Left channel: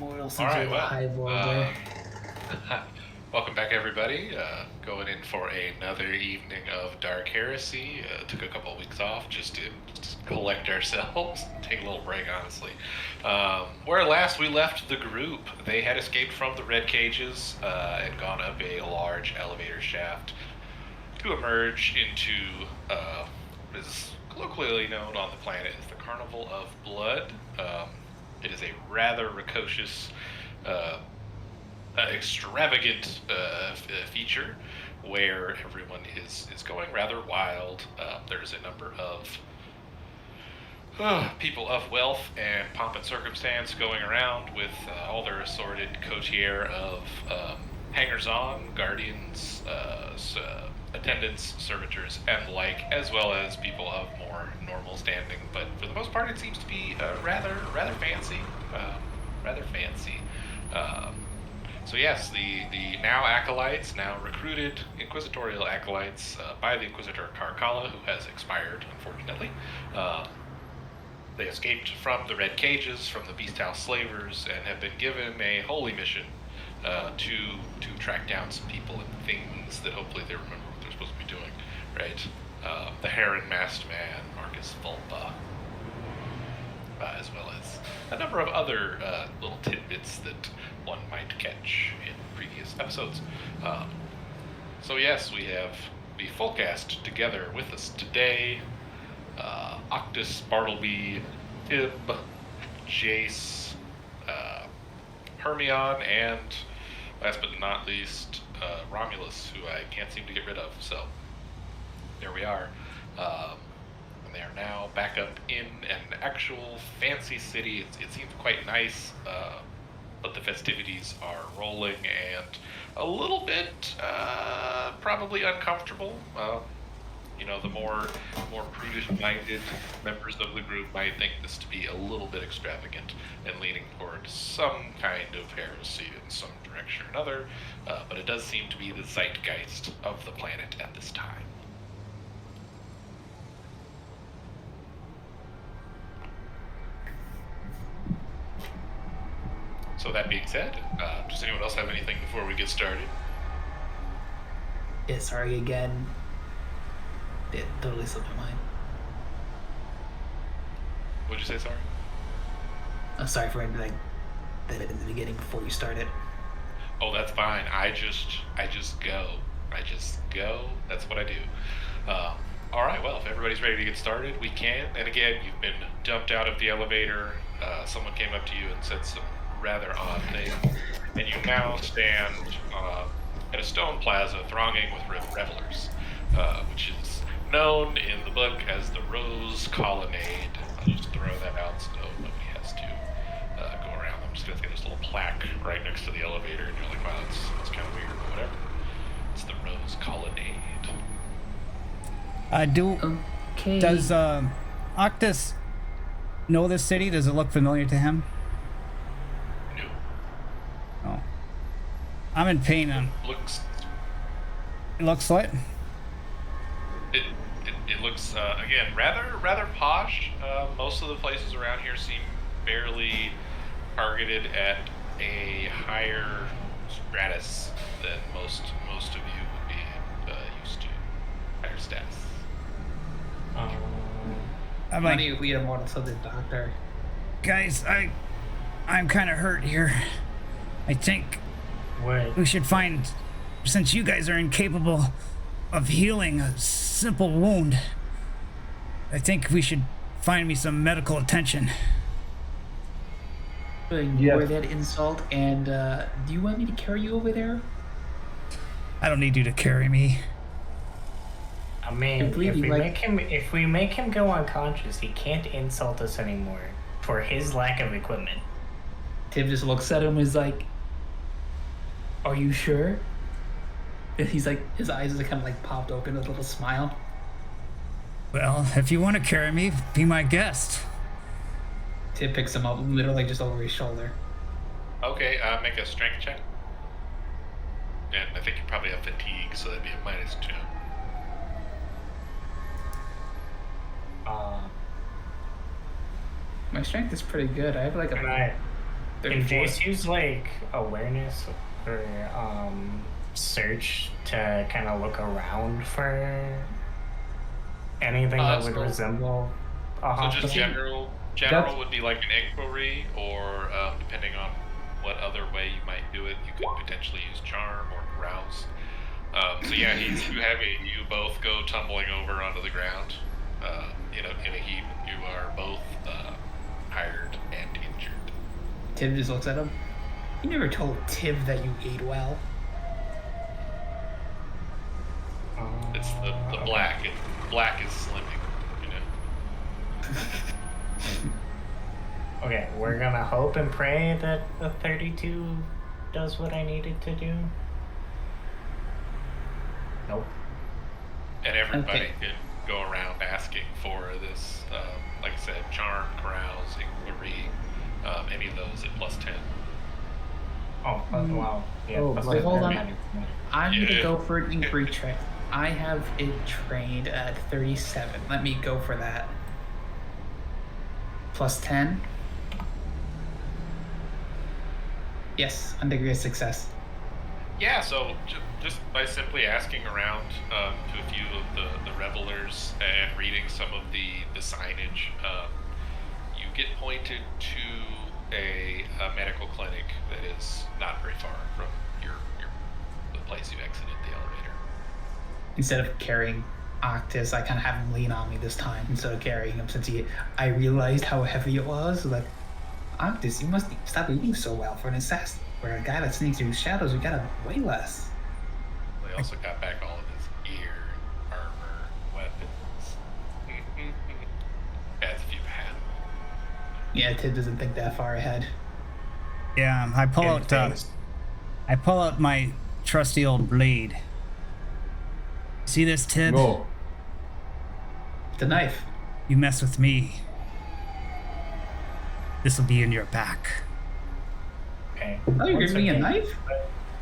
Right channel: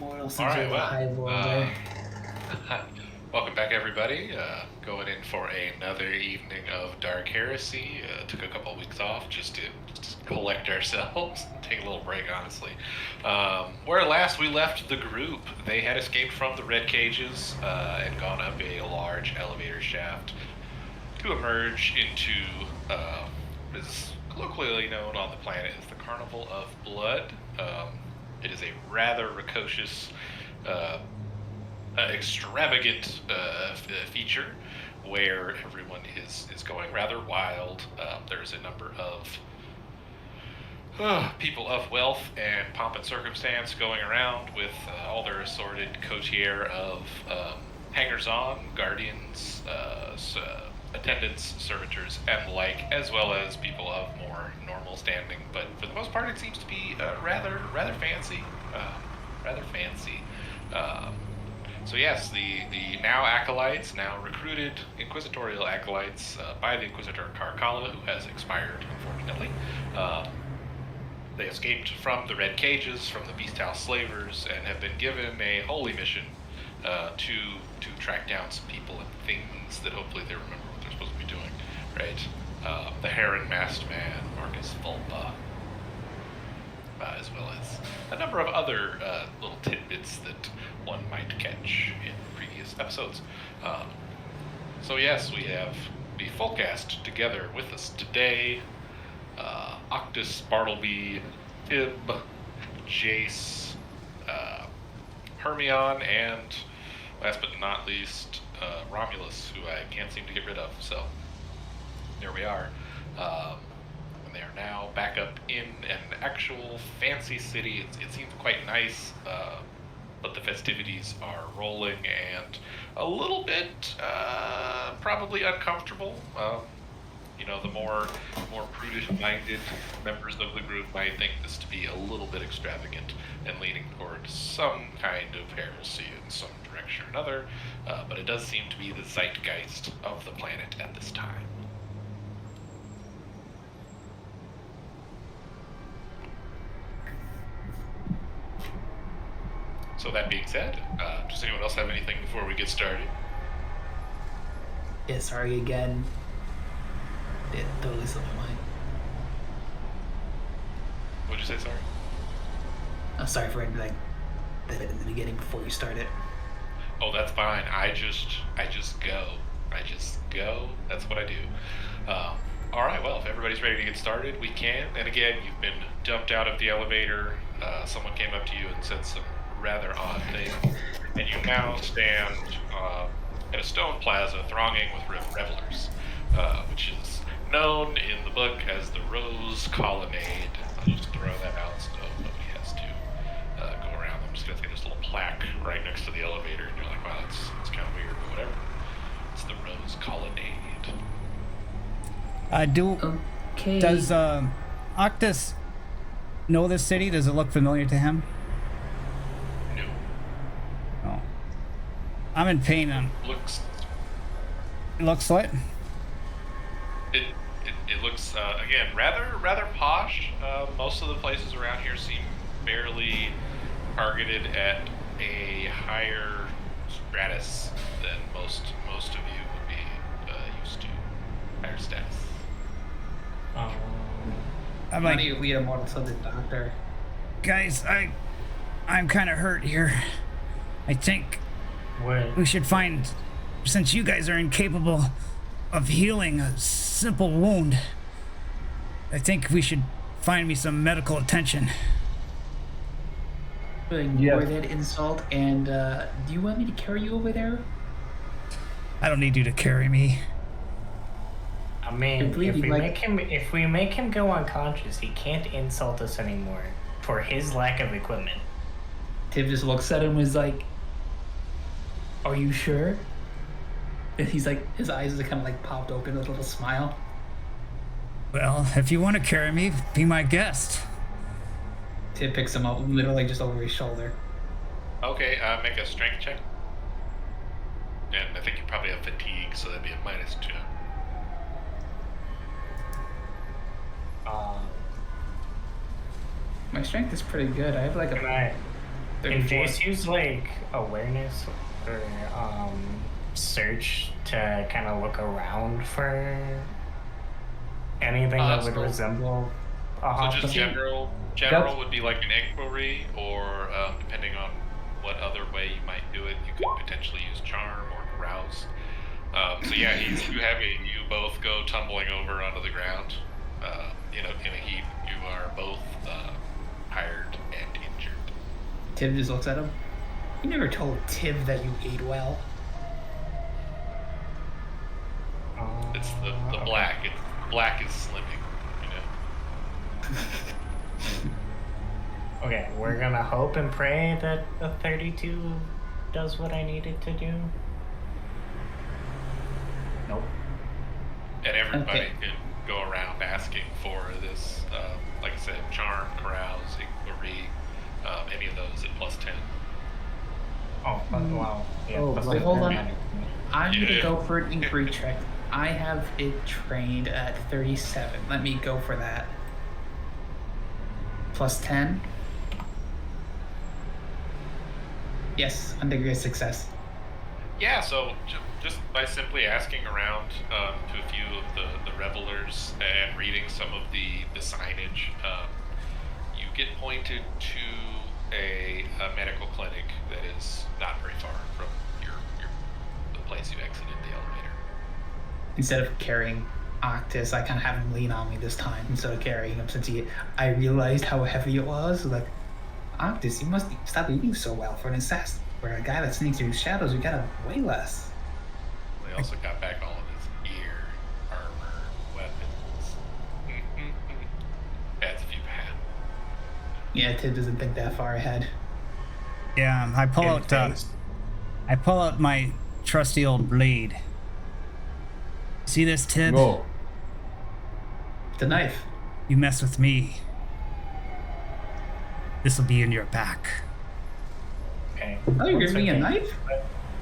Mortal All seems right, like a well, highball there. welcome back, everybody. Going in for another evening of Dark Heresy. Took a couple weeks off just to collect ourselves, take a little break, honestly. Where last we left the group, they had escaped from the red cages and gone up a large elevator shaft to emerge into what is colloquially known on the planet as the Carnival of Blood. It is a rather precocious, extravagant feature where everyone is going rather wild. There's a number of people of wealth and pomp and circumstance going around with all their assorted cotier of hangers-on, guardians, attendants, servitors, and the like, as well as people of more normal standing. But for the most part, it seems to be rather fancy. Rather fancy. So yes, the now acolytes, now recruited inquisitorial acolytes by the Inquisitor Carcala, who has expired, unfortunately. They escaped from the red cages, from the beast house slavers, and have been given a holy mission to track down some people and things that hopefully they remember what they're supposed to be doing, right? The Heron Masked Man, Marcus Vulpa, as well as a number of other little tidbits that one might catch in previous episodes. So yes, we have the full cast together with us today. Octus, Bartleby, Tib, Jace, Hermione, and last but not least, Romulus, who I can't seem to get rid of. So there we are. And they are now back up in an actual fancy city. It seems quite nice, but the festivities are rolling and a little bit probably uncomfortable. The more prudish-minded members of the group might think this to be a little bit extravagant and leaning toward some kind of heresy in some direction or another, but it does seem to be the zeitgeist of the planet at this time. So that being said, does anyone else have anything before we get started? Yeah, sorry again. It totally slipped my mind. What'd you say, sorry? I'm sorry for that in the beginning before you started. Oh, that's fine. I just go. I just go. That's what I do. All right, well, if everybody's ready to get started, we can. And again, you've been dumped out of the elevator. Someone came up to you and said some rather odd things. And you now stand at a stone plaza thronging with revelers, which is known in the book as the Rose Colonnade. I'll just throw that out so nobody has to go around. I'm just going to get this little plaque right next to the elevator, and you're like, wow, that's kind of weird, but whatever. It's the Rose Colonnade. Okay. Does Octus know this city? Does it look familiar to him? No. Oh. I'm in pain. It looks like... It looks again rather posh. Most of the places around here seem fairly targeted at a higher stratus than most of you would be used to. Higher status. I'm Why like, don't you lead a mortal to the doctor? guys, I'm kind of hurt here. I think What? we should find, since you guys are incapable of healing a simple wound, I think we should find me some medical attention. Ignore that insult, and do you want me to carry you over there? I don't need you to carry me. I mean, Completely, if we make him go unconscious, he can't insult us anymore for his lack of equipment. Tim just looks at him and is like, are you sure? And he's like, his eyes are kind of like popped open with a little smile. Well, if you want to carry me, be my guest. Tim picks him up literally just over his shoulder. Okay, make a strength check. And I think you probably have fatigue, so that'd be a -2. My strength is pretty good. I have like a Can 34. Jace use like awareness or search to kind of look around for anything that would So- resemble a So hospital? just general That's- would be like an inquiry, or depending on what other way you might do it, you could potentially use charm or rouse. So yeah, you both go tumbling over onto the ground, in a heap. You are both tired and injured. Tib just looks at him. You never told Tib that you ate well. It's the Okay. black. Black is slimming, you know. Okay, we're gonna hope and pray that the 32 does what I needed to do. Nope. And everybody Okay. can go around asking for this, like I said, charm, carouse, inquiry, any of those at +10. Oh, but, wow. Yeah, Oh, plus wait, the hold on. paramedic. I'm gonna Yeah. go for an inquiry check. I have it trained at 37. Let me go for that. +10. Yes, on degree of success. Yeah, so just by simply asking around to a few of the revelers and reading some of the signage, you get pointed to a medical clinic that is not very far from the place you exited the elevator. Instead of carrying Octus, I kind of have him lean on me this time instead of carrying him, since I realized how heavy it was. Like, Octus, you must stop eating so well for an assassin. For a guy that sneaks through shadows, you gotta way less. They also got back all of his gear, armor, weapons. Adds a few pounds. Yeah, Tib doesn't think that far ahead. Yeah, I pull Good out. things. I pull out my trusty old blade. See this, Tib? No. The knife. You mess with me, this will be in your back. Okay. Oh, you're Once giving me a again, knife?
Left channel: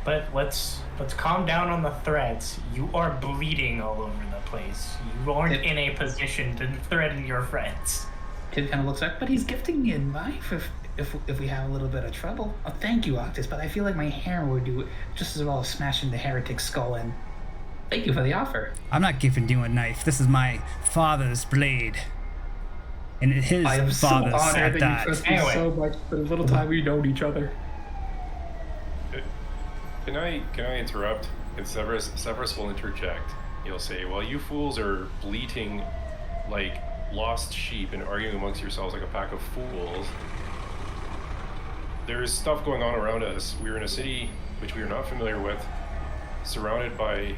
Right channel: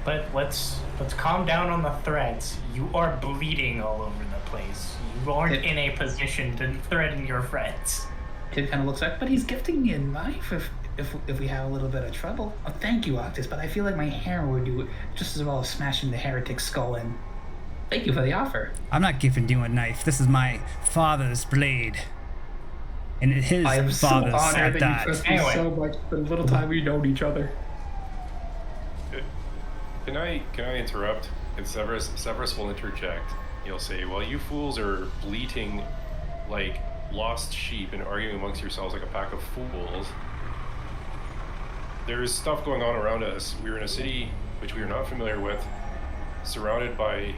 But let's calm down on the threats. You are bleeding all over the place. You aren't It- in a position to threaten your friends. Tib kind of looks like, but he's gifting me a knife if we have a little bit of trouble. Oh, thank you, Octus, but I feel like my hammer would do just as well as smashing the heretic's skull in. Thank you for the offer. I'm not giving you a knife. This is my father's blade. And his I am so father's honored at that that. you trust me Anyway. so much for the little time we've known each other. Can I interrupt? And Severus will interject. He'll say, "Well, you fools are bleating like lost sheep and arguing amongst yourselves like a pack of fools. There's stuff going on around us. We're in a city which we are not familiar with, surrounded by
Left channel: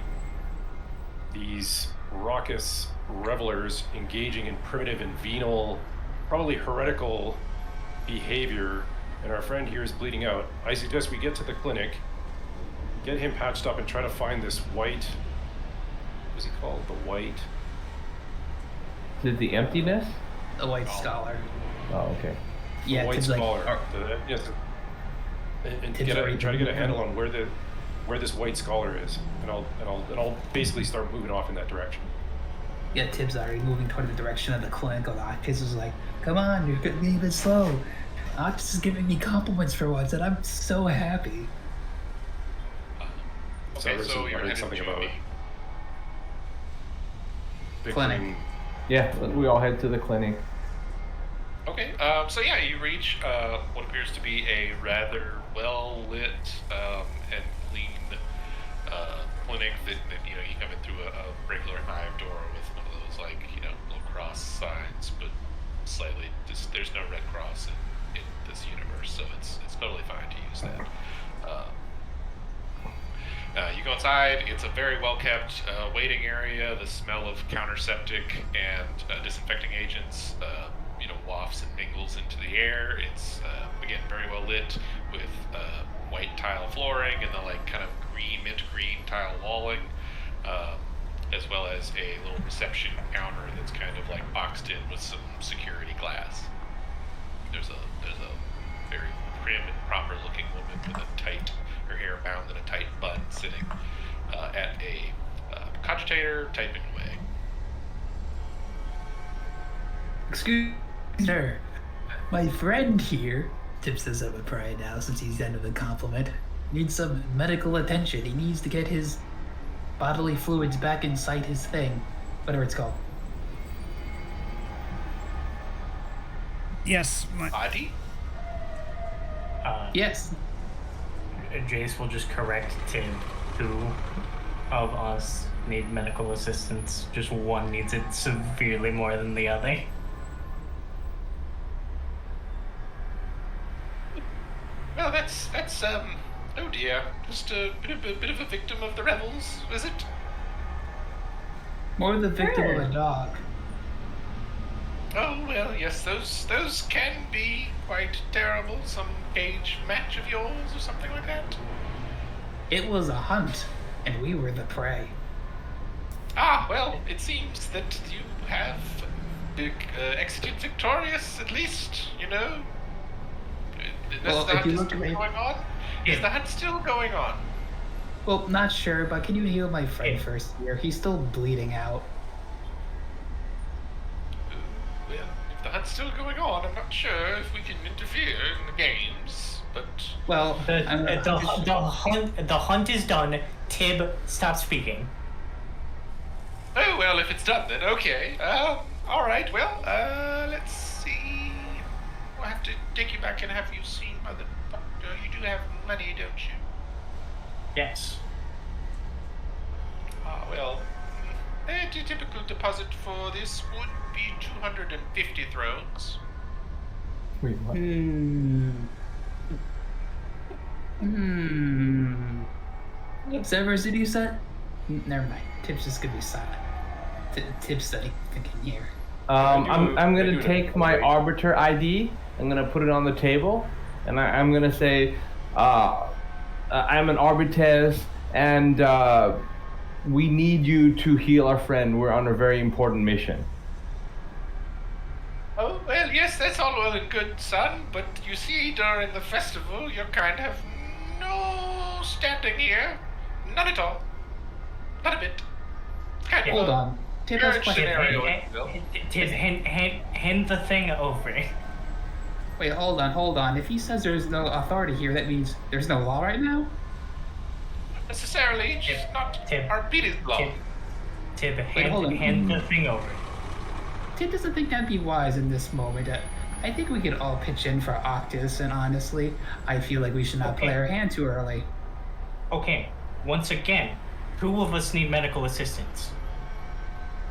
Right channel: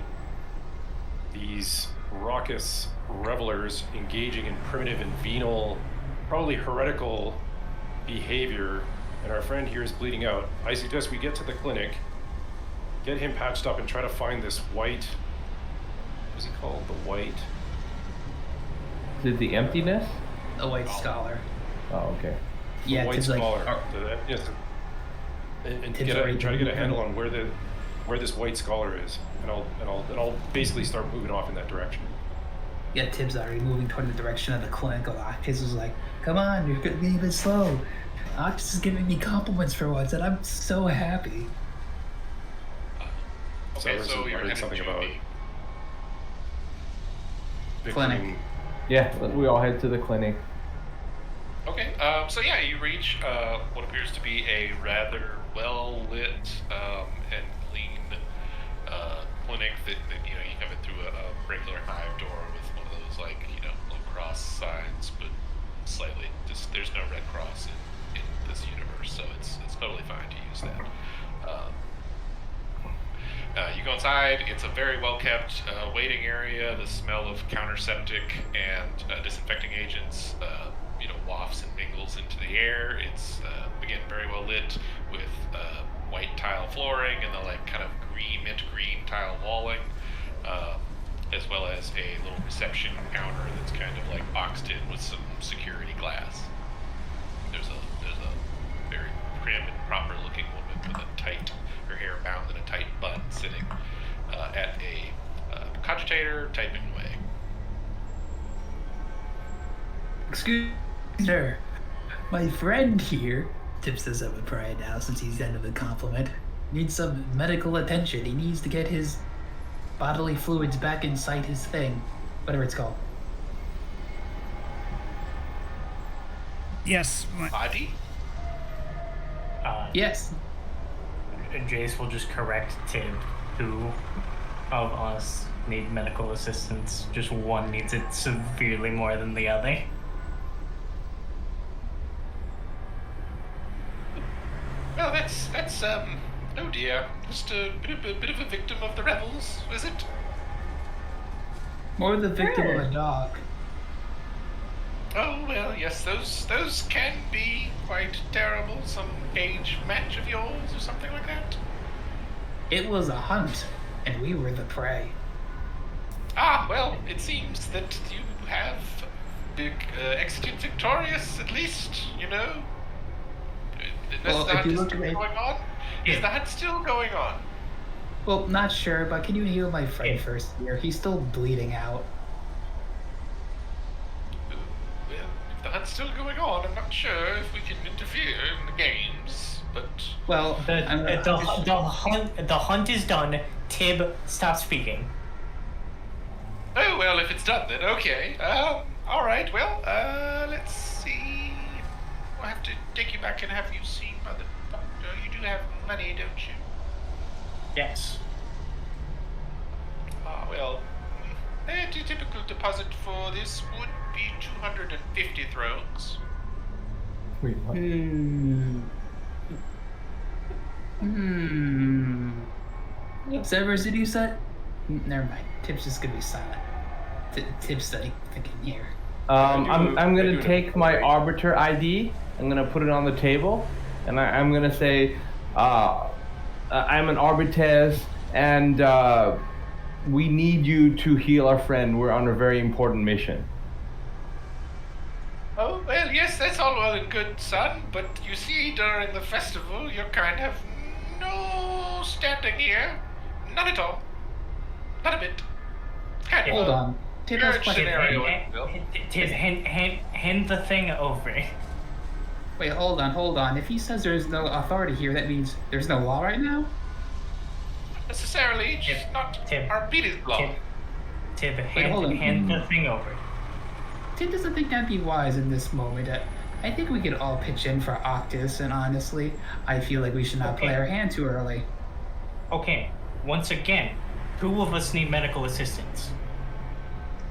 these raucous revelers engaging in primitive and venal, probably heretical behavior, and our friend here is bleeding out. I suggest we get to the clinic, get him patched up, and try to find this white... What's he called? The white... Is it the emptiness? The white scholar. Oh, okay. The Yeah, white Tib's like, scholar. "Are- Yes, and Tib's already try to get a moving. handle on where this white scholar is, and I'll basically start moving off in that direction. yeah, Tib's already moving toward the direction of the clinic. Octus is like, come on, you're being a bit slow. Octus is giving me compliments for once, and I'm so happy. Okay, Severus so has you're muttered headed something to about Clinic. victim- Yeah, we all head to the clinic. Okay, so yeah, you reach what appears to be a rather well-lit and clean clinic that you come in through a regular hive door with one of those little cross signs, but slightly there's no red cross in this universe, so it's totally fine to use that. You go inside. It's a very well-kept waiting area. The smell of counterseptic and disinfecting agents, wafts and mingles into the air. It's again very well lit with white tile flooring and the kind of mint green tile walling, as well as a little reception counter that's kind of boxed in with some security glass. There's a very prim and proper looking woman with her hair bound in a tight bun, sitting at a cogitator, typing away. Excuse me, sir. My friend here Tips this up with pride now since he's the end of the compliment. Needs some medical attention. He needs to get his bodily fluids back inside his thing. Whatever it's called. Yes, Body? Yes. Jace will just correct Tib. Two of us need medical assistance. Just one needs it severely more than the other. Well, that's oh dear, just a bit of a victim of the rebels, is it? More the victim of a dog. Oh well, yes, those can be quite terrible. Some cage match of yours or something like that. It was a hunt, and we were the prey. Ah, well, it seems that you have exited victorious, at least, you know. Well, the if you hunt look still at it- going on? Is the hunt still going on? Well, not sure, but can you heal my friend Yeah. first here? He's still bleeding out. Well, if the hunt's still going on, I'm not sure if we can interfere in the games, but... Well, The hunt is done. Tib, stop speaking. Oh, well, if it's done then, okay. All right, well, let's see. We'll have to take you back and have you seen by the doctor. You do have money, don't you? Yes. Ah, well, a typical deposit for this would be 250 thrones. Wait, what? Observers, did you set? Never mind. Tip's just gonna be silent. Tip's thinking here. I'm I do gonna it take my right. arbiter ID. I'm gonna put it on the table, and I'm gonna say, I'm an arbites, and we need you to heal our friend. We're on a very important mission. Oh, well, yes, that's all well and good, son, but you see, during the festival, your kind have no standing here. None at all. Not a bit. It's kind of Hold a on. Tip has marriage question. scenario, if you will. Tib, hand the thing over. Wait, hold on. If he says there's no authority here, that means there's no law right now? Not necessarily, just not Tib, Arbites law. Tib, hold on. hand the thing over. Tip doesn't think that'd be wise in this moment. I think we could all pitch in for Octus, and honestly, I feel like we should not play Okay. our hand too early. Okay, once again, who of us need medical assistance?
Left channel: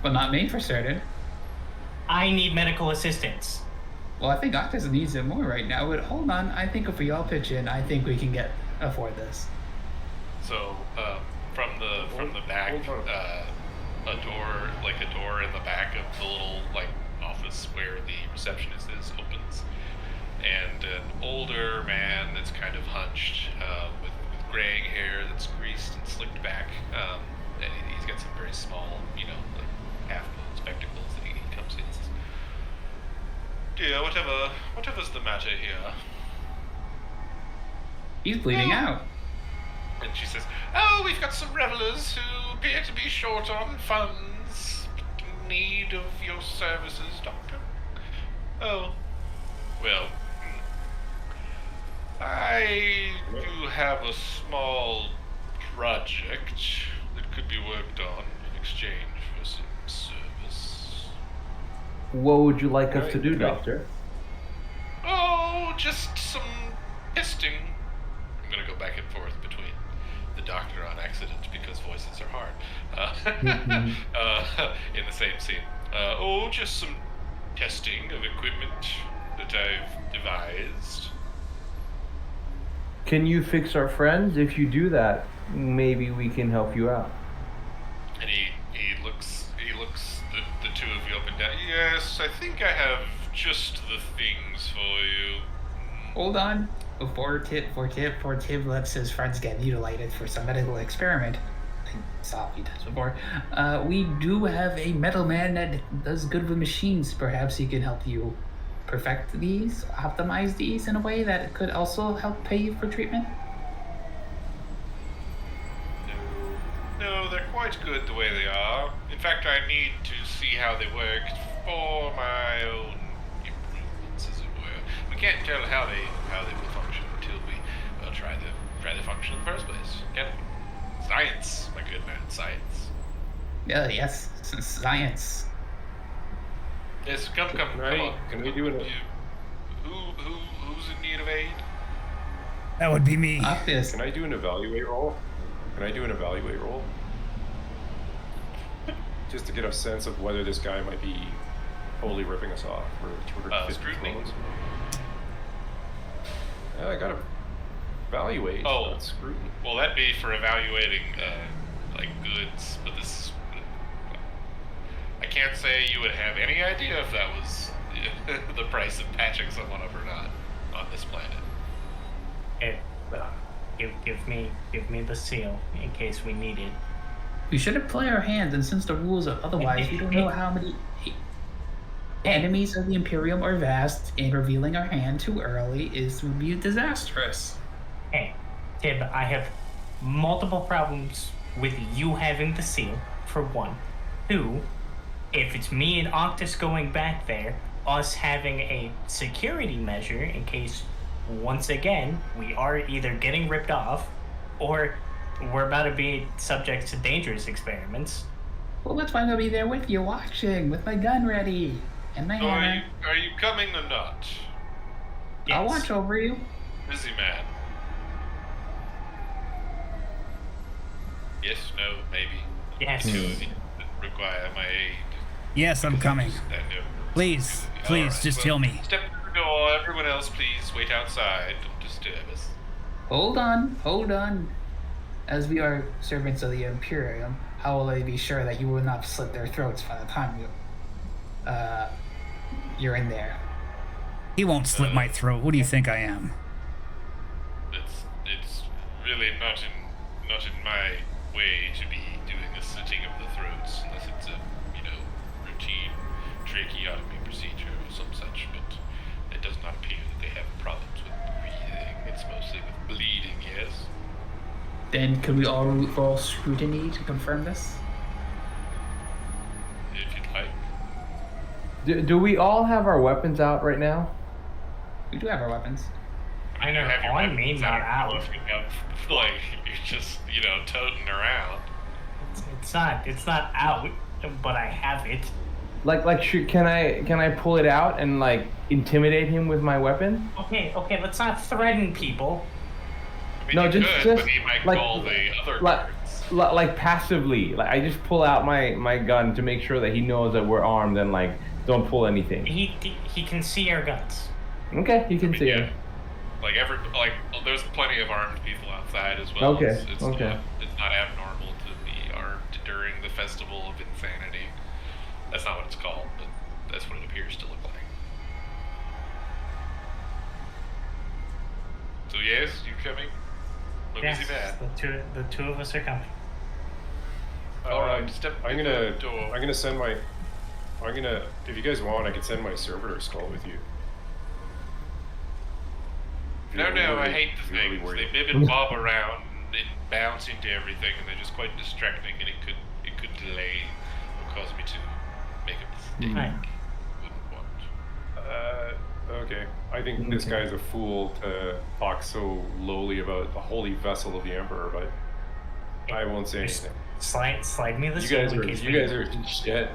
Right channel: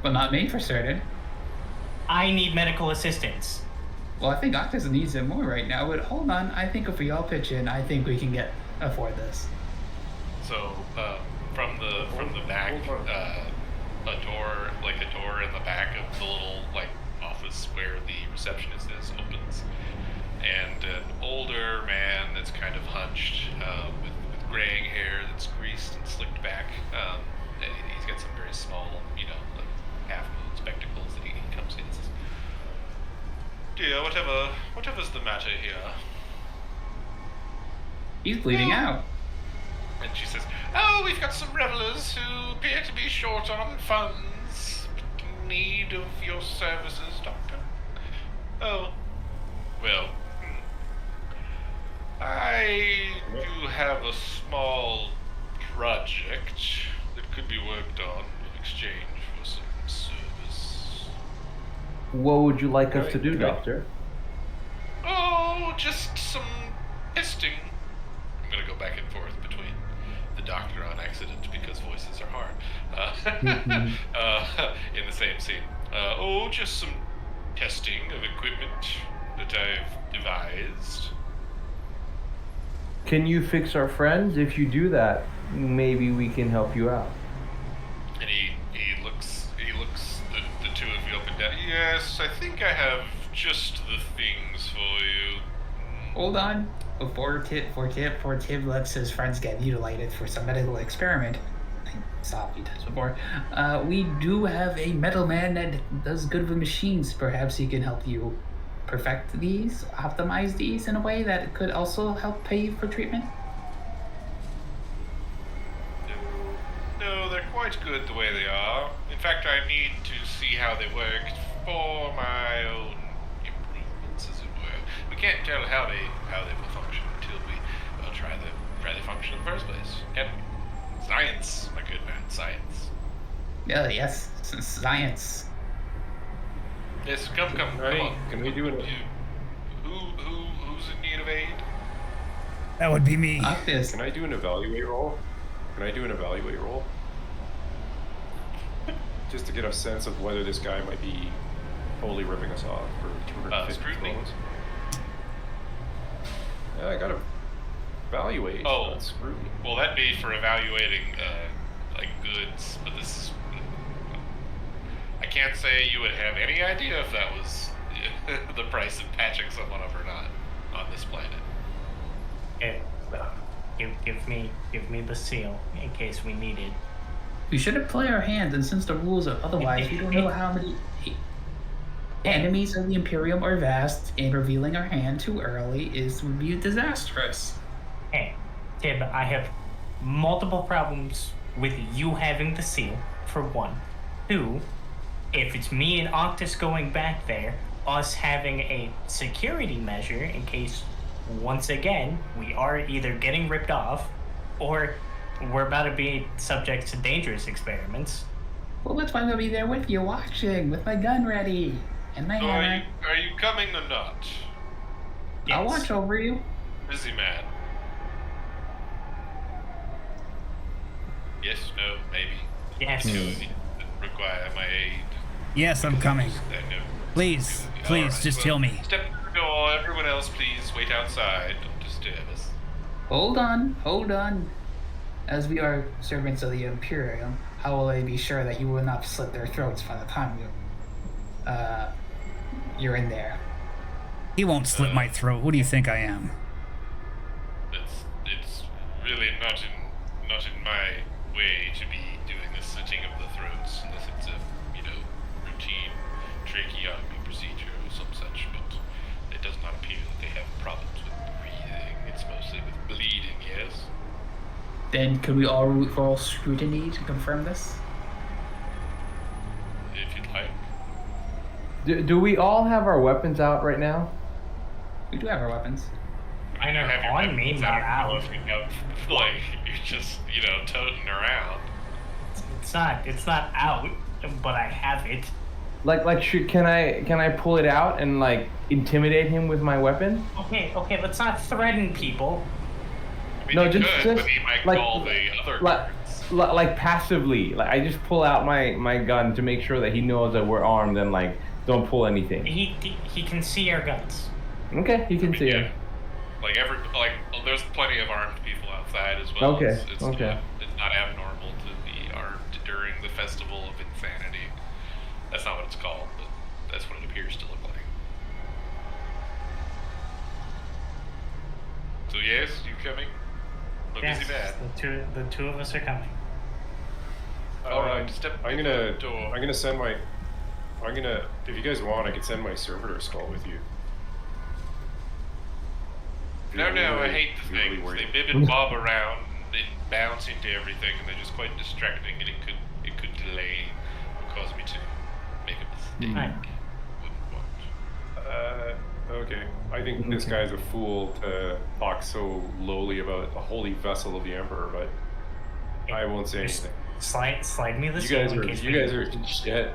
Well, not me for certain. I need medical assistance. Well, I think Octus needs it more right now, but hold on. I think if we all pitch in, I think we can afford this. So, from the back, hold on. a door in the back of the little office where the receptionist is opens, and an older man that's kind of hunched, with graying hair that's greased and slicked back, and he's got some very small, half moon spectacles that he comes in and says, "Dear, whatever's the matter here?" He's bleeding out. And she says, "Oh, we've got some revelers who appear to be short on funds, in need of your services, Doctor." "Oh, well, I do have a small project that could be worked on in exchange for some service." What would you like us to Right, do, good. Doctor? "Oh, just some testing." I'm gonna go back and forth between the doctor on accident because voices are hard. In the same scene. Just some testing of equipment that I've devised. Can you fix our friends? If you do that, maybe we can help you out. And he looks the two of you up and down. "Yes, I think I have just the things for you." Hold on. Before Tib lets his friends get mutilated for some medical experiment, I saw he does before, we do have a metal man that does good with machines. Perhaps he can help you perfect these, optimize these in a way that could also help pay you for treatment. No, they're quite good the way they are. In fact, I need to see how they work for my own improvements, as it were. We can't tell how they will function until we try the function in the first place, can we? Science, my good man, science. Yeah, yes, science. Yes, come Can on. Can we do an? Who's in need of aid? That would be me. Octus. Can I do an evaluate roll? Just to get a sense of whether this guy might be totally ripping us off for 250 scrutiny? thrones. Yeah, I gotta evaluate. Oh. Not scrutiny. Well, that'd be for evaluating like goods, but this is. I can't say you would have any idea if that was the price of patching someone up or not on this planet. Give me the seal in case we need it. We shouldn't play our hands, and since the rules are otherwise, we don't know how many enemies of the Imperium are vast, and revealing our hand too early would be disastrous. Hey, Tib, I have multiple problems with you having the seal, for one. Two, if it's me and Octus going back there, us having a security measure in case, once again, we are either getting ripped off or we're about to be subject to dangerous experiments. Well, that's why I'm gonna be there with you, watching, with my gun ready and my So hammer. are you coming or not? I'll Yes. watch over you. Busy man. Yes, no, maybe. Yes. Two of you require my aid. Yes, I'm coming. I know. Please, All please, right, just well, heal me. Step through the door. Everyone else, please wait outside. Don't disturb us. Hold on. As we are servants of the Imperium, how will I be sure that you will not slit their throats by the time you're in there? He won't slit my throat. Who do you think I am? It's really not in my way to be doing a slitting of the throats unless it's a routine tracheotomy procedure or some such. But it does not appear that they have problems with breathing. It's mostly with bleeding. Yes. Then could we all roll scrutiny to confirm this? If you'd like. Do we all have our weapons out right now? We do have our weapons. I know, You have your on me, weapons. not I don't know out. if you have, like, you're just, toting around. It's not out, but I have it. Can I pull it out and like intimidate him with my weapon? Okay, let's not threaten people. I mean, No, you just- could, just, but he might like- call the other Like, guards. like passively. Like I just pull out my gun to make sure that he knows that we're armed and like don't pull anything. He can see our guns. Okay, you can see Yeah. him. There's plenty of armed people outside as well. Okay, It's okay. It's not abnormal to be armed during the Festival of Insanity. That's not what it's called, but that's what it appears to look like. So yes, you coming? Look Yes, busy man. the two of us are coming. All right, step I'm through gonna the door. if you guys want, I could send my servitor skull with you. If No, you're I really- hate the if you're really things. worried They bib and bob around and bounce into everything, and they're just quite distracting, and it could delay or cause me to make a mistake. Right. Wouldn't want. Okay. I think this guy's a fool to talk so lowly about the holy vessel of the Emperor, but I won't say Just anything. slide me the You seal guys in are case you we guys are shit.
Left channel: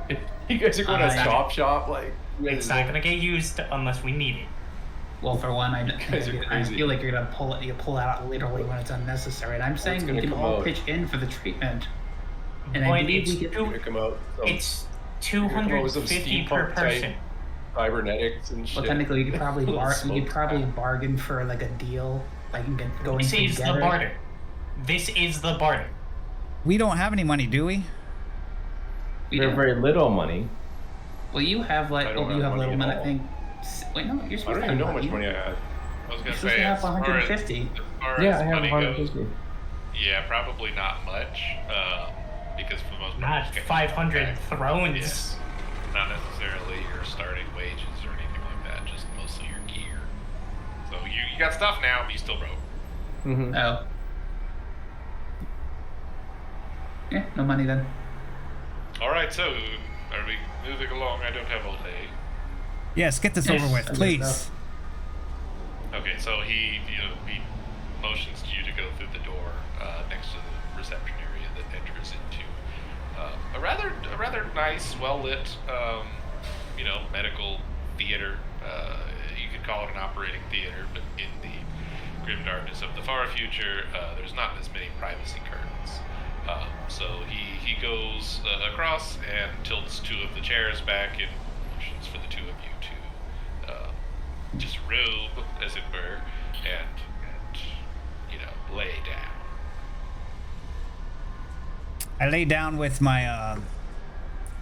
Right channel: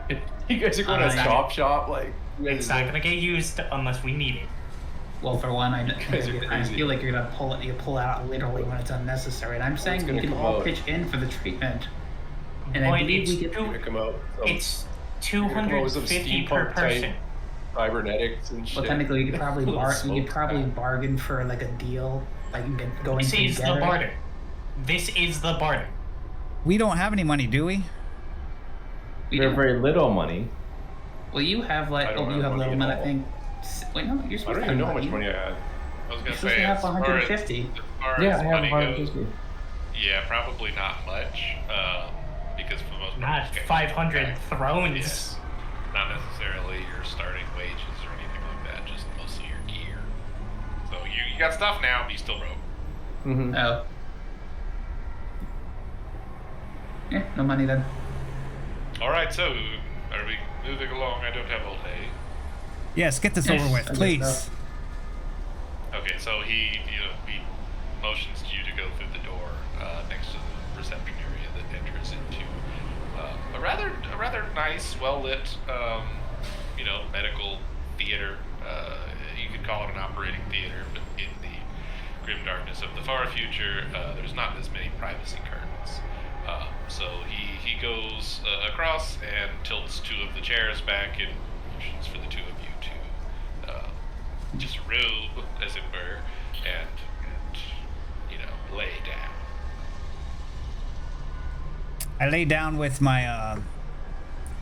You guys are going to I- shop like. you guys It's not don't- gonna get used unless we need it. Well, for one, I guys are crazy. feel like you're gonna pull it out literally when it's unnecessary, and I'm saying we gonna can come all out? pitch in for the treatment. And I Boy, believe it's we get. Gonna come out. It's You're gonna come out with some 250 per steampunk type person. cybernetics and shit. Well, technically, we could probably Little we smoke could probably pack. bargain for like a deal, like going This is the together. barter. This is the barter. We don't have any money, do we? We We have do. very little money. Well, you have like I don't you have have money little at money. I all. think. Wait, no, you're I supposed don't to even have know how much money I had. I was You're gonna supposed say to have as far 150. as far Yeah, as I have money 150. goes, yeah, probably not much. Because for the most part, Not you just get 500 back. thrones. Yes. Not necessarily your starting wages or anything like that. Just mostly your gear. So you got stuff now, but you still broke. Mm-hmm. Oh. Yeah, no money then. All right, so are we moving along? I don't have all day. Yes, get this Yes, over with, I guess please. so. Okay, so he motions to you to go through the door next to the reception area that enters into a rather nice, well lit, medical theater. You could call it an operating theater, but in the grim darkness of the far future, there's not as many privacy curtains. So he goes across and tilts two of the chairs back and motions for the two of you to just robe, as it were, and lay down. I lay down with my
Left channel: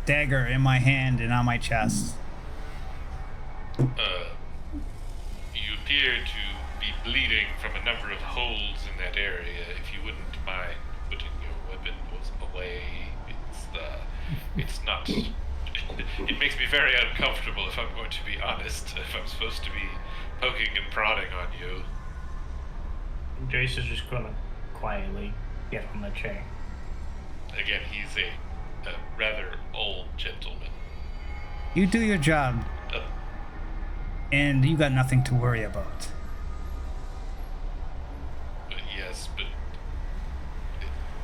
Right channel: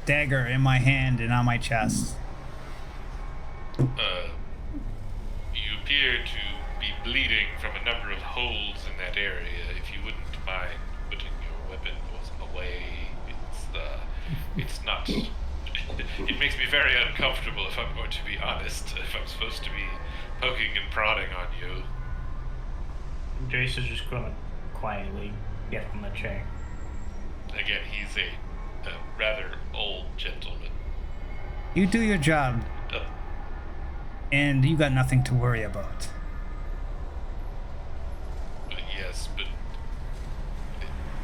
dagger in my hand and on my chest. You appear to be bleeding from a number of holes in that area. If you wouldn't mind putting your weapon away, it's not. It makes me very uncomfortable, if I'm going to be honest, if I'm supposed to be poking and prodding on you. Jace is just gonna quietly get on the chair. Again, he's a rather old gentleman. You do your job, and you got nothing to worry about. Yes, but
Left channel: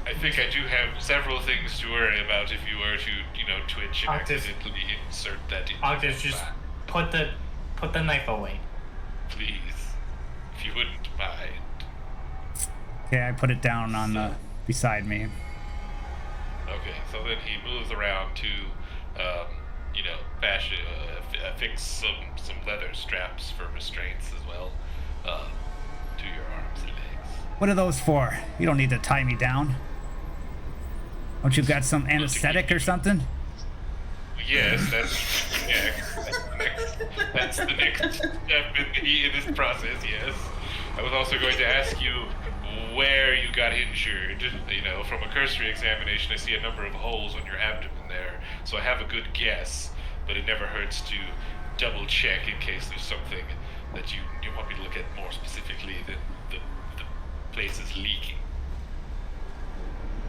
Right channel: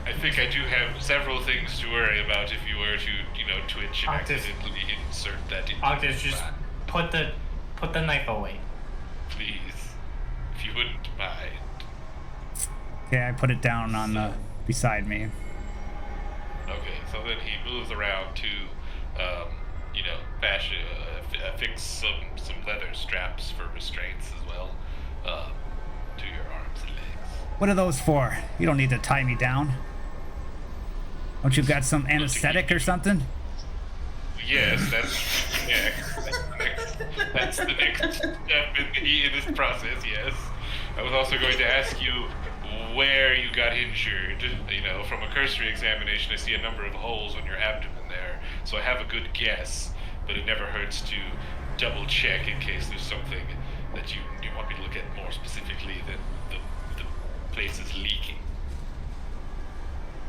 I think I do have several things to worry about if you were to, twitch and Octus. accidentally insert that into Octus, your just back. put the knife away. Please, if you wouldn't mind. Okay, I put it down on the beside me. Okay, so then he moves around to, fix some leather straps for restraints as well, to your arms and legs. What are those for? You don't need to tie me down. Don't you got some anesthetic or something? Yes, that's the next step in this process, yes. I was also going to ask you where you got injured. From a cursory examination, I see a number of holes on your abdomen there, so I have a good guess, but it never hurts to double check in case there's something that you want me to look at more specifically than the place is leaking.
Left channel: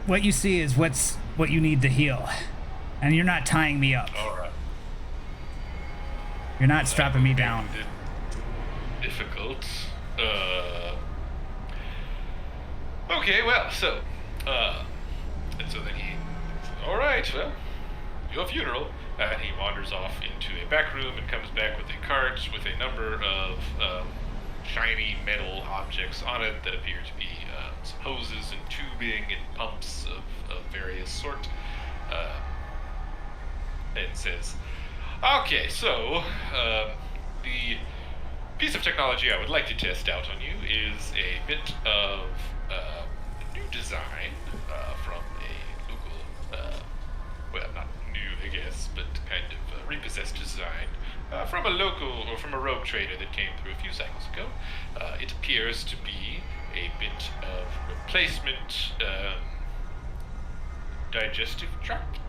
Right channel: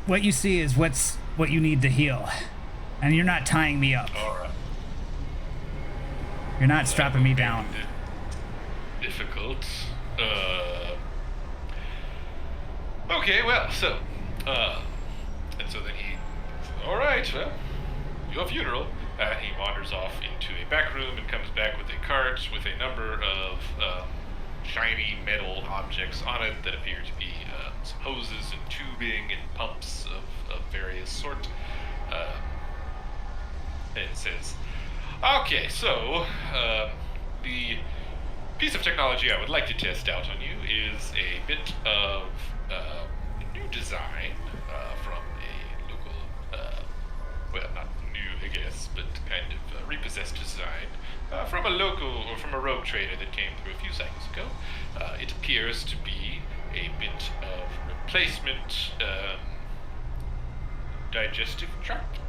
What you see is what you need to heal, and you're not tying me up. All right. You're not strapping me down. Difficult. Okay, well, so, and so then he, all right, well, your funeral. And he wanders off into a back room and comes back with a cart with a number of shiny metal objects on it that appear to be some hoses and tubing and pumps of various sort. And says, okay, so the piece of technology I would like to test out on you is a bit of new design from a local, well, not new, I guess, but kind of repossessed design from a local or from a rogue trader that came through a few cycles ago. It appears to be a bit of replacement digestive tract,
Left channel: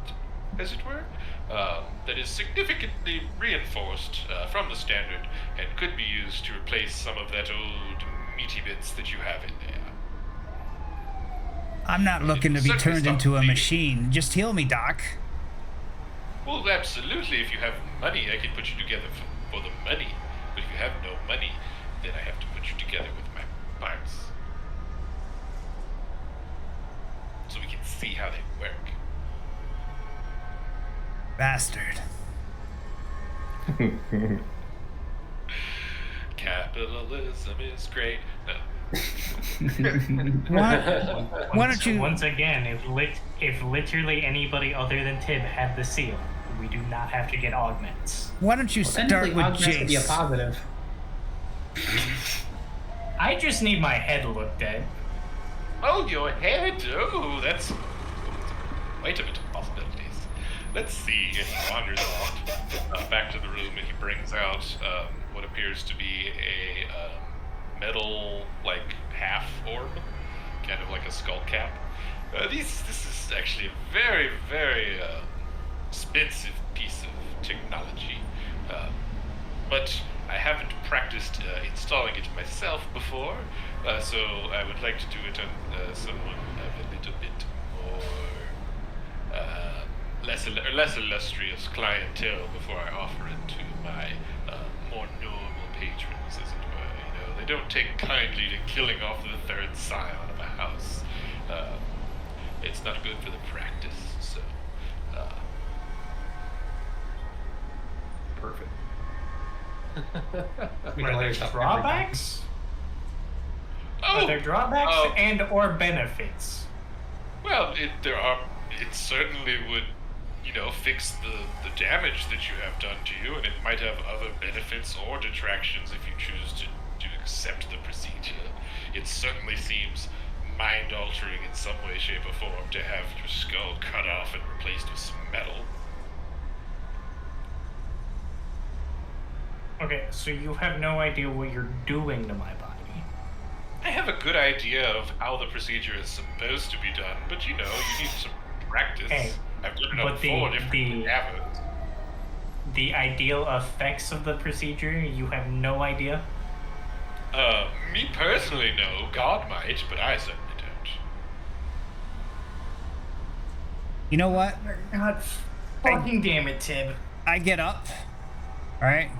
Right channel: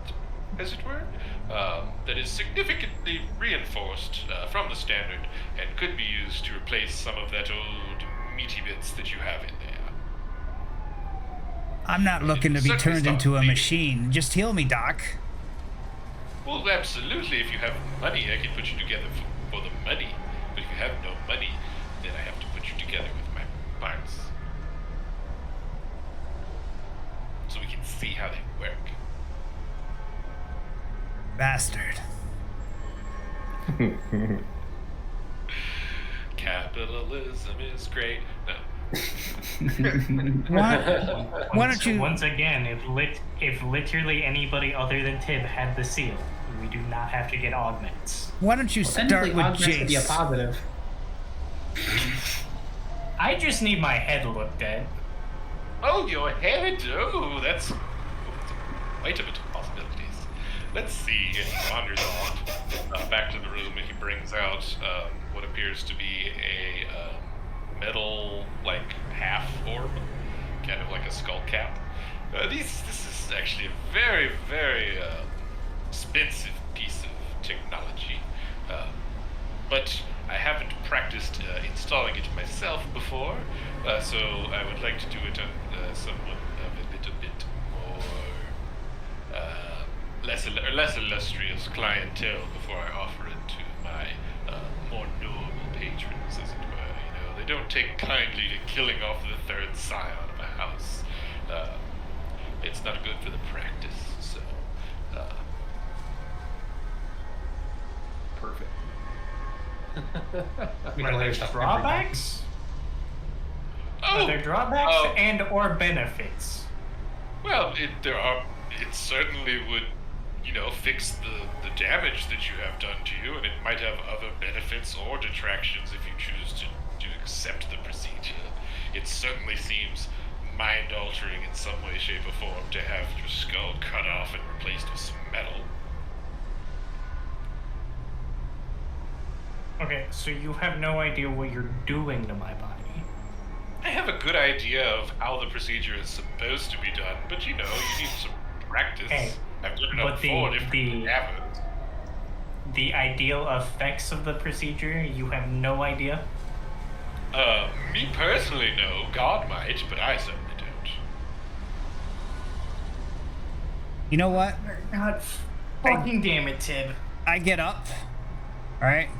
as it were, that is significantly reinforced from the standard and could be used to replace some of that old meaty bits that you have in there. I'm not looking to be turned into a machine. Just heal me, Doc. Well, absolutely. If you have money, I can put you together for the money. But if you have no money, then I have to put you together with my parts. So we can see how they work. Bastard. Capitalism is great. No. Why don't you... Once again, if literally anybody other than Tib had the seal, we do not have to get augments. Why don't you start with augments would be a Jace? positive. I just need my head looked at. Oh, your head! Oh, that's quite a bit of possibilities. Let's see. And he wanders off back to the room, and he brings out what appears to be a metal, half orb, kind of like a skull cap. This is actually a very, very expensive piece of technology, but I haven't practiced installing it myself before, so I would like to do it on someone of a little bit more less illustrious clientele before I offer it to my more normal patrons, as it were. They don't take kindly to killing off the third scion of a house. It's not good for the practice, so... Perfect. We Are can there layer stuff drawbacks? Oh! Are there drawbacks Oh. and or benefits? Well, it certainly would, fix the damage that you have done to you, and it might have other benefits or detractions if you choose to accept the procedure. It certainly seems mind-altering in some way, shape, or form to have your skull cut off and replaced with some metal. Okay, so you have no idea what you're doing to my body. I have a good idea of how the procedure is supposed to be done, but you need some practice. Hey, I've done it but on 4 different cadavers. The ideal effects of the procedure, you have no idea? Me personally, no. God might, but I certainly don't. You know what? God fucking damn it, Tib. I get up, all right,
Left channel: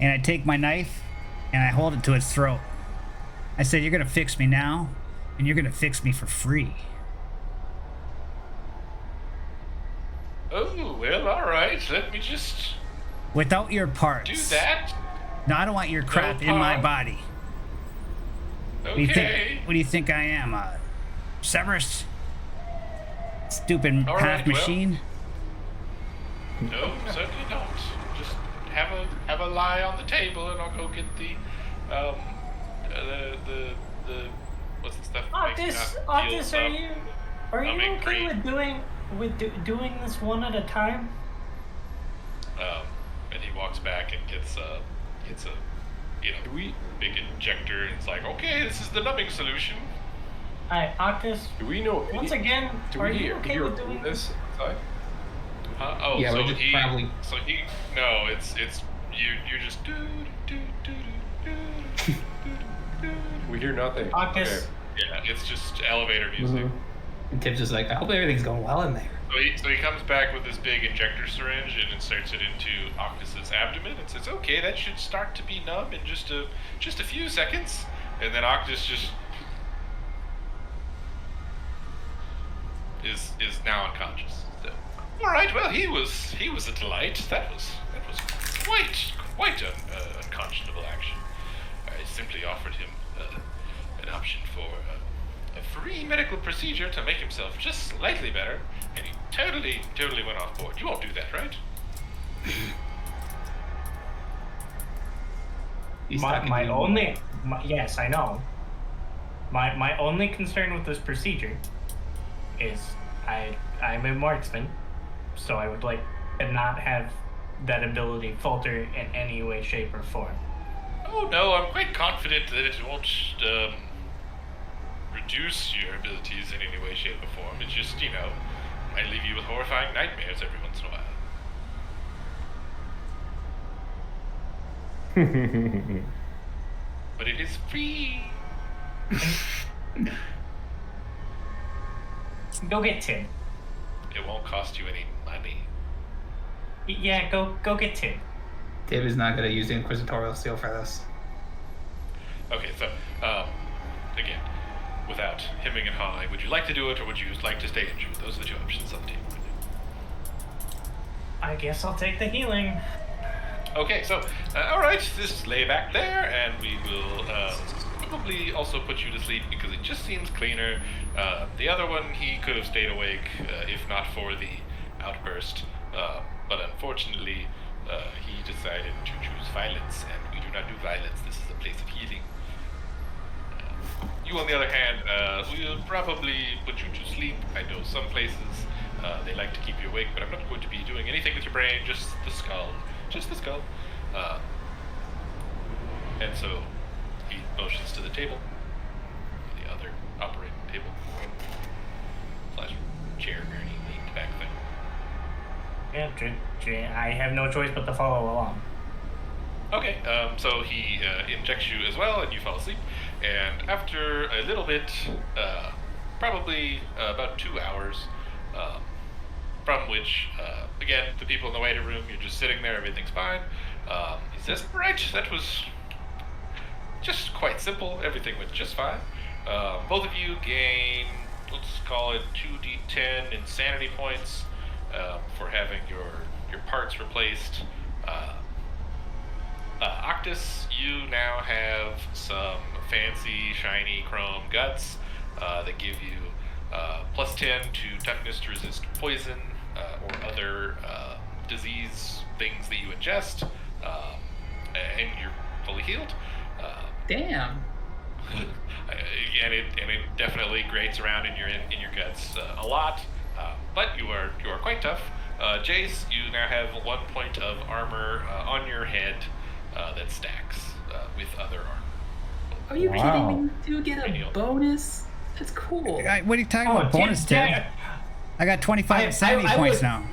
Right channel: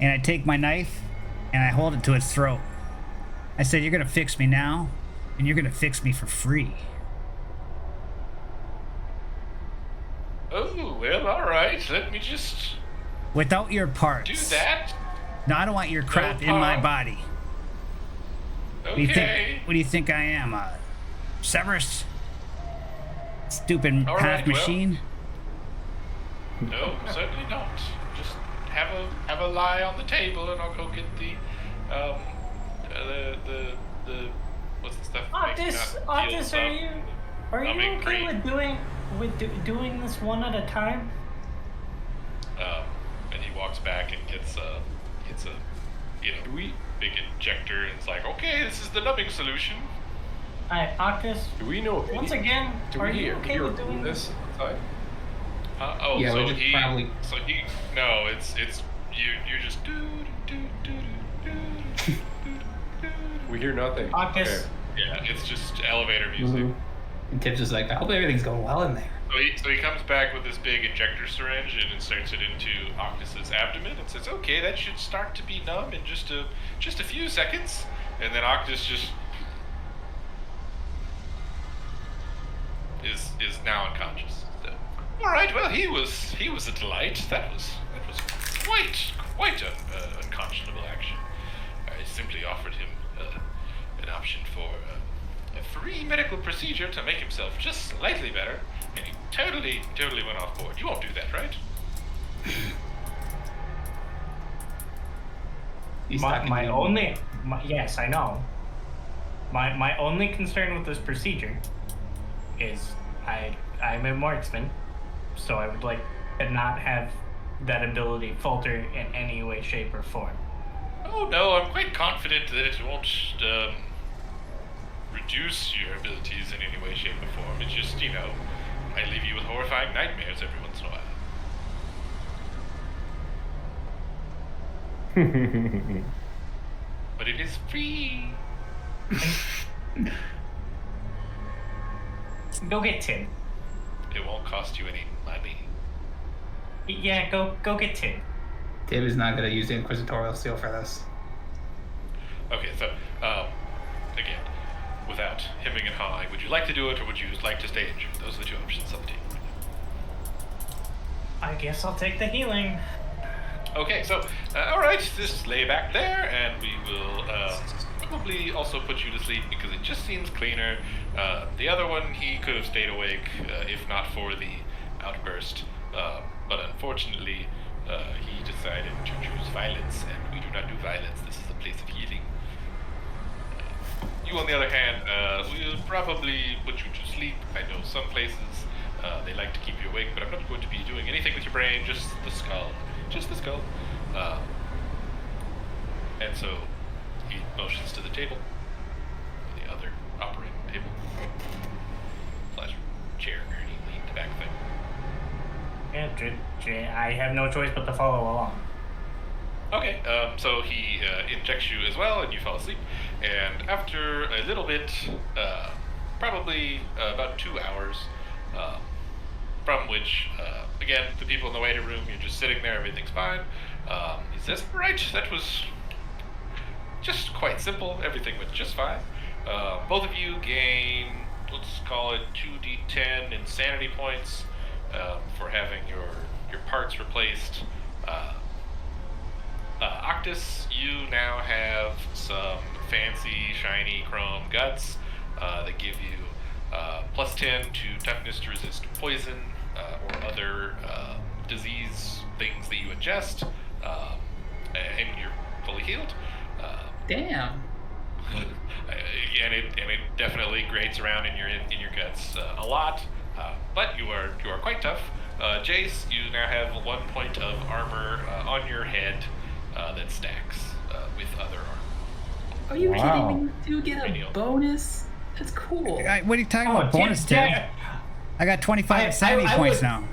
and I take my knife and I hold it to its throat. I said, "You're gonna fix me now, and you're gonna fix me for free." Oh, well, alright. Let me just Without your parts. do that. No, I don't want your crap in my part. body. Okay. What do you think? What do you think I am, Severus? Stupid All half right, well. machine. No, certainly not. Just have a lie on the table, and I'll go get the what's the stuff? that makes you not feel Artis, stuff? are you Numbing okay cream. with doing this one at a time? And he walks back and gets a Do we big injector, and it's like, okay, this is the numbing solution. Alright, Octus, do we know? once again, do are we you hear, okay hear with doing this outside? Oh, Yeah, so we're just he probably- so he no, it's you're just do do do do do do do. We hear nothing. Octus, Yeah, it's just elevator music. Mhm. And Tip's just like, I hope everything's going well in there. So he comes back with this big injector syringe and inserts it into Octus's abdomen and says, "Okay, that should start to be numb in just a few seconds." And then Octus just is now unconscious. So, all right, well, he was a delight. That was quite an unconscionable action. I simply offered him an option for a free medical procedure to make himself just slightly better, and he totally went off board. You won't do that, right? He's talking to my you. only, yes, I know. My only concern with this procedure is I'm a marksman, so I would like to not have that ability falter in any way, shape, or form. Oh no, I'm quite confident that it won't reduce your abilities in any way, shape, or form. It just, might leave you with horrifying nightmares every once in a while. But it is free. Go get Tim. It won't cost you any money. Yeah, go get Tim. Tib is not going to use the Inquisitorial Seal for this. Okay, so, again, without hemming and hawing, would you like to do it, or would you like to stay injured? Those are the two options on the table right now. I guess I'll take the healing. Okay, so, alright, just lay back there, and we will probably also put you to sleep because it just seems cleaner. The other one, he could have stayed awake if not for the outburst, but unfortunately, he decided to choose violence, and we do not do violence. This is a place of healing. You, on the other hand, we'll probably put you to sleep. I know some places they like to keep you awake, but I'm not going to be doing anything with your brain, just the skull. Just the skull. And so he motions to the table, the other operating table, / chair, gurney, lean back thing. Yeah, I have no choice but to follow along. Okay, so he injects you as well, and you fall asleep. And after a little bit, probably about 2 hours, from which, again, the people in the waiting room, you're just sitting there, everything's fine. He says, "Right, that was just quite simple. Everything went just fine. Both of you gain, let's call it 2d10 insanity points for having your parts replaced. Octus, you now have some fancy, shiny chrome guts that give you plus 10 to toughness to resist poison or other disease things that you ingest, and you're fully healed. Damn. And it definitely grates around in your guts a lot, but you are quite tough. Jace, you now have 1 point of armor on your head that stacks with other armor. Are you Wow. kidding me? You get a bonus? That's cool. What are you talking about? Tim, Bonus, Tim? I got 25 insanity points would- now.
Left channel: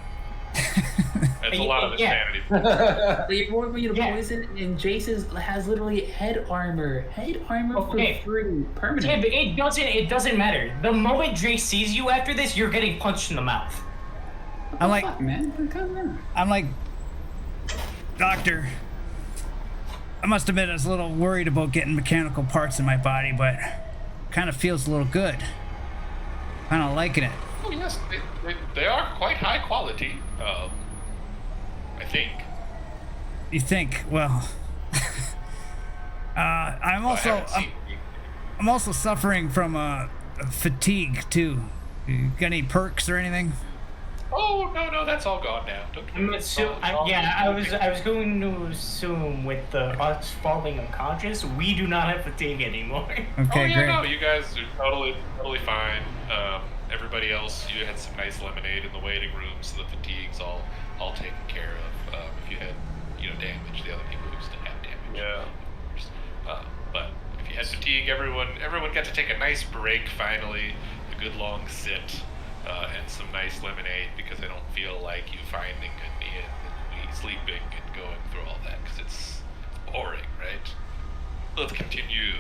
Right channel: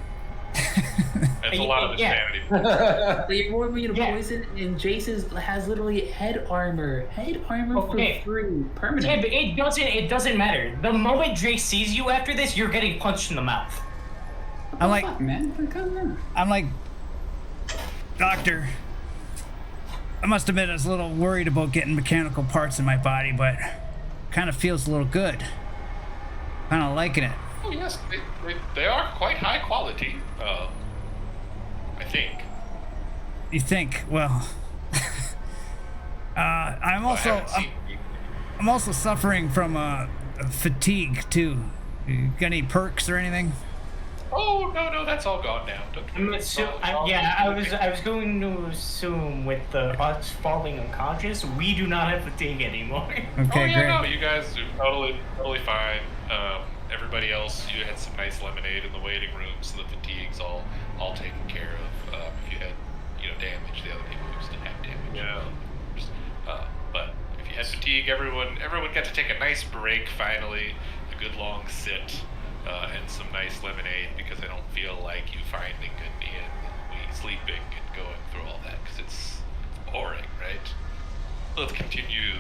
That's a lot of Yeah. insanity. But you're more immune to Yeah. poison, and Jace's has literally head armor. Head armor Okay. for free, permanent. Tim, it doesn't matter. The moment Jace sees you after this, you're getting punched in the mouth. What I'm the like- fuck, man. Come on. I'm like, Doctor, I must admit I was a little worried about getting mechanical parts in my body, but kind of feels a little good. Kind of liking it. Oh yes, they are quite high quality. I think. You think? Well, I'm I also haven't seen any. I'm also suffering from fatigue too. You got any perks or anything? Oh no, that's all gone now. Don't I'm worry. assu- It's all I good. was going to assume with us falling unconscious, we do not have fatigue anymore. Okay, Oh yeah, great. no, you guys are totally fine. Everybody else, you had some nice lemonade in the waiting room, so the fatigue's all taken care of. If you had, damage, the other people who still have damage. Yeah. But if you had fatigue, everyone got to take a nice break finally, a good long sit, and some nice lemonade because I don't feel like you finding an inn and we sleeping and going through all that because it's boring, right? Let's continue.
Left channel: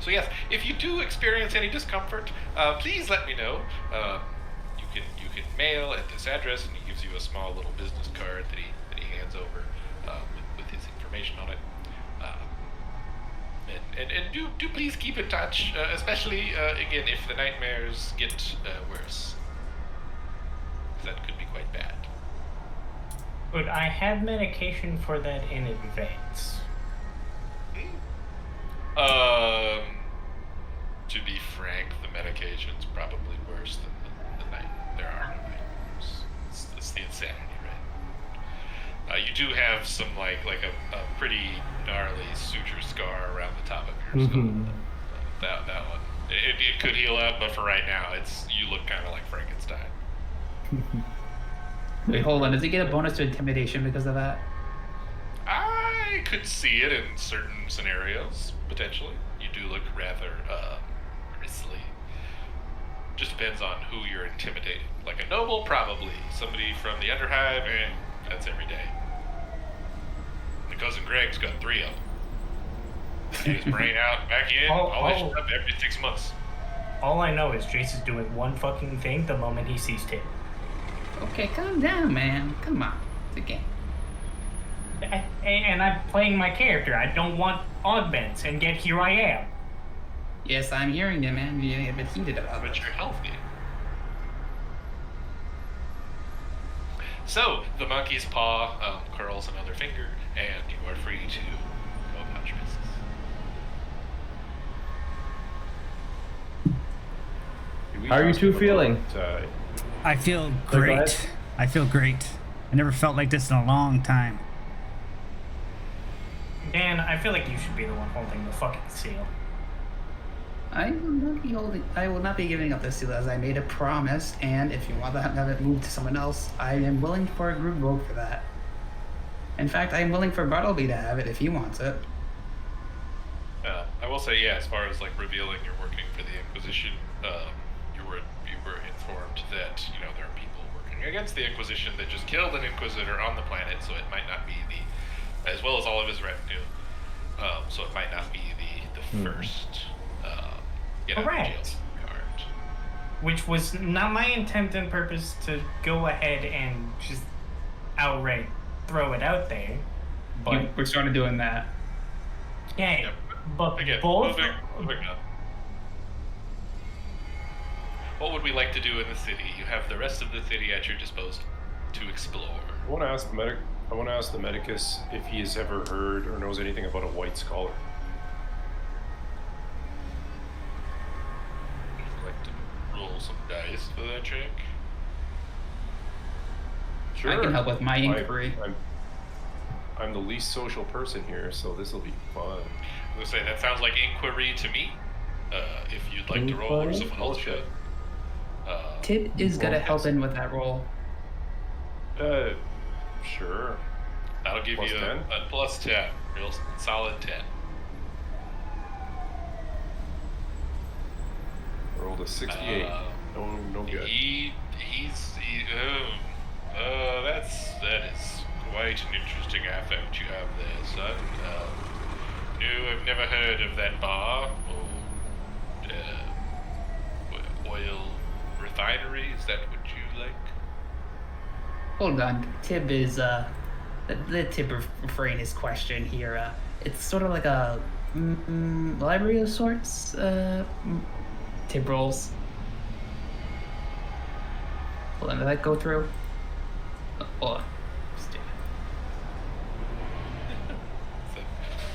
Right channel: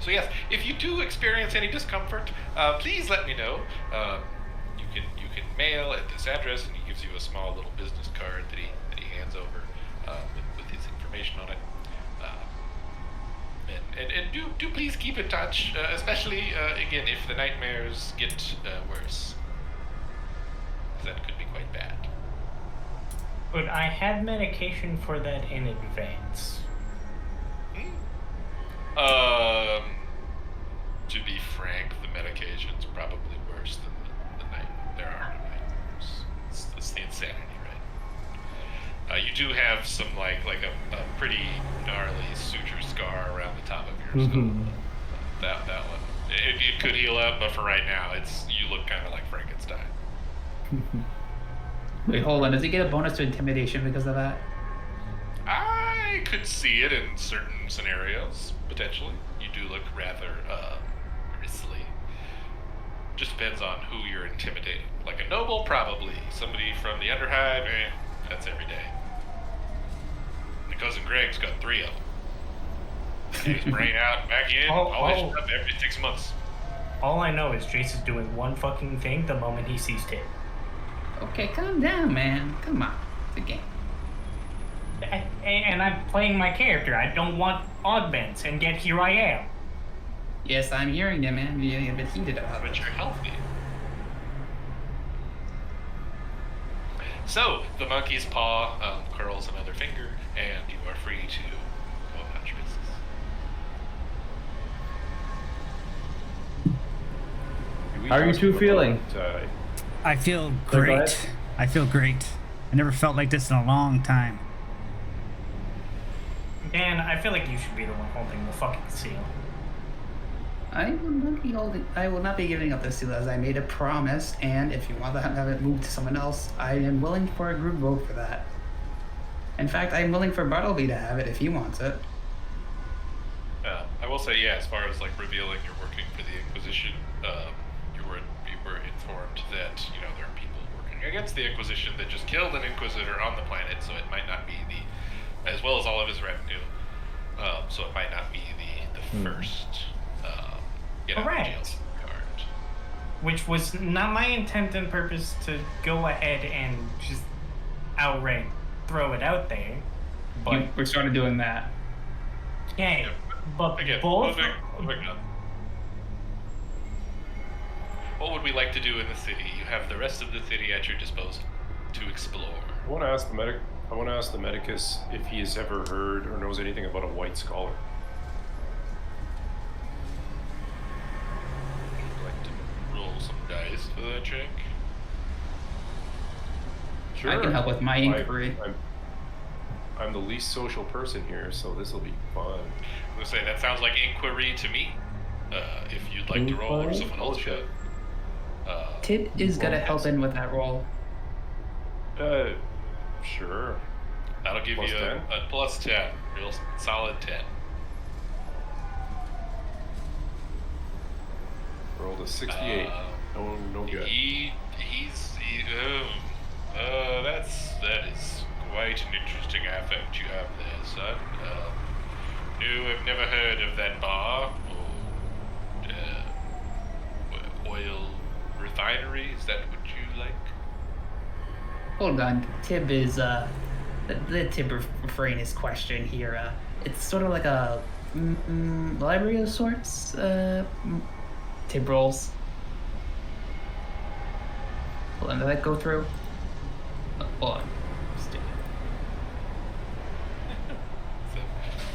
So yes, if you do experience any discomfort, please let me know. You can mail at this address, and he gives you a small little business card that he hands over with his information on it. And do please keep in touch, especially again if the nightmares get worse, 'cause that could be quite bad. But I have medication for that in advance. To be frank, the medication's probably worse than the night. There are no nightmares. It's the insanity, right? You do have some like a pretty gnarly suture scar around the top of your skull. That one, it could heal up, but for right now, you look kind of like Frankenstein. Wait, hold on. Does he get a bonus to intimidation because of that? I could see it in certain scenarios, potentially. You do look rather grisly. Just depends on who you're intimidating. Like a noble, probably. Somebody from the Underhive, that's every day. My cousin Greg's got 3 of them. Get his brain out, back in, polish up every 6 months. All I know is Jace is doing one fucking thing the moment he sees Tim. Okay, calm down, man. Come on. It's a game. And I'm playing my character. I don't want augments, and yet here I am. Yes, I'm hearing you, man. You're getting a bit heated about But it. you're healthy. So, the monkey's paw curls another finger, and you are free to go about your business. Do we How are you ask two him about, feeling? I feel go great. ahead. I feel great. I never felt like this in a long time. Dan, I feel like you should be the one holding the fucking seal. I will not be giving up the seal as I made a promise, and if you want to have it moved to someone else, I am willing for a group vote for that. In fact, I'm willing for Bartleby to have it if he wants it. I will say, yeah, as far as like revealing you're working for the Inquisition, you were informed that there are people working against the Inquisition that just killed an Inquisitor on the planet, so it might not be as well as all of his retinue. So it might not be the first get out of jail Correct. card. Which was not my intent and purpose to go ahead and just outright throw it out there. But We're sort of doing that. okay, Yep. but Again, both. moving on. What would we like to do in the city? You have the rest of the city at your disposal to explore. I want to ask the medicus if he has ever heard or knows anything about a white scholar. Would you like to roll some dice for that check? Sure. I can help with my inquiry. I'm the least social person here, so this will be fun. I would say that sounds like inquiry to me. If you'd like to roll, or someone else should. Tib is gonna help in with that roll. Sure. That'll give Plus you 10? a plus 10. Real solid 10. I rolled a 68. No good. That is quite an interesting affect you have there, son. No, I've never heard of that bar or oil refinery. Is that what you like? Hold on, Tib is the Tib refrain his question here. It's sort of like a library of sorts. Tib rolls. Hold on, did that go through? Hold on. Stupid.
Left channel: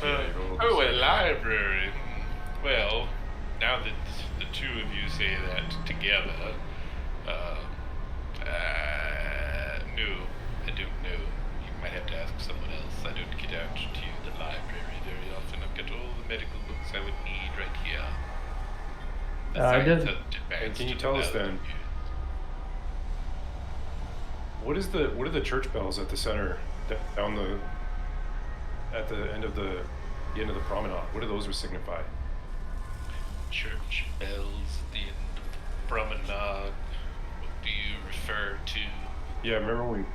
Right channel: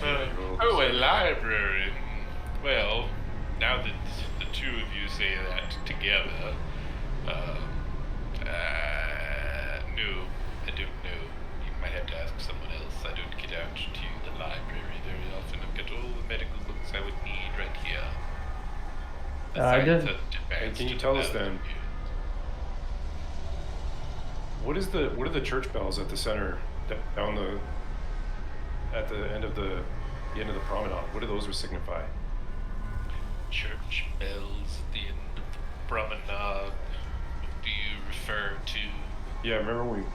A library. Well, now that the two of you say that together, no, I don't know. You might have to ask someone else. I don't get out to the library very often. I've got all the medical books I would need right here. The I science just- has advanced And can you to tell us thousands then- of years. What are the church bells at the center down at the end of the end of the promenade? What do those signify? Church bells at the end of the promenade. What do you refer to? Yeah, remember we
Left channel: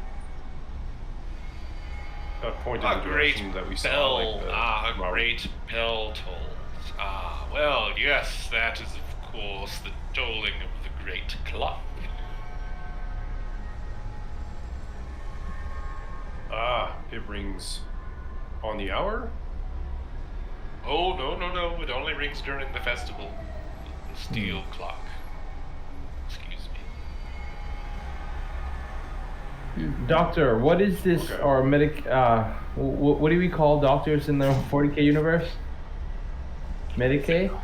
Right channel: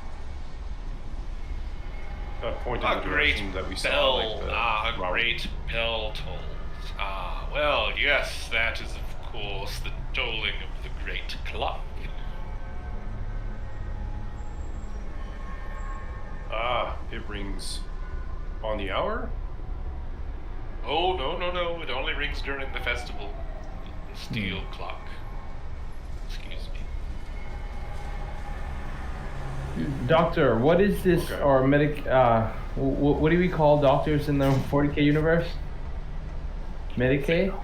pointed A in the great direction that we bell. saw, like the A Robert- great bell tolls. Well, yes, that is of course the tolling of the great clock. It rings on the hour? Oh, no. It only rings during the festival. The steel clock. Excuse me. Doctor, what is this, Okay. or medic, what do we call doctors in the 40K universe? Medicaid?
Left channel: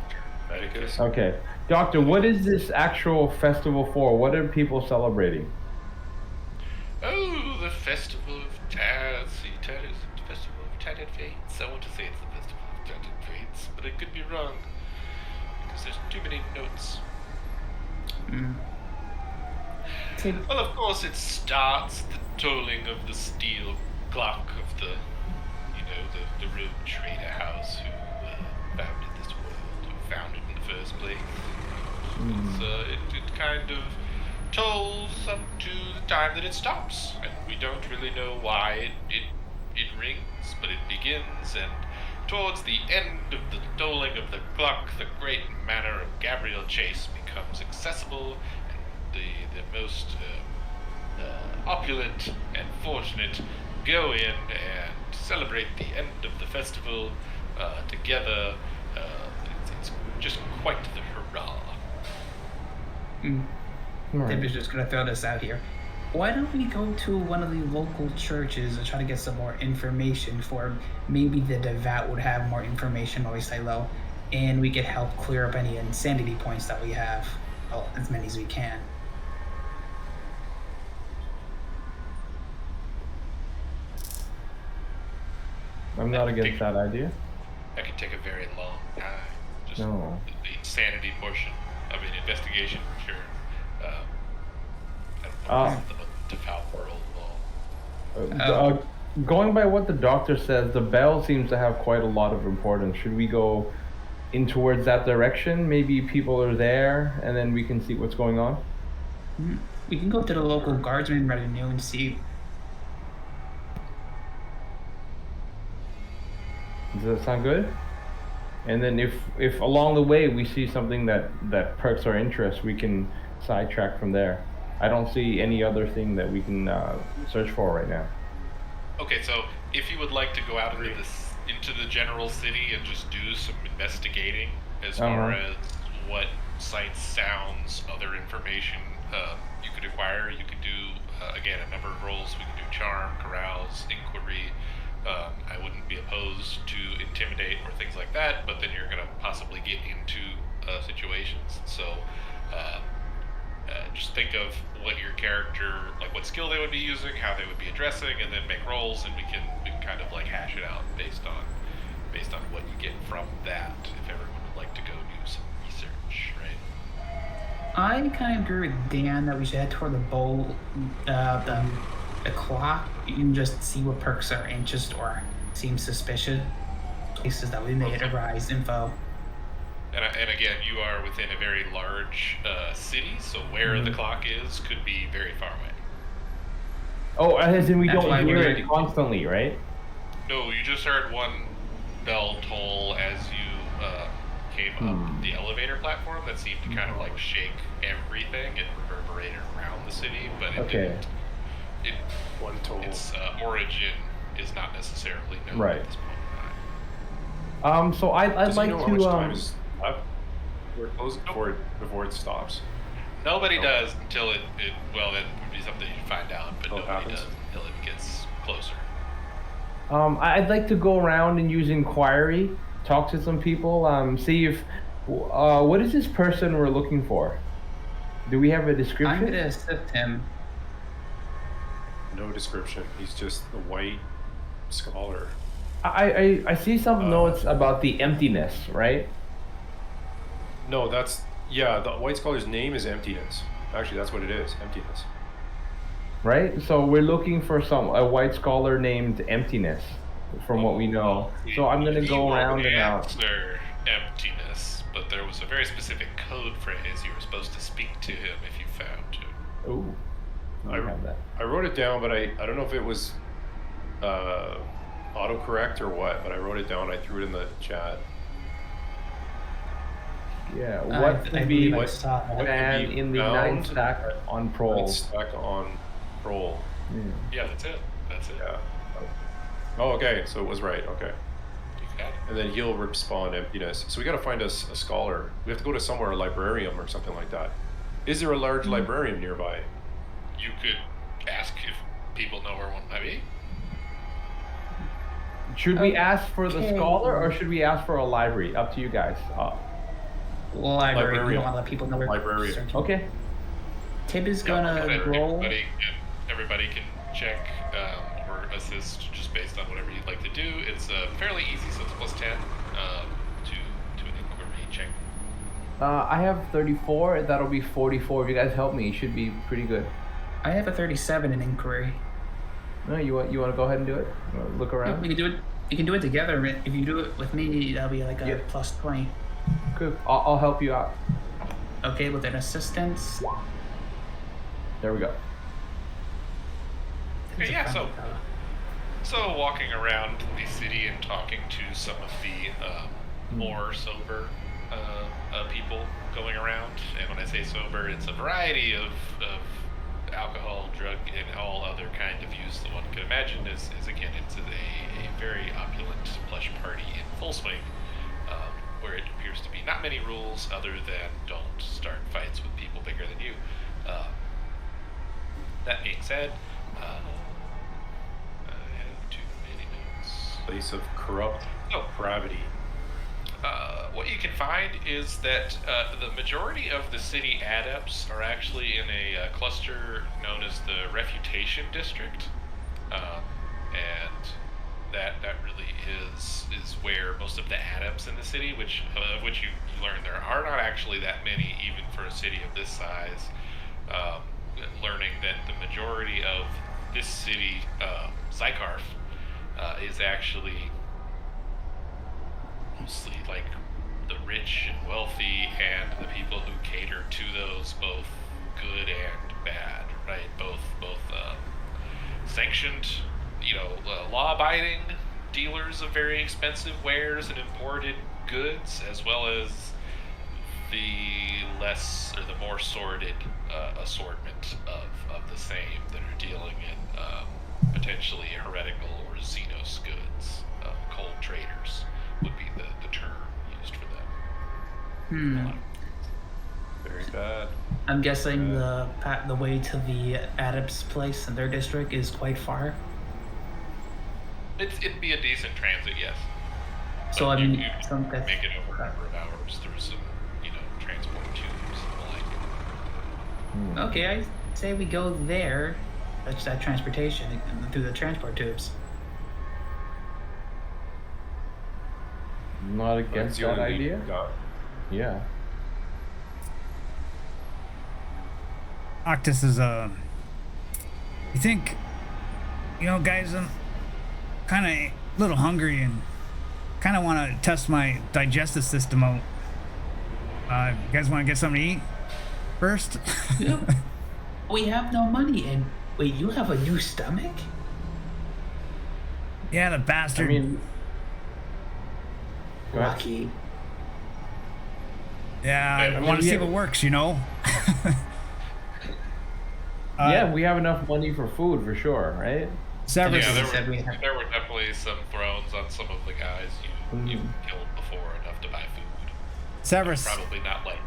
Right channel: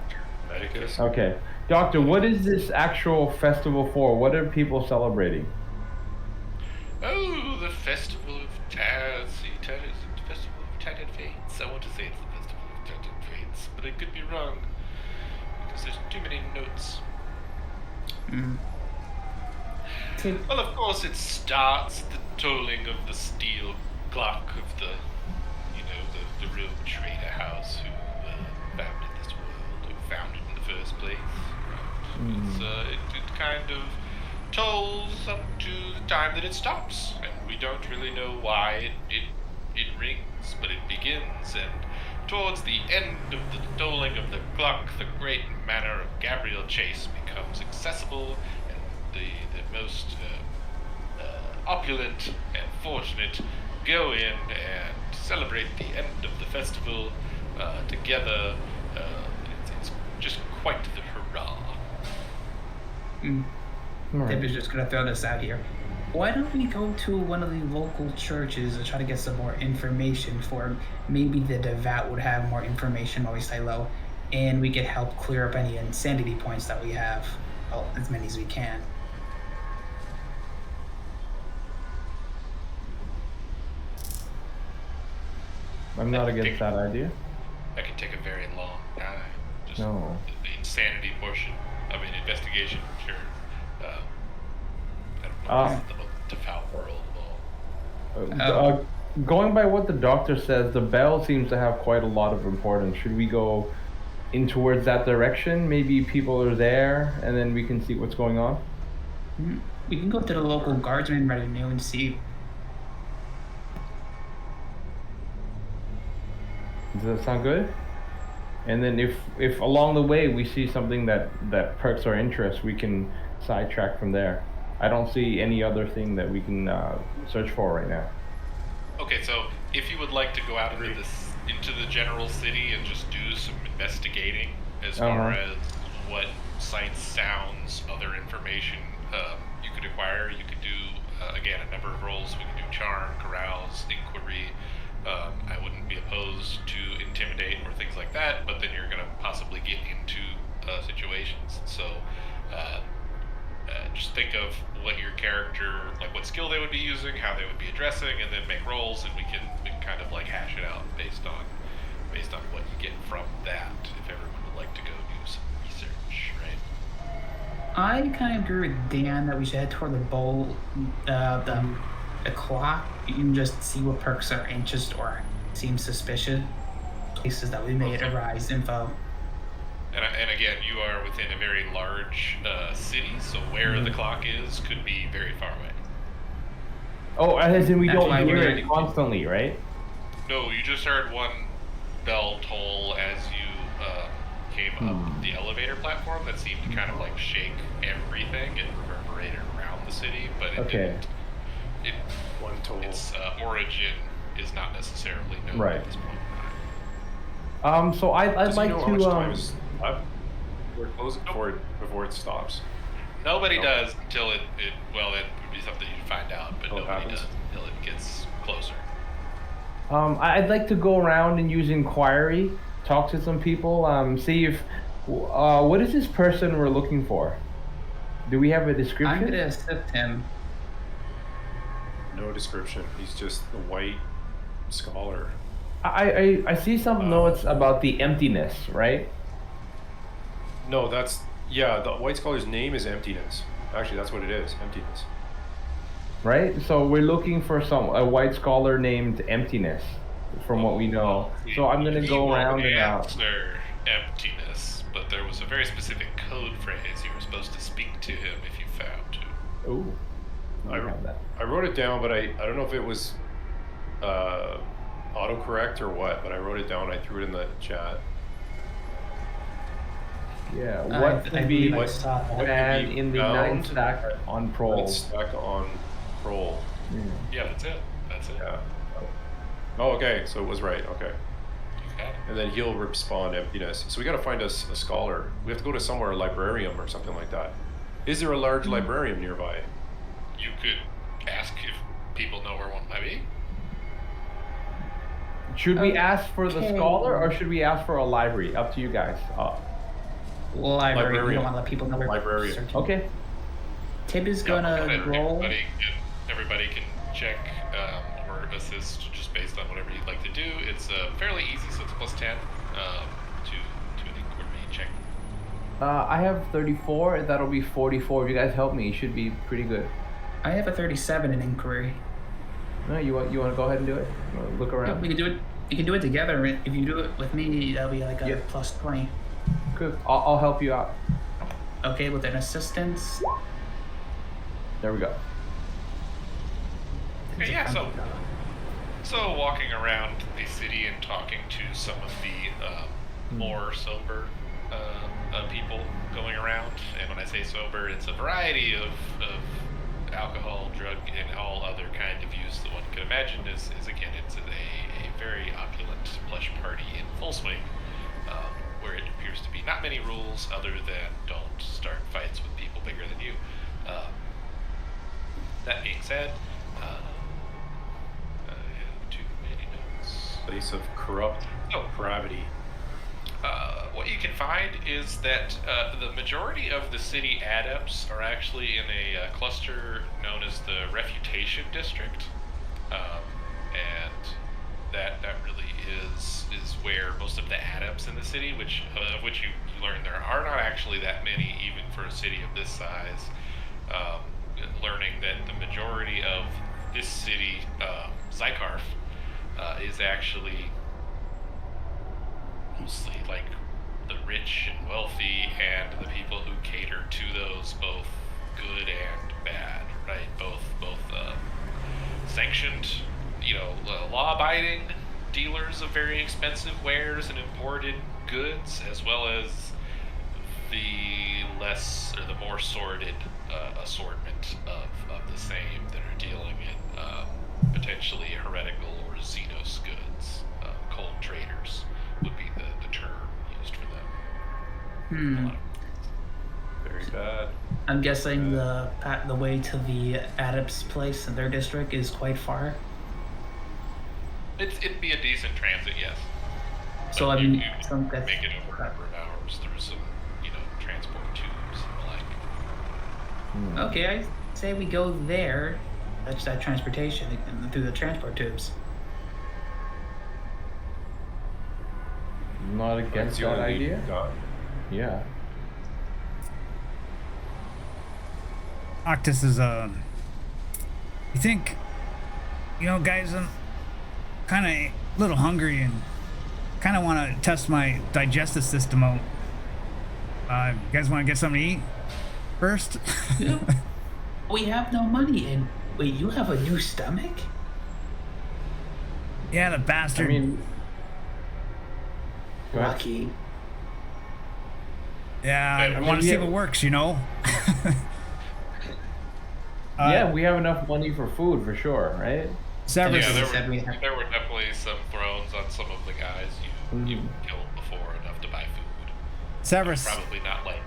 Medicus? Okay. Doctor, what is this actual festival for? What are people celebrating? Oh, the festival of Festival of Tattered Fates. I want to say it's the Festival of Tattered Fates, but I could be wrong because there's too many notes. Tib, Well, of course, it starts the tolling of the steel clock of the rogue trader house who founded this world, or founded in the first place. It kind of tolls up to the time that it stops, and we don't really know why it rings, but it begins, and towards the end of the tolling of the clock, the great manor of Gabriel Chase becomes accessible, and the most opulent and fortunate go in and celebrate the end of the festival together. It's just quite the hurrah. Tib is just gonna throw this out here. Why don't we go to one of the local churches and try to get some more information for maybe the devout would have more information while we stay low, and we could help clear up any insanity points that we have, well, as many as we can. I'm not I against think- that idea. That could take a very long time. Just No. the insanity portion of an investigation, sure. I don't know Ah. if it's the most devout world of all. Going by what the doctor says, the bell seems to have quite a lot of importance. Should we go in towards that direction? Maybe people are there, and then we can see what's going on. We can go to the local guardsman retinue and see. Does that sound good? And then if along the way we see something that perks our interest, we can sidetrack from there. I don't see any other thing that we can search for right now. Okay, so if you would like to go out into the general city and just do some investigating as far as what sights, sounds, other information you could acquire, you could do again a number of roles. We could do charm, carouse, inquiry. I wouldn't be opposed to intimidate or things like that, but then you're going to possibly get into situations. So just think of what your character, like what skill they would be using, how they would be addressing, and then make rolls, and we can kind of like hash it out based on what you get from that. If everyone would like to go do some research, right? I kind of agree with Dan that we should head toward the bowl, the clock, and just see what perks are interest or seem suspicious. Places that we may arise info. And again, you are within a very large city, so where the clock is could be very far away. Oh, as in we That's don't why hear we're- it constantly, right? No, you just heard one bell toll as you came up the elevator platform that seemed to kind of like shake everything and reverberated around the city, but it Okay. didn't. One toll. Its origin is not necessarily known Right. at this point in time. So I'd Does like he know how much time to is left? We're closing before it stops. Nobody Nope. does until it well, that would be something you'd find out, but Until it nobody happens? does until it gets closer. I'd like to go around and use inquiry, talk to some people, see if what is this person we're looking for? Do we have a I'm description? going to assist him. No description. He's just a white scholar. I see some notes about the emptiness, right? No, the white scholar's name is Emptiness. Actually, that's what it is, Emptiness. Right. So we're looking for a white scholar named Emptiness, from what we know. So I'm gonna He go won't around and out. answer emptiness, but there was a very specific code phrase you were supposed to speak to him if you found to. Ooh, I I- have that. I wrote it down, but I don't know if it was autocorrect or what, but I wrote it down. I threw it in the chat. Yeah. I What could believe be I saw that. what could and be in the found? 9 stack on It's prol? stuck on roll. Yeah. Yeah, that's it. That's it. Yeah. Oh, okay. So it was right. Okay. You got it. And then he'll respond emptiness. So we got to find us a scholar. We have to go to somewhere, a librarium or something like that. Is there a large librarium nearby? You could ask if people know where one might be. Should we ask for the Okay. scholar or should we ask for a library? Up to you guys. Library. We Librarian. don't want to let people know we're Librarian. searching. Okay. Tib is Yeah, gonna but roll. everybody can check or assist just based on whatever you'd like to do. It's fairly easy, so it's +10 to an inquiry check. I have 34. That'll be 44. If you guys help me, it should be pretty good. I have a 37 in inquiry. No, you want to go ahead and do it? You wanna look Yeah, around. we can do it. You can do it together. If you do it with me, that'll be like a Yep. +20. Good. I'll help you out. Okay, with an assistance. There we go. Okay, yeah, so walking around the city and talking to some of the more sober people going around, and when I say sober, it's a variety of alcohol, drug, and all other kind of use that one could imagine. Is again, it's a very opulent plush party in full swing, where it appears to be not many rules other than don't start fights with people bigger than you. That being said, I have too many notes. Place of corrupt gravity. What you can find is that the majority of the city adepts are actually in a cluster known as the Refutation District, and that really is where most of the adepts in the city, which you learn there are not actually that many even for a city of this size. Learning that the majority of this city, Zykarf, is actually mostly like the rich and wealthy and the people who cater to those, both good and bad, right? Both sanctioned, law-abiding dealers of very expensive wares and imported goods, as well as the less or the more sordid assortment of the same that are dealing in potentially heretical or Xenos goods. Cold traders would be the term used for them. A lot of- Very bad. I'm guessing the way to the Adept's place in their district is quite far. It'd be a decent transit, yes. So But I mean, you some could make it over a number of hours through some, transport tubes and the like. Okay, I say we go there. That's that transportation through the transport tubes. Not That's against the that only lead idea. you've got. Yeah. Octus is you think, guys, I'm kind of a little hungry and kind of want to test my digestive system out. You guys want to get something to eat first? We have no money, and wait, you have a new stomach? Yeah, the I bastard. mean, go ahead. Lucky. Yeah, I Yeah, want to we see have- if it works, Yeah, we have enough money for food for sure, right? Severus, Yeah, He said we have- there were definitely some thrones on some of the guys you killed before enough to buy food. Severus, Probably not like.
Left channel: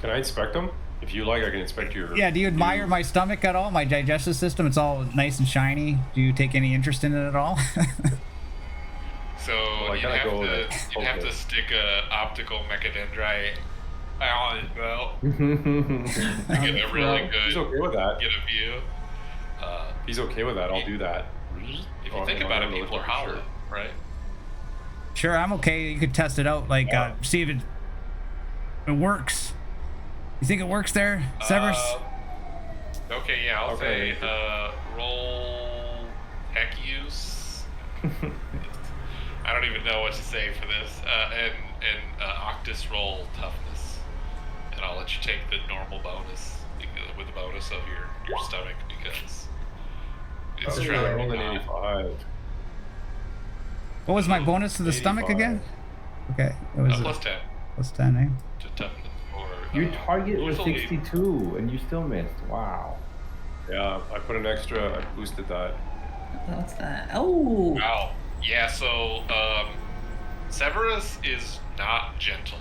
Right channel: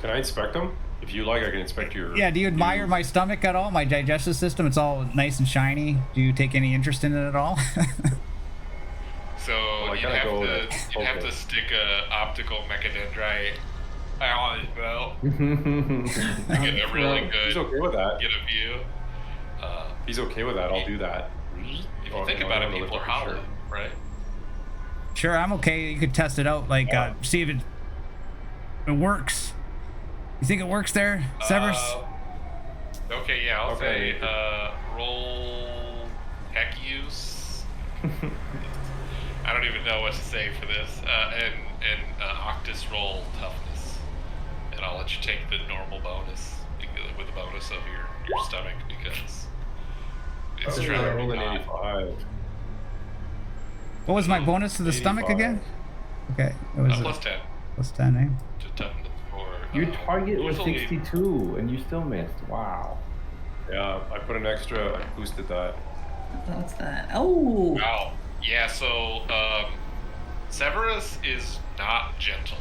Can I inspect them? If you like, I can inspect your. yeah, do you admire my stomach at all? My digestive system, it's all nice and shiny. Do you take any interest in it at all? So Well, I you'd gotta have go to with you'd have to focus. stick a optical mecadendrite on his belt yeah, to get a really He's good okay with that. get a view. He's okay with that. I'll do that. If Oh, you think no, about I it, don't know people are for sure. hollow, right? Sure, I'm okay. You could test it out, like see if it works. You think it works there, Severus? Okay, yeah, I'll Okay. say roll tech use. I don't even know what to say for this. And Octus roll toughness, and I'll let you take the normal bonus with the bonus of your stomach because it's I trying rolled to an be 85. What was my bonus to the stomach 85. again? Okay, it was plus 10 plus 10, eh? to toughness for Your target was usually- 62, and you still missed. Wow. Yeah, I put an extra. I boosted that. What's that? Oh, Wow. Yeah, so Severus is not gentle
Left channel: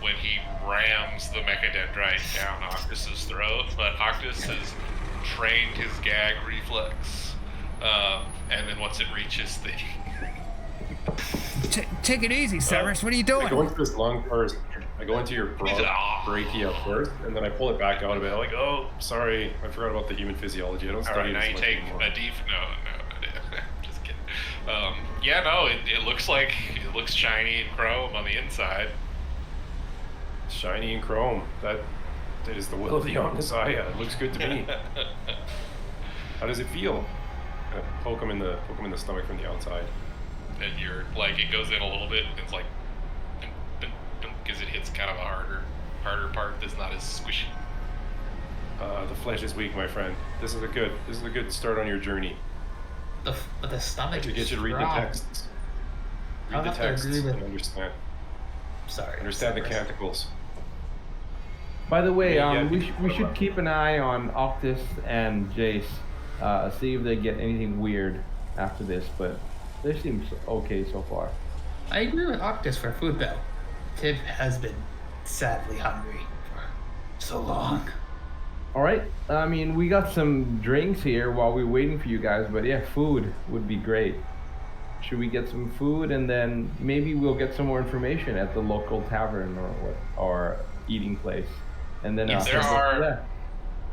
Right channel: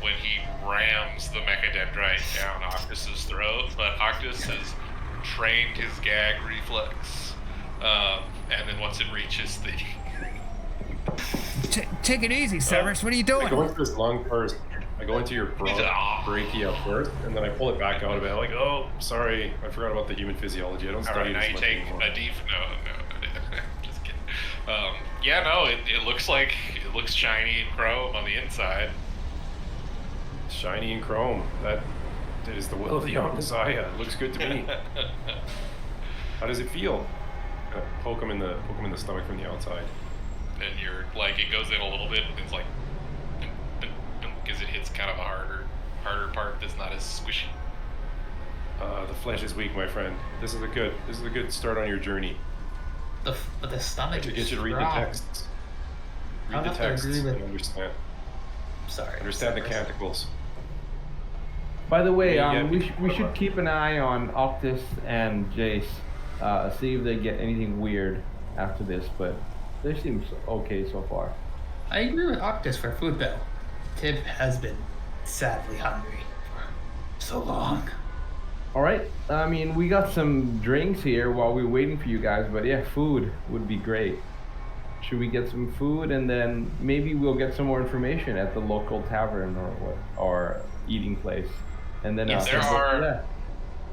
when he rams the mechadendrite down Octus's throat, but Octus has trained his gag reflex. And then once it reaches the Take it easy, Severus. What are you I go doing? into his lung first. I go into your brachia first, and then I pull it back out a bit. I'm like, oh, sorry, I forgot about the human physiology. I don't all study right, now this you much take anymore. a deep no, just kidding. Yeah, no, it looks shiny and chrome on the inside. Shiny and chrome. That is the will of the Omnissiah. It looks good to me. How does it feel? Poke him in the stomach from the outside. And you're like, it goes in a little bit, and it's like, because it hits kind of a harder part that's not as squishy. The flesh is weak, my friend. This is a good start on your journey. but the stomach To is get you to read the strong. texts. I'll Read the have to texts agree with- and understand Sorry. the Severus. canticles. By the way, Yeah, we should keep an eye on Octus and Jace. See if they get anything weird after this, but they seem okay so far. I agree with Octus for food though. Tib has been sadly hungry for so long. All right. I mean, we got some drinks here while we're waiting for you guys, but yeah, food would be great. Should we get some food and then maybe we'll get some more information at the local tavern or eating place, and then Yes, there yeah. are-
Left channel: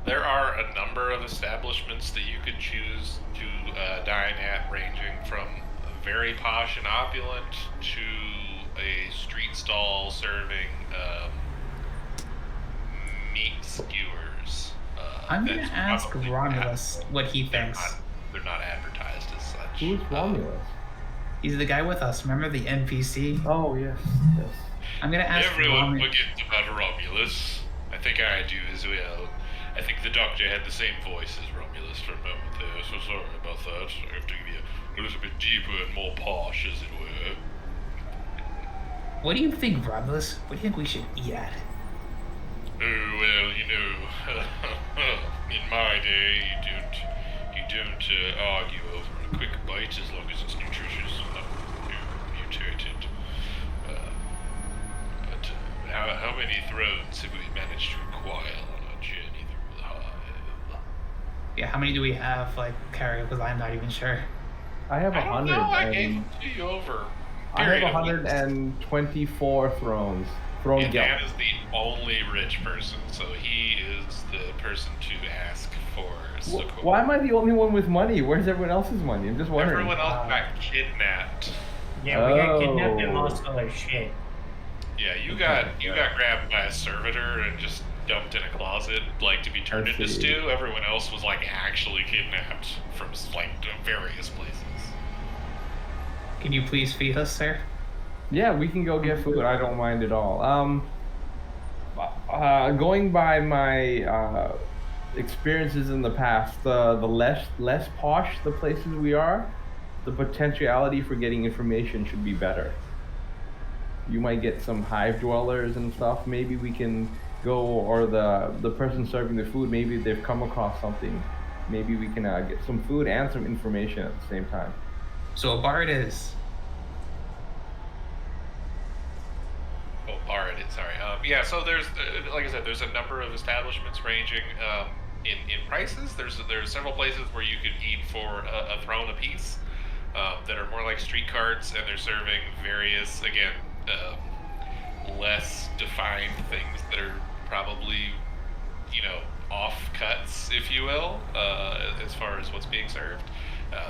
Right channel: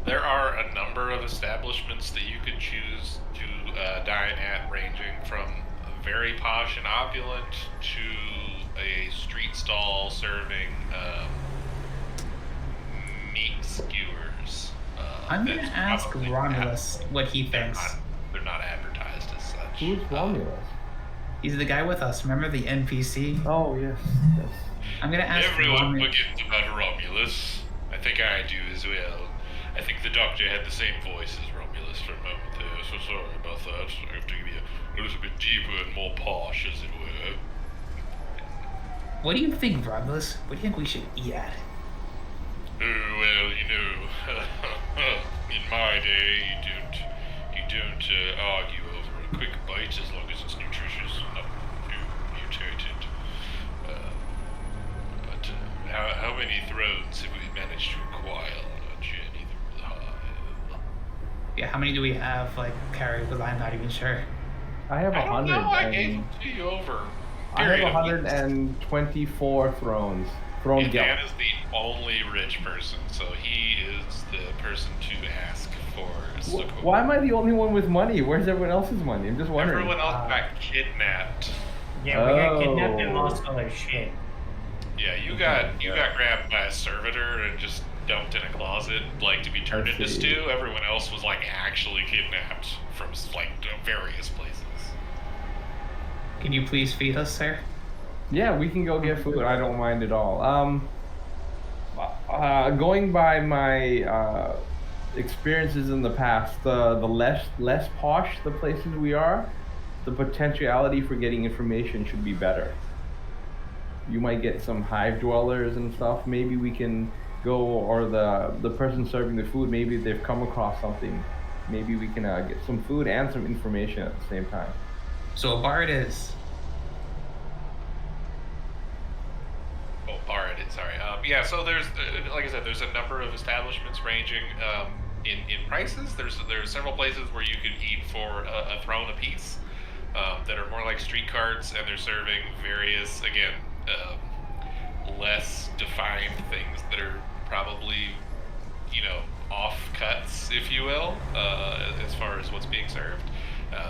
There are a number of establishments that you could choose to dine at, ranging from very posh and opulent to a street stall serving meat skewers. I'm gonna that's ask probably Romulus what he They're thinks. not, they're not advertised as such. Who's Romulus? He's the guy with us. Remember the NPC? Oh yes, yes. I'm gonna ask Everyone Romulus. forgets about Romulus. I think I do as well. I think the doctor had the same voice as Romulus for a moment there, so sorry about that. I have to give you a little bit deeper and more posh, as it were. What do you think, Romulus? What do you think we should eat at? Oh, well, In my day, you don't argue over a quick bite as long as it's nutritious and not mutated. But how many thrones have we managed to acquire on our journey through the hive? Yeah, how many do we have, like, carry? Because I'm not even sure. I have I don't 100. know. I and- gave them to you over. I have period of weeks. 124 thrones. Throne And guild. Dan is the only rich person, so he is the person to ask for support. Why am I the only one with money? Where's everyone else's money? I'm just wondering. Everyone else got kidnapped. Yeah, we got kidnapped and Oh. lost all our shit. Yeah, you got grabbed by a servitor and just dumped in a closet, like to be turned I into see. stew. Everyone else was like actually kidnapped from like various places. Can you please feed us, sir? Yeah, we can go get food. I don't mind at all. Going by my experiences in the past, the less posh the places we are, the potentiality for getting information should be better. You might get some hive dwellers and stuff. Maybe we can go, or the person serving the food, maybe they've come across something. Maybe we can get some food and some information at the same time. So a bard is. Oh, Bard, sorry. Yeah, so there's, like I said, there's a number of establishments ranging in prices. There's several places where you could eat for a throne apiece that are more like street carts, and they're serving various, again, less defined things that are probably, off cuts, if you will, as far as what's being served.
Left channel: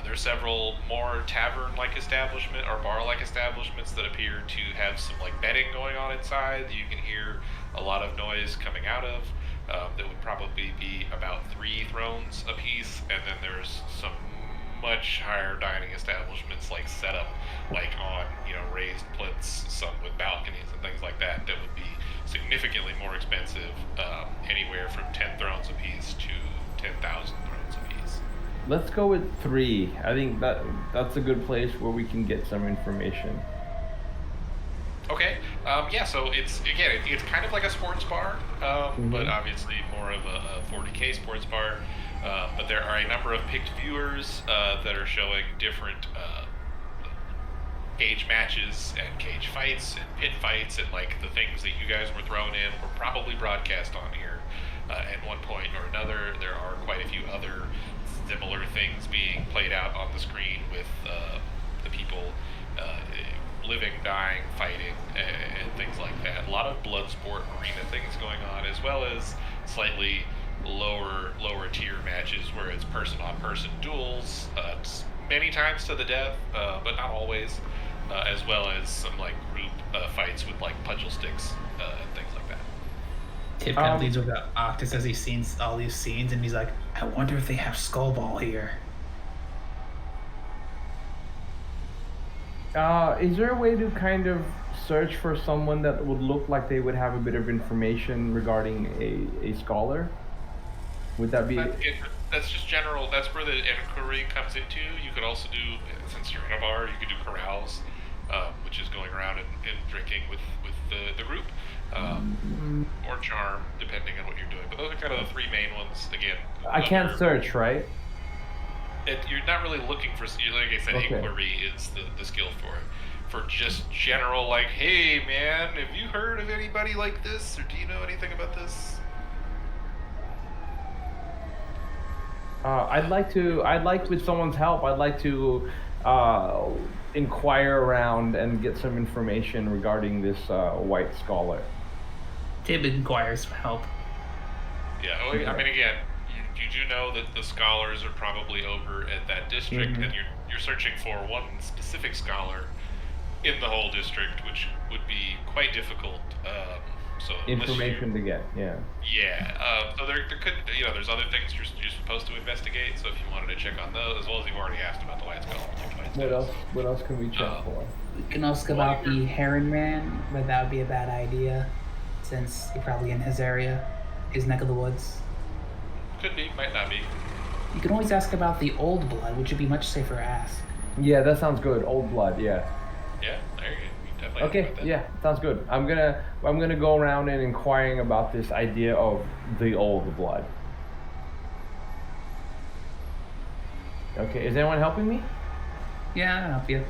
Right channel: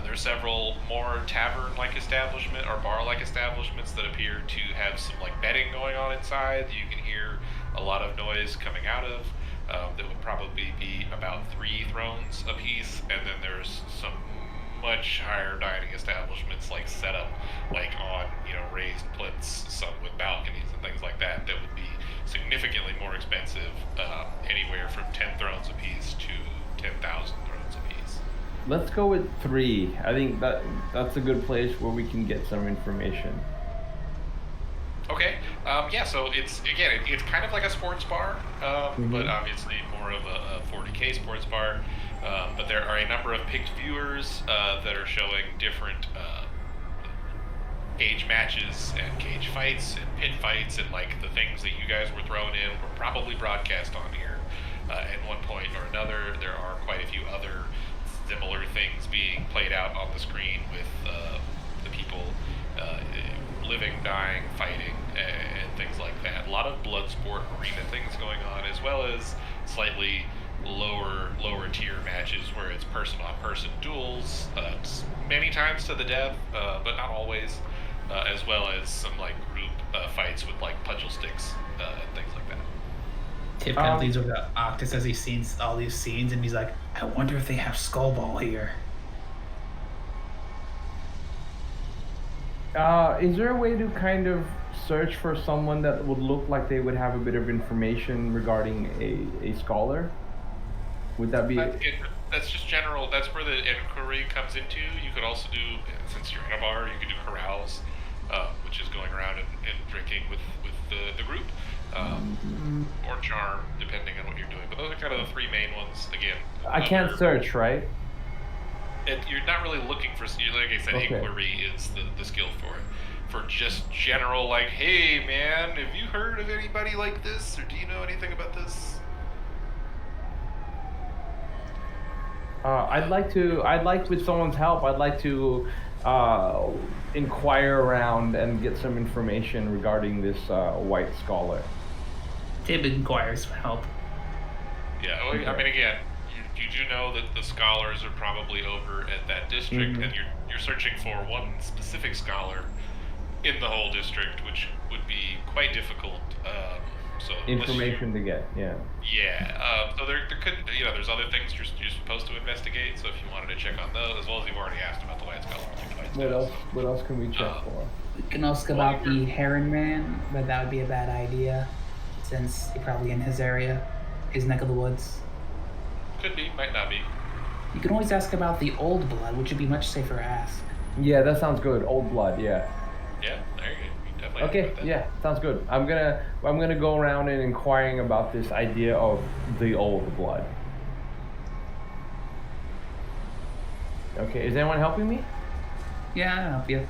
There are several more tavern-like establishment or bar-like establishments that appear to have some like betting going on inside that you can hear a lot of noise coming out of. That would probably be about 3 thrones apiece, and then there's some much higher dining establishments like set up like on raised plinths, some with balconies and things like that would be significantly more expensive, anywhere from 10 thrones apiece to 10,000 thrones apiece. Let's go with 3. I think that's a good place where we can get some information. Okay. Yeah, so it's kind of like a sports bar, but obviously more of a 40K sports bar. But there are a number of picked viewers that are showing different cage matches and cage fights and pit fights, and like the things that you guys were thrown in were probably broadcast on here at one point or another. There are quite a few other similar things being played out on the screen with the people living, dying, fighting, and things like that. A lot of blood sport arena things going on, as well as slightly lower tier matches where it's person on person duels, many times to the death, but not always, as well as some like group fights with like pudgel sticks and things like that. Tip kind of leads over to Octus as he's seen all these scenes, and he's like, I wonder if they have Skullball here. Is there a way to kind of search for someone that would look like they would have a bit of information regarding a scholar? Would that be... That's just general. That's where the inquiry comes into. You could also do, since you're in a bar, you could do carouse, which is going around and drinking with the group, or charm, depending on what you're doing. But those are kind of the 3 main ones. Again, I can't search, right? You're not really looking for, like I said, Okay. inquiry is the skill for it. For just general, like, hey man, have you heard of anybody like this, or do you know anything about this? I'd like with someone's help, I'd like to inquire around and get some information regarding this white scholar. Tib inquires for help. Yeah, well, I mean, again, you do know that the scholars are probably over at that district, and you're searching for one specific scholar in the whole district, which would be quite difficult. So Information to get, yeah. Yeah. So there could, there's other things you're supposed to investigate. So if you wanted to check on those, as well as you've already asked about the white scholar. What else can we check for? We can ask about the Heron Man, but that would be a bad idea, since you're probably in his area, his neck of the woods. Could be, might not be. You can always ask about the Old Blood, which would be much safer to ask. Yeah, that sounds good. Old blood, yeah. Yeah, there you go. You definitely Okay, have that. yeah, sounds good. I'm gonna go around and inquiring about this idea of the old blood. Okay, is anyone helping me? Yeah, I'll help you.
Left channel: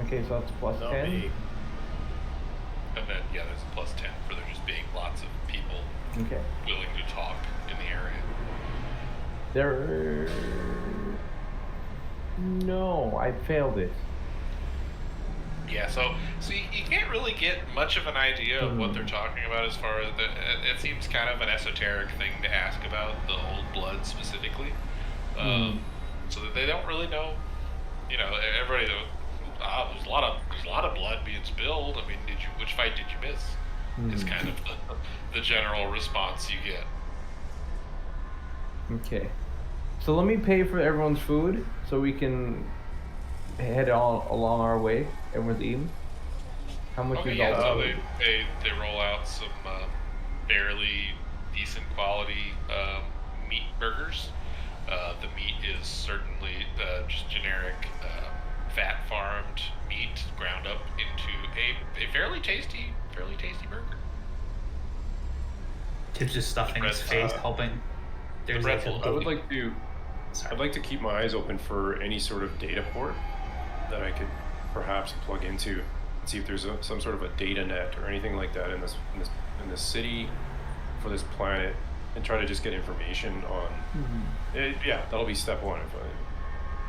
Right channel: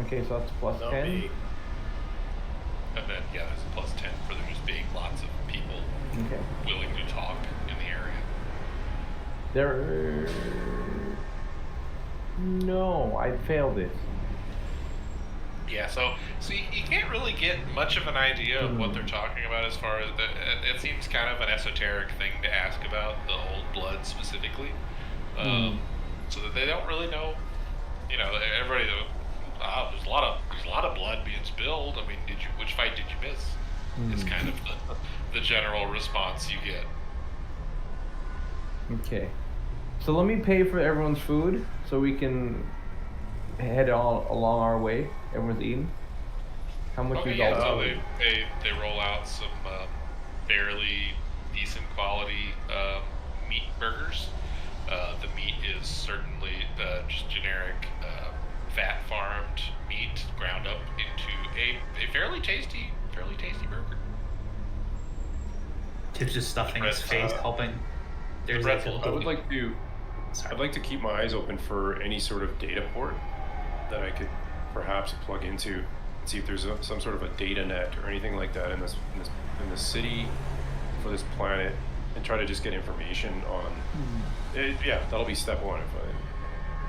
Okay, so that's plus Not 10. me. And then, yeah, there's a plus 10 for there just being lots of people Okay. willing to talk in the area. There. No, I failed it. Yeah, so you can't really get much of an idea of what they're talking about as far as it seems kind of an esoteric thing to ask about the old blood specifically, so that they don't really know. You know, everybody. There's a lot of blood being spilled. I mean, which fight did you miss? Is kind of the general response you get. Okay. So let me pay for everyone's food so we can head on along our way. Everyone's eating. How much Okay, is yeah, all so that? they roll out some fairly decent quality meat burgers. The meat is certainly just generic fat farmed meat ground up into a fairly tasty burger. Tip's just stuffing his face, hoping there's like breadful. a I would like to. Sorry. I'd like to keep my eyes open for any sort of data port that I could perhaps plug into and see if there's some sort of a data net or anything like that in this city for this planet, and try to just get information on. It, yeah, that'll be step one. If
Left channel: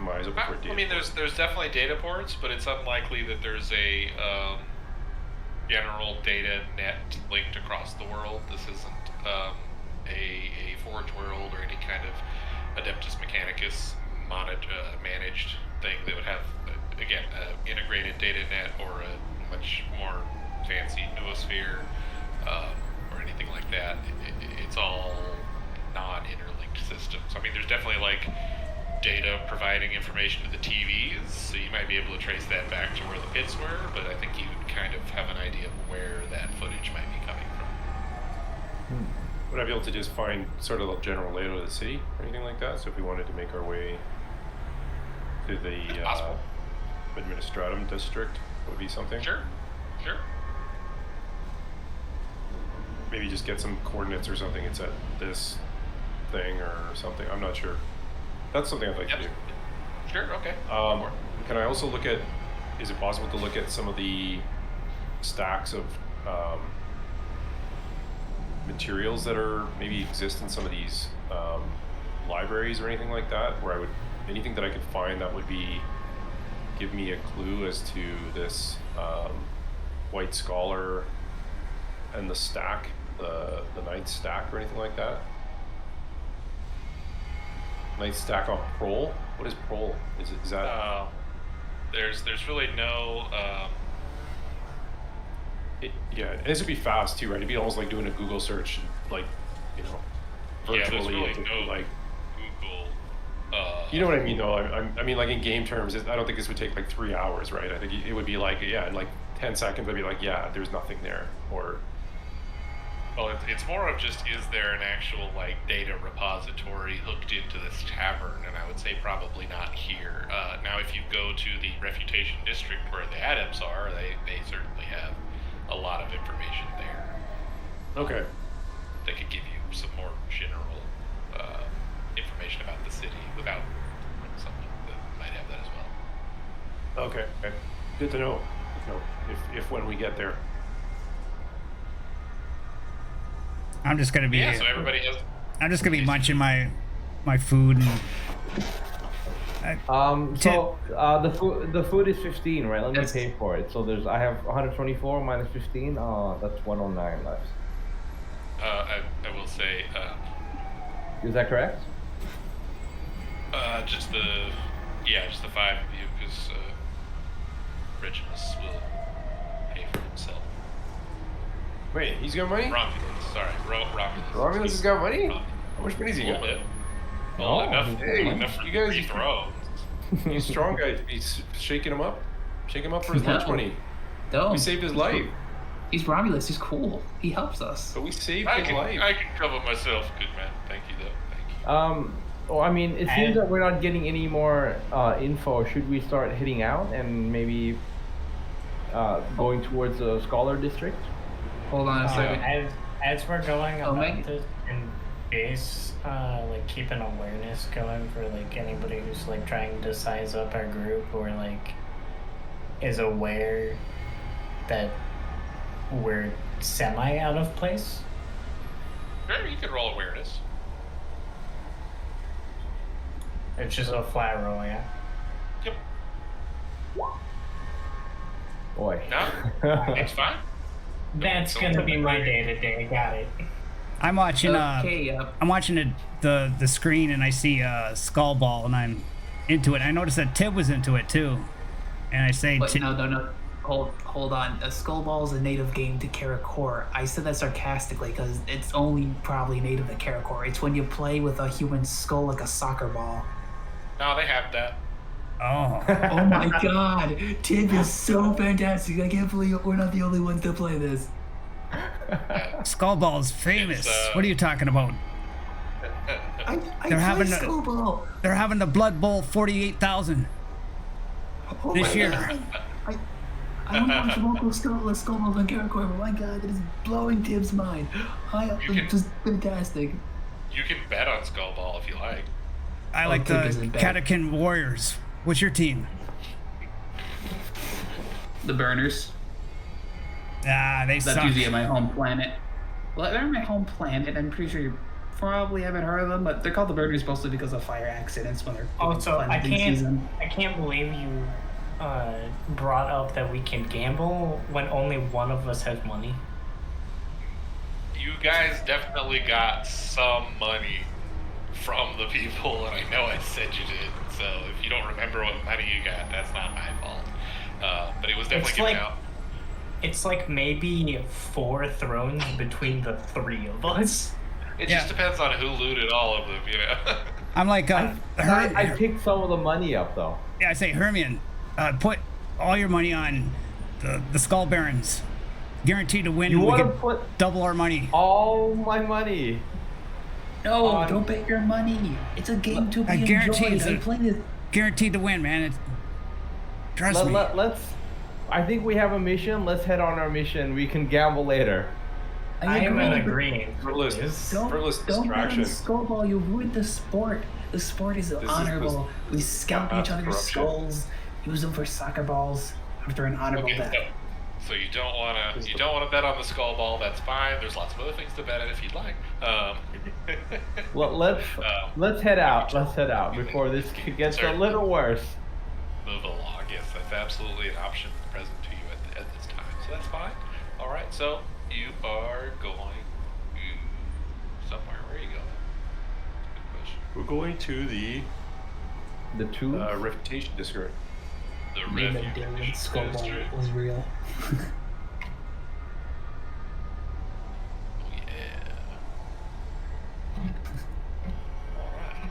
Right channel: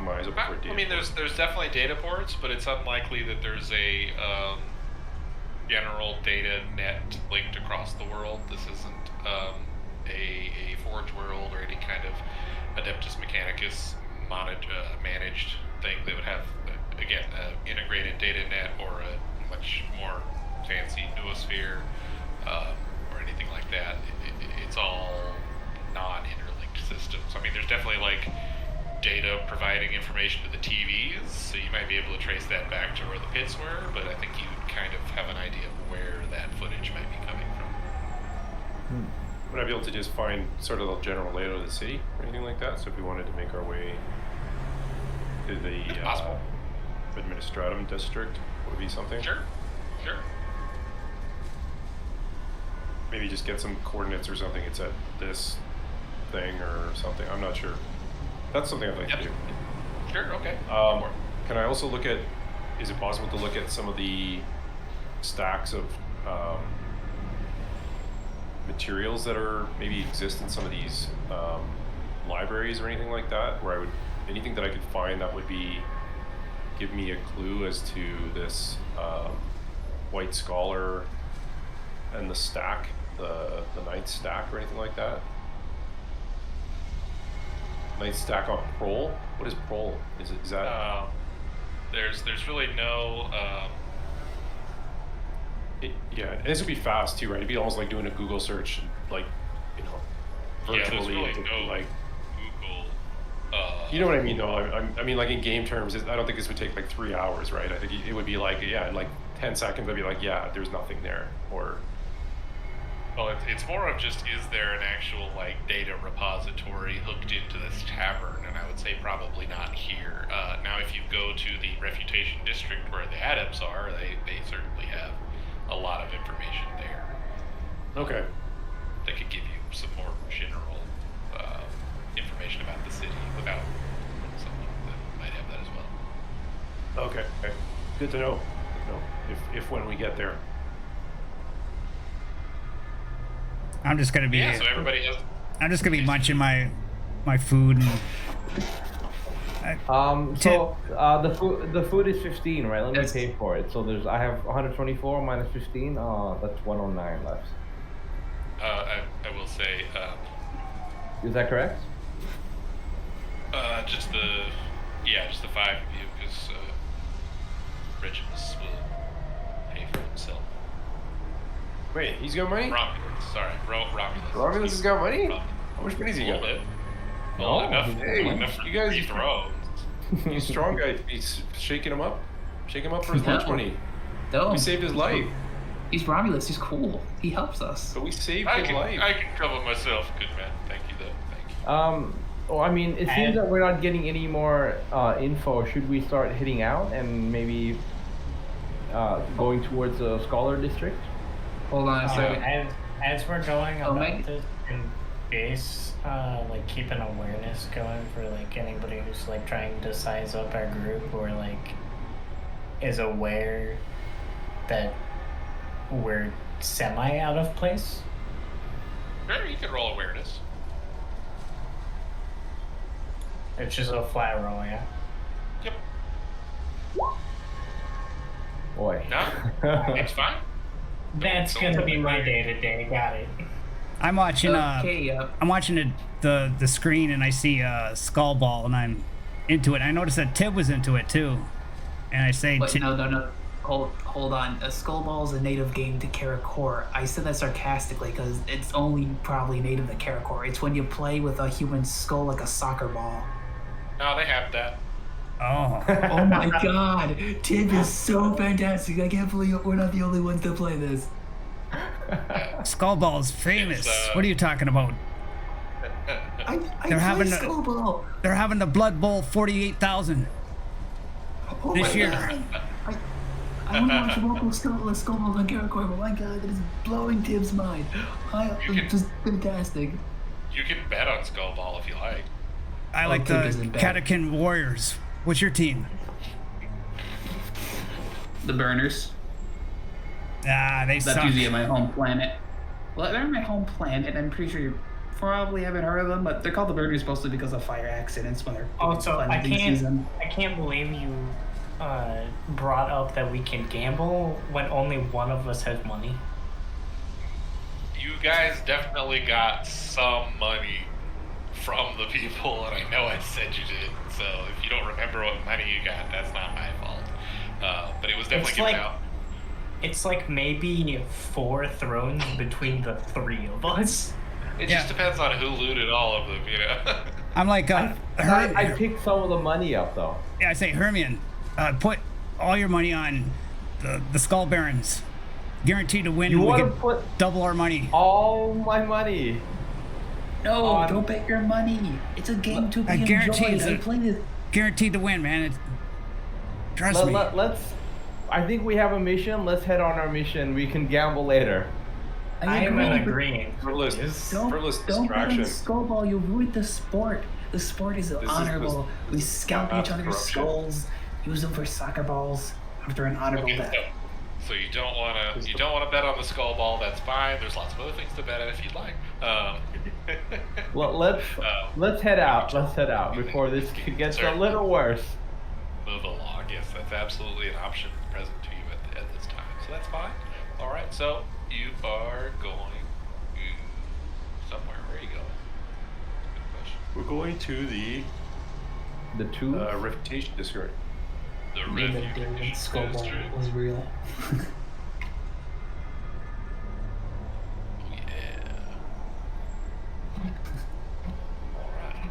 my eyes open for a data. I mean, port. there's definitely data ports, but it's unlikely that there's a general data net linked across the world. This isn't a Forge world or any kind of Adeptus Mechanicus managed thing that would have, again, integrated data net or a much more fancy noosphere or anything like that. It's all non-interlinked systems. I mean, there's definitely like data providing information to the TVs, so you might be able to trace that back to where the pits were, but I think you kind of have an idea of where that footage might be coming from. Would I be able to just find sort of the general layout of the city or anything like that? So if we wanted to make our way to the possible. Administratum district, that would be something? Sure. Maybe just get some coordinates or something. It's at this thing or something. I'm not sure. That's something I'd like to do. Sure, okay. Go for it. Can I also look at, is it possible to look at some of the stacks of materials that are maybe exist in some of these libraries or anything like that, where anything that I could find that would give me a clue as to this White Scholar and the stack, the Ninth stack or anything like that? Ninth stack on Prol? What is Prol? Is that? There's really no. Yeah, and this would be fast too, right? It'd be almost like doing a Google search, like, you know, Yeah, virtually. there's really no like, Google. you know what I mean, though. I mean, like in game terms, I don't think this would take like 3 hours, right? I think it would be like, yeah, in like 10 seconds, I'd be like, yeah, there's nothing there, or. Well, it's more of just, is there an actual like data repository hooked into this tavern? And I would say probably not here. Now, if you go to the Refutation District where the adepts are, they certainly have a lot of information there. Okay. That could give you some more general information about the city without someone that might have that as well. Okay. Good to know. If when we get there. I'm just gonna be. Yeah, so everybody has. I'm just gonna be munching my food and. The food is 15, right? Let me Yes. pay for it. So I have 124 minus 15. That's 109 left. I will say, Is that correct? just the 5 of you, because Regimus will pay for himself. Wait, he's got money? Romulus, sorry, Romulus. Romulus has got money? Romulus. How much money's he A got? little bit. No, Well, enough, he's got money. enough for You guys- 3 thrones. He's a strong guy. He's shaking him up. Shake him up for his lunch No. money. No, We saved his life. he's Romulus. He's cool. He helps us. But we saved I his life. can cover myself, good man. Thank you, though. Thank you. Well, I mean, it seems that we're not getting any more info. Should we start heading out and maybe going towards the Scholar District? Hold on a second. As we're going Oh, about Meg- this, and Jace, like keep an awareness going for like anybody who's like trying to size up our group or like is aware that we're semi out of place? Sure, you can roll awareness. It's just a flat roll, yeah. Yep. Boy. No, it's fine. That's don't gonna be my worry. day to day. Got it. I'm watching. Okay, I'm watching the screen and I see Skull Ball and I'm into it. I noticed that Tib was into it too, and I say, But no. Hold on. A Skullball is a native game to Karakor. I said that sarcastically because it's only probably native to Karakor. It's when you play with a human skull like a soccer ball. No, they have that. oh, Oh my god, Tib is so fantastic. I can't believe we're not the only ones that play this. Skull Ball is famous. It's, What are you talking about? I They're play having a- Skullball. They're having the Blood Bowl 48,000 Oh this my year. God. I want to watch local Skullballs on Karakor, but my god, that is blowing Tib's mind. You can- Just fantastic. You can bet on Skullball if you like. I like Tib the isn't bad. Catacomb Warriors. What's your team? The Burners. Ah, they That's suck. usually my home planet. Well, they're my home planet. I'm pretty sure you probably haven't heard of them, but they're called the Burners mostly because of fire accidents when they're Also, I cleansing season. can't believe you brought up that we can gamble when only one of us has money. You guys definitely got some money from the people, and I know I said you did. So if you don't remember what money you got, that's not my fault. But it was definitely It's given like- out. It's like maybe 4 thrones between the 3 of us. It Yeah. just depends on who looted all of them, you know. I'm like, I picked some of the money up though. yeah, I say, Hermione, put all your money on the Skull Barons. Guaranteed to win. You and we want to can put double our money. all my money? No, on- don't bet your money. It's a game to be I guarantee enjoyed. I it's a- played it. Guaranteed to win, man. Trust me. Let's. I think we have a mission. Let's head on our mission. We can gamble later. I am in agree, but agreement. Frivolous, frivolous don't bet on distraction. Skullball. You ruined the sport. The sport is honorable. We scalp each other's corruption. skulls, use them for soccer balls after an honorable Okay, death. so you don't want to bet on the Skullball. That's fine. There's lots of other things to bet on if you'd like. Well, let's head out. Let's head out before this gets a Certainly. little worse. Move along. Yes, that's absolutely an option present to you at this time. So that's fine. All right. So you are going somewhere. Where are you going? Good question. We're going to the The two. reputation district. The Name of refuge Darren Skullball district. was real. Oh yeah. All right.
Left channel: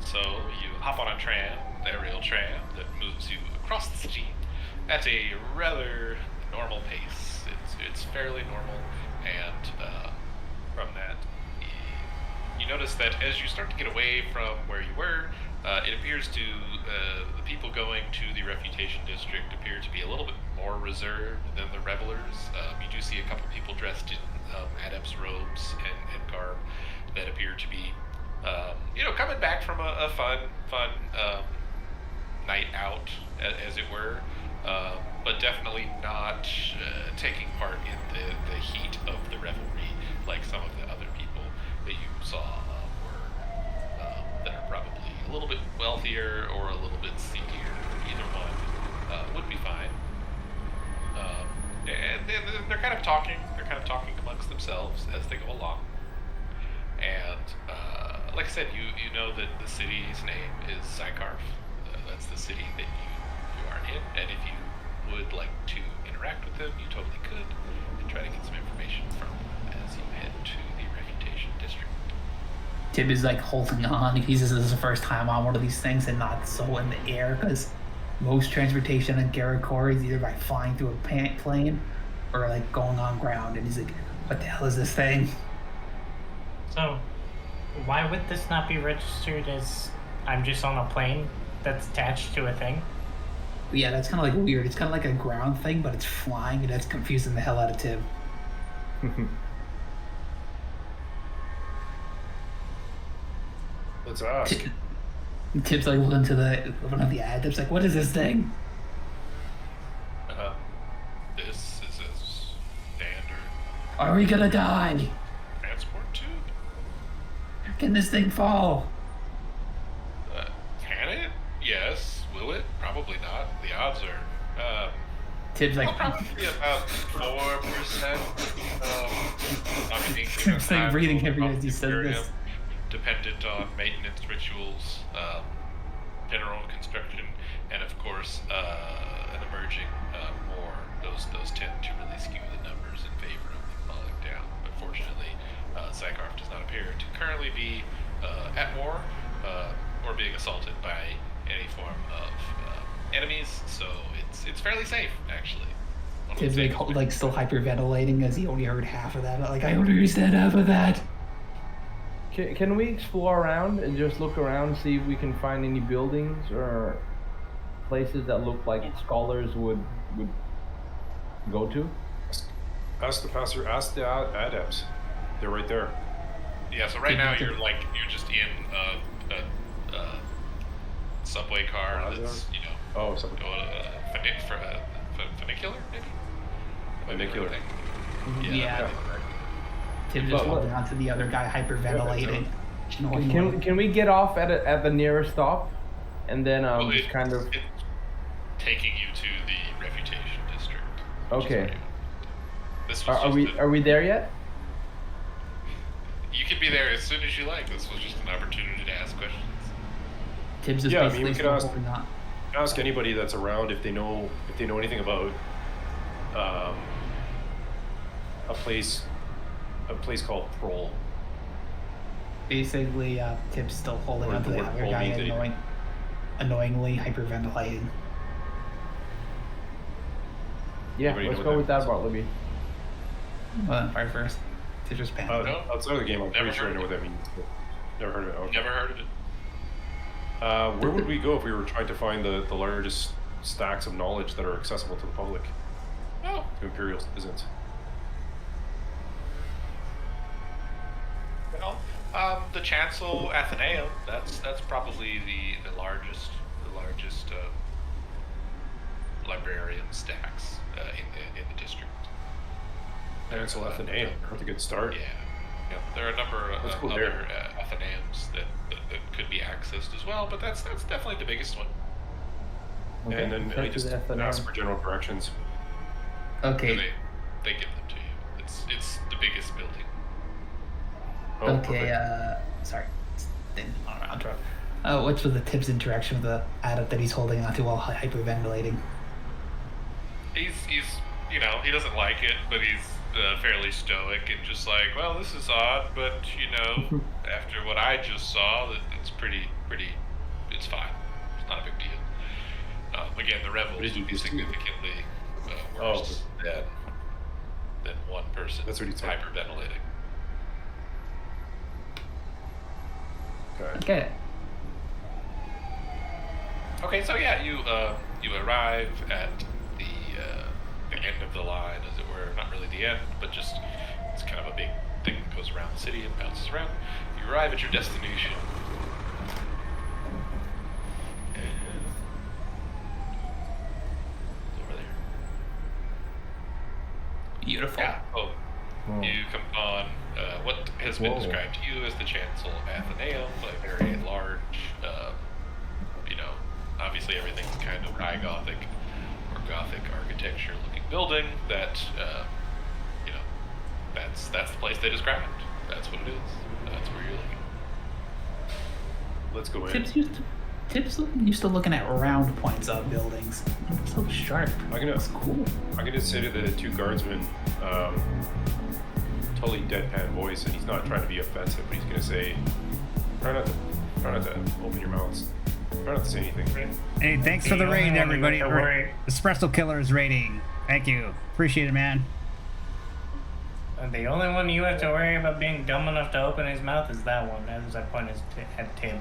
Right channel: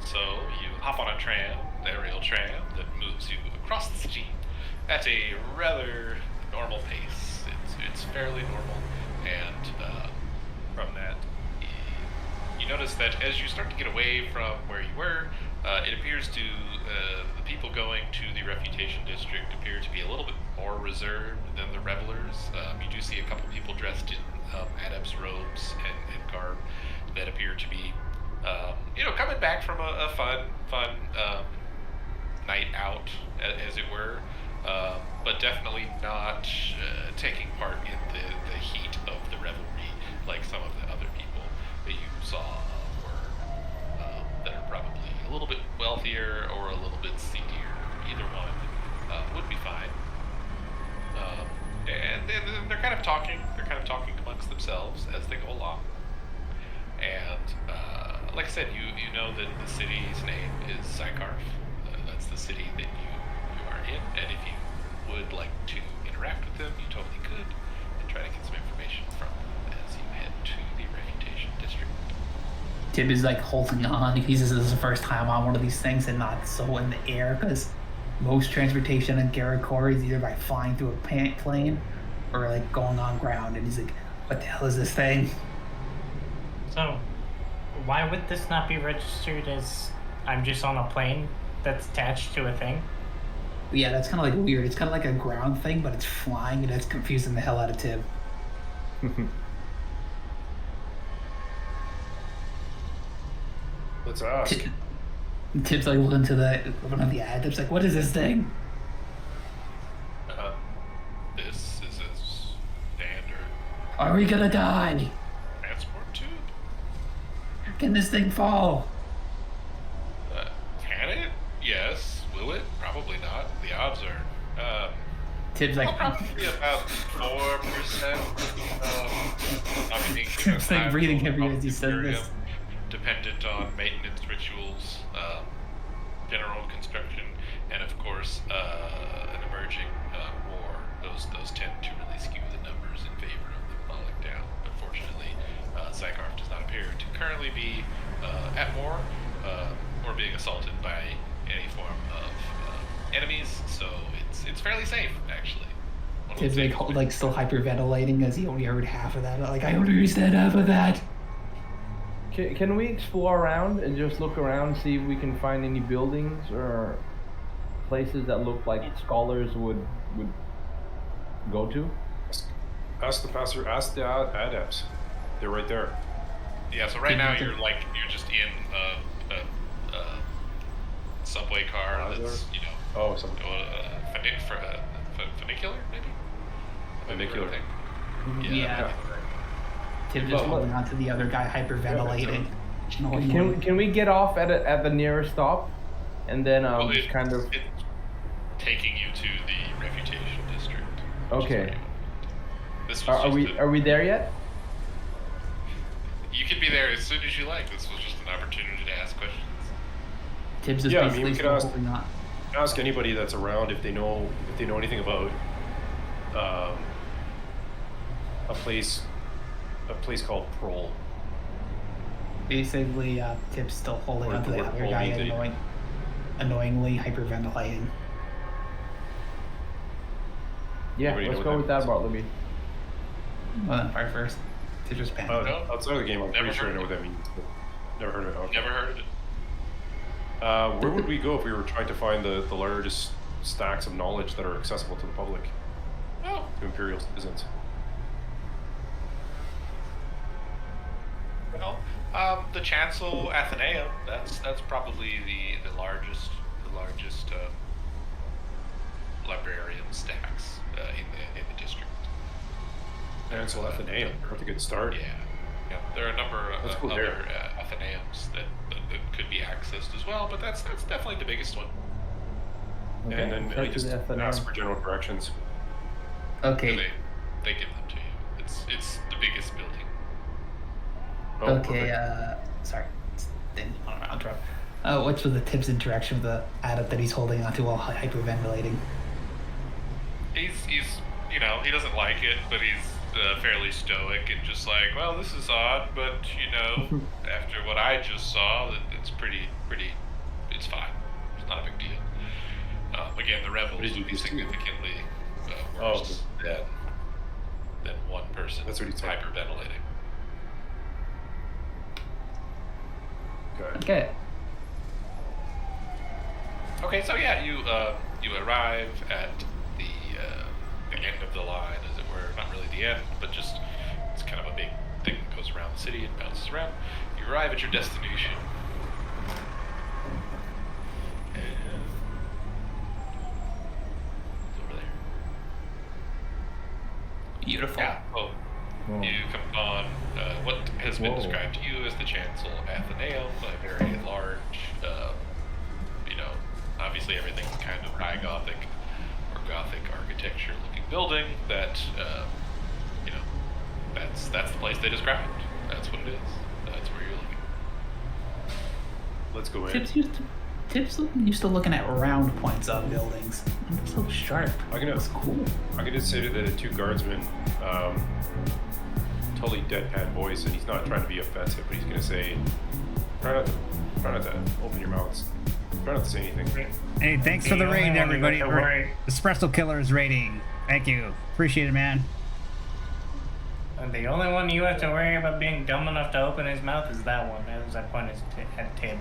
So you hop on a tram, the aerial tram that moves you across the city at a rather normal pace. It's fairly normal, and from that, you notice that as you start to get away from where you were, it appears to the people going to the refutation district appear to be a little bit more reserved than the revelers. You do see a couple people dressed in adepts robes and garb that appear to be, coming back from a fun night out, as it were, but definitely not taking part in the heat of the revelry like some of the other people that you saw were that are probably a little bit wealthier or a little bit seedier. Either one would be fine. And they're kind of talking. They're kind of talking amongst themselves as they go along. And like I said, you know that the city's name is Zykarf. That's the city that you are in. And if you would like to interact with them, you totally could, and try to get some information from them as you head to the refutation district. Tib is like holding on. He says this is the first time on one of these things and not so in the air because most transportation in Karakor is either by flying through a plane or like going on ground. And he's like, what the hell is this thing? So, why would this not be registered as I'm just on a plane that's attached to a thing? But yeah, that's kind of like weird. It's kind of like a ground thing, but it's flying, and that's confusing the hell out of Tib. Let's ask. Tibbs like looking to one of the ad. Tibbs like, what is this thing? This is a standard Are we gonna die? transport tube. Can this thing fall? Can it? Yes. Will it? Probably not. The odds are Tibbs like, probably about 4%. I mean, Tibbs like breathing heavy as he said this. Dependent on maintenance rituals, general construction, and of course an emerging war. Those tend to really skew the numbers in favor of them falling down. But fortunately, Zygarf does not appear to currently be at war or being assaulted by any form of enemies, so it's fairly safe actually. Tibbs like still hyperventilating as he only heard half of that. Like, I only understand half of that. Can we explore around and just look around and see if we can find any buildings or places that look like scholars would go to? Ask the pastor. Ask the adepts. They're right there. Yeah. So right now you're just in a subway car that's funicular maybe. Funicular. Yeah. Tibbs just holding on to the other guy, hyperventilating. Can we get off at the nearest stop, and then just kind of it's taking you to the refutation district. Okay. This was are we there yet? You can be there as soon as you like. This was just an opportunity to ask questions. Tibbs is basically we could still ask, holding on. ask anybody that's around if they know anything about a place called Prol. Basically, Tibbs still holding on to the other guy, annoyingly hyperventilating. Yeah, Anybody let's know go what with that that, Bartleby. Well, then fire first. Tibbs just panicked. No. Outside of the game, I'm Never pretty sure I heard know of what that means. But never heard of it. Okay. Never heard of it. Where would we go if we were trying to find the largest stacks of knowledge that are accessible to the public, Oh, to Imperial citizens? well, the Chancel Athenaeum. That's probably the largest librarium stacks in the district. Chancel Athenaeum. That's a good start. Yeah. There are a number of Let's go other there. Athenaeums that could be accessed as well, but that's definitely the biggest one. Okay, And then let's I head to just the Athenaeum. ask for general directions. Okay. And they give them to you. It's the biggest building. Oh, Okay, perfect. sorry. I'll interrupt. What's with the Tibbs interaction with the adept that he's holding onto while hyperventilating? He's he doesn't like it, but he's fairly stoic and just like, well, this is odd, but after what I just saw, that it's pretty, it's fine. It's not a big deal. Again, the revels did you would be just do? significantly worse than one person That's what he said. hyperventilating. Okay. Okay. Okay, so yeah, you arrive at the end of the line, as it were. Not really the end, but just it's kind of a big thing that goes around the city and bounces around. You arrive at your destination. And it's over there. Beautiful. Yeah. Oh, Oh. you come upon what has been Whoa. described to you as the Chancel Athenaeum, a very large, obviously everything's kind of high Gothic or Gothic architecture looking building that, that's the place they described. That's what it is. That's where you're looking. Let's go in. Tibbs used to looking at round points on buildings. I'm so sharp. It's cool. I'm gonna say to the two guardsmen, totally deadpan voice, and he's not trying to be offensive, but he's gonna say, try not to open your mouths. Try not to say anything. Hey, thanks for the raid, everybody. Espresso Killer's rating. Thank you. Appreciate it, man. The only one you have to worry about being dumb enough to open his mouth is that one, as I pointed at Tib.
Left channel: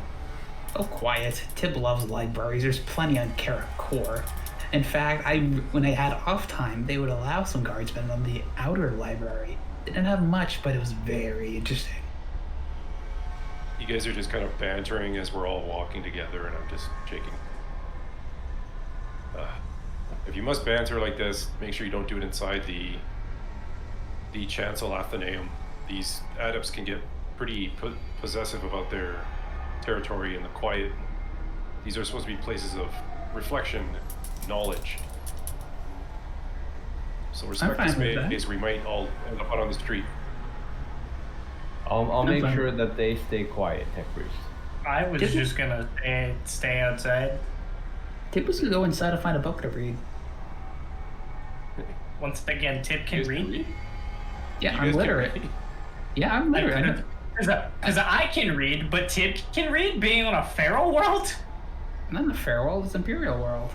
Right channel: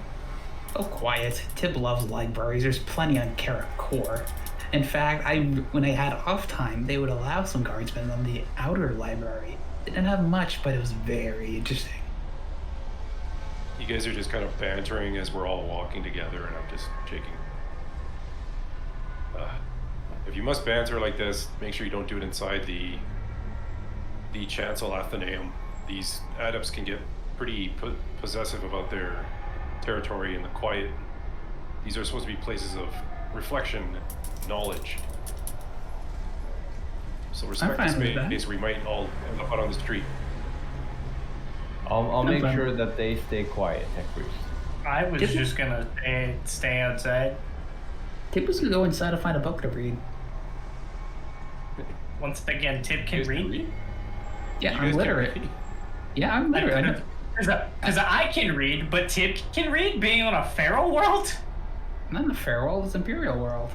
Oh, quiet. Tib loves libraries. There's plenty on Carrot Core. In fact, when I had off time, they would allow some guardsmen on the outer library. They didn't have much, but it was very interesting. You guys are just kind of bantering as we're all walking together, and I'm just shaking. If you must banter like this, make sure you don't do it inside the chancel Athenaeum. These adepts can get pretty possessive about their territory and the quiet. These are supposed to be places of reflection, knowledge. So respect fine this with that. space. We might all end up out on the street. I'll I'm make fine. sure that they stay quiet, Tech Priest. I was Did we- just gonna stay outside. Tip was gonna go inside and find a book to read. Once again, Tip You can guys read. Yeah, You I'm guys can literate. read? Yeah, I'm literate. I know. Because I can read, but Tip can read being on a feral world? Not in the fair world, it's Imperial world.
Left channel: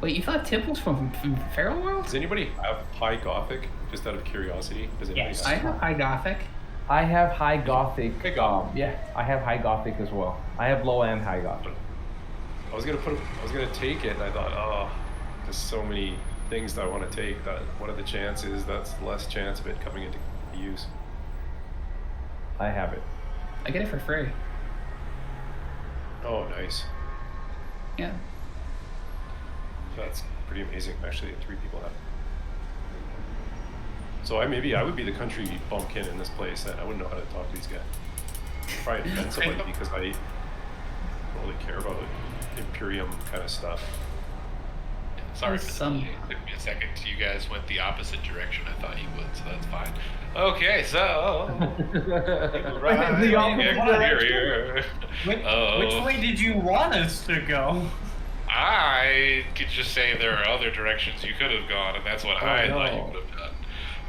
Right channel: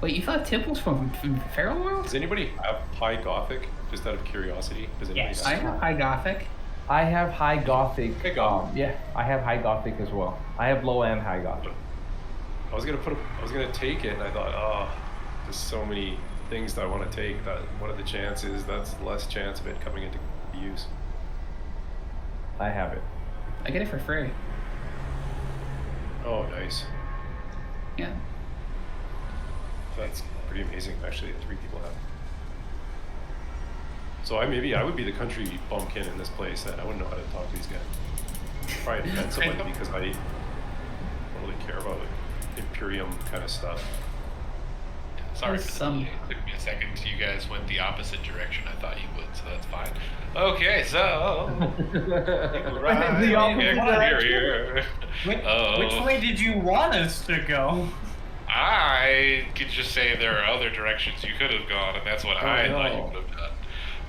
Wait, you thought Tip was from Feral World? Does anybody have High Gothic? Just out of curiosity, does anybody Yes. I have? have High Gothic. I have High Gothic. High Gothic. Yeah, I have High Gothic as well. I have low and High Gothic. I was gonna take it, and I thought, oh, there's so many things that I want to take. That what are the chances? That's less chance of it coming into use. I have it. I get it for free. Oh, nice. Yeah. That's pretty amazing, actually, that 3 people have. So maybe I would be the country bumpkin in this place, and I wouldn't know how to talk to these guys. Probably offend somebody because I don't really care about Imperium kind of stuff. Yeah, sorry There's for the some- delay. It took me a second. You guys went the opposite direction I thought you would, so that's fine. Okay, so right, The opposite here. Which way did you want us to go? I could just say there are other directions you could have gone, and that's what I thought you no. would have done.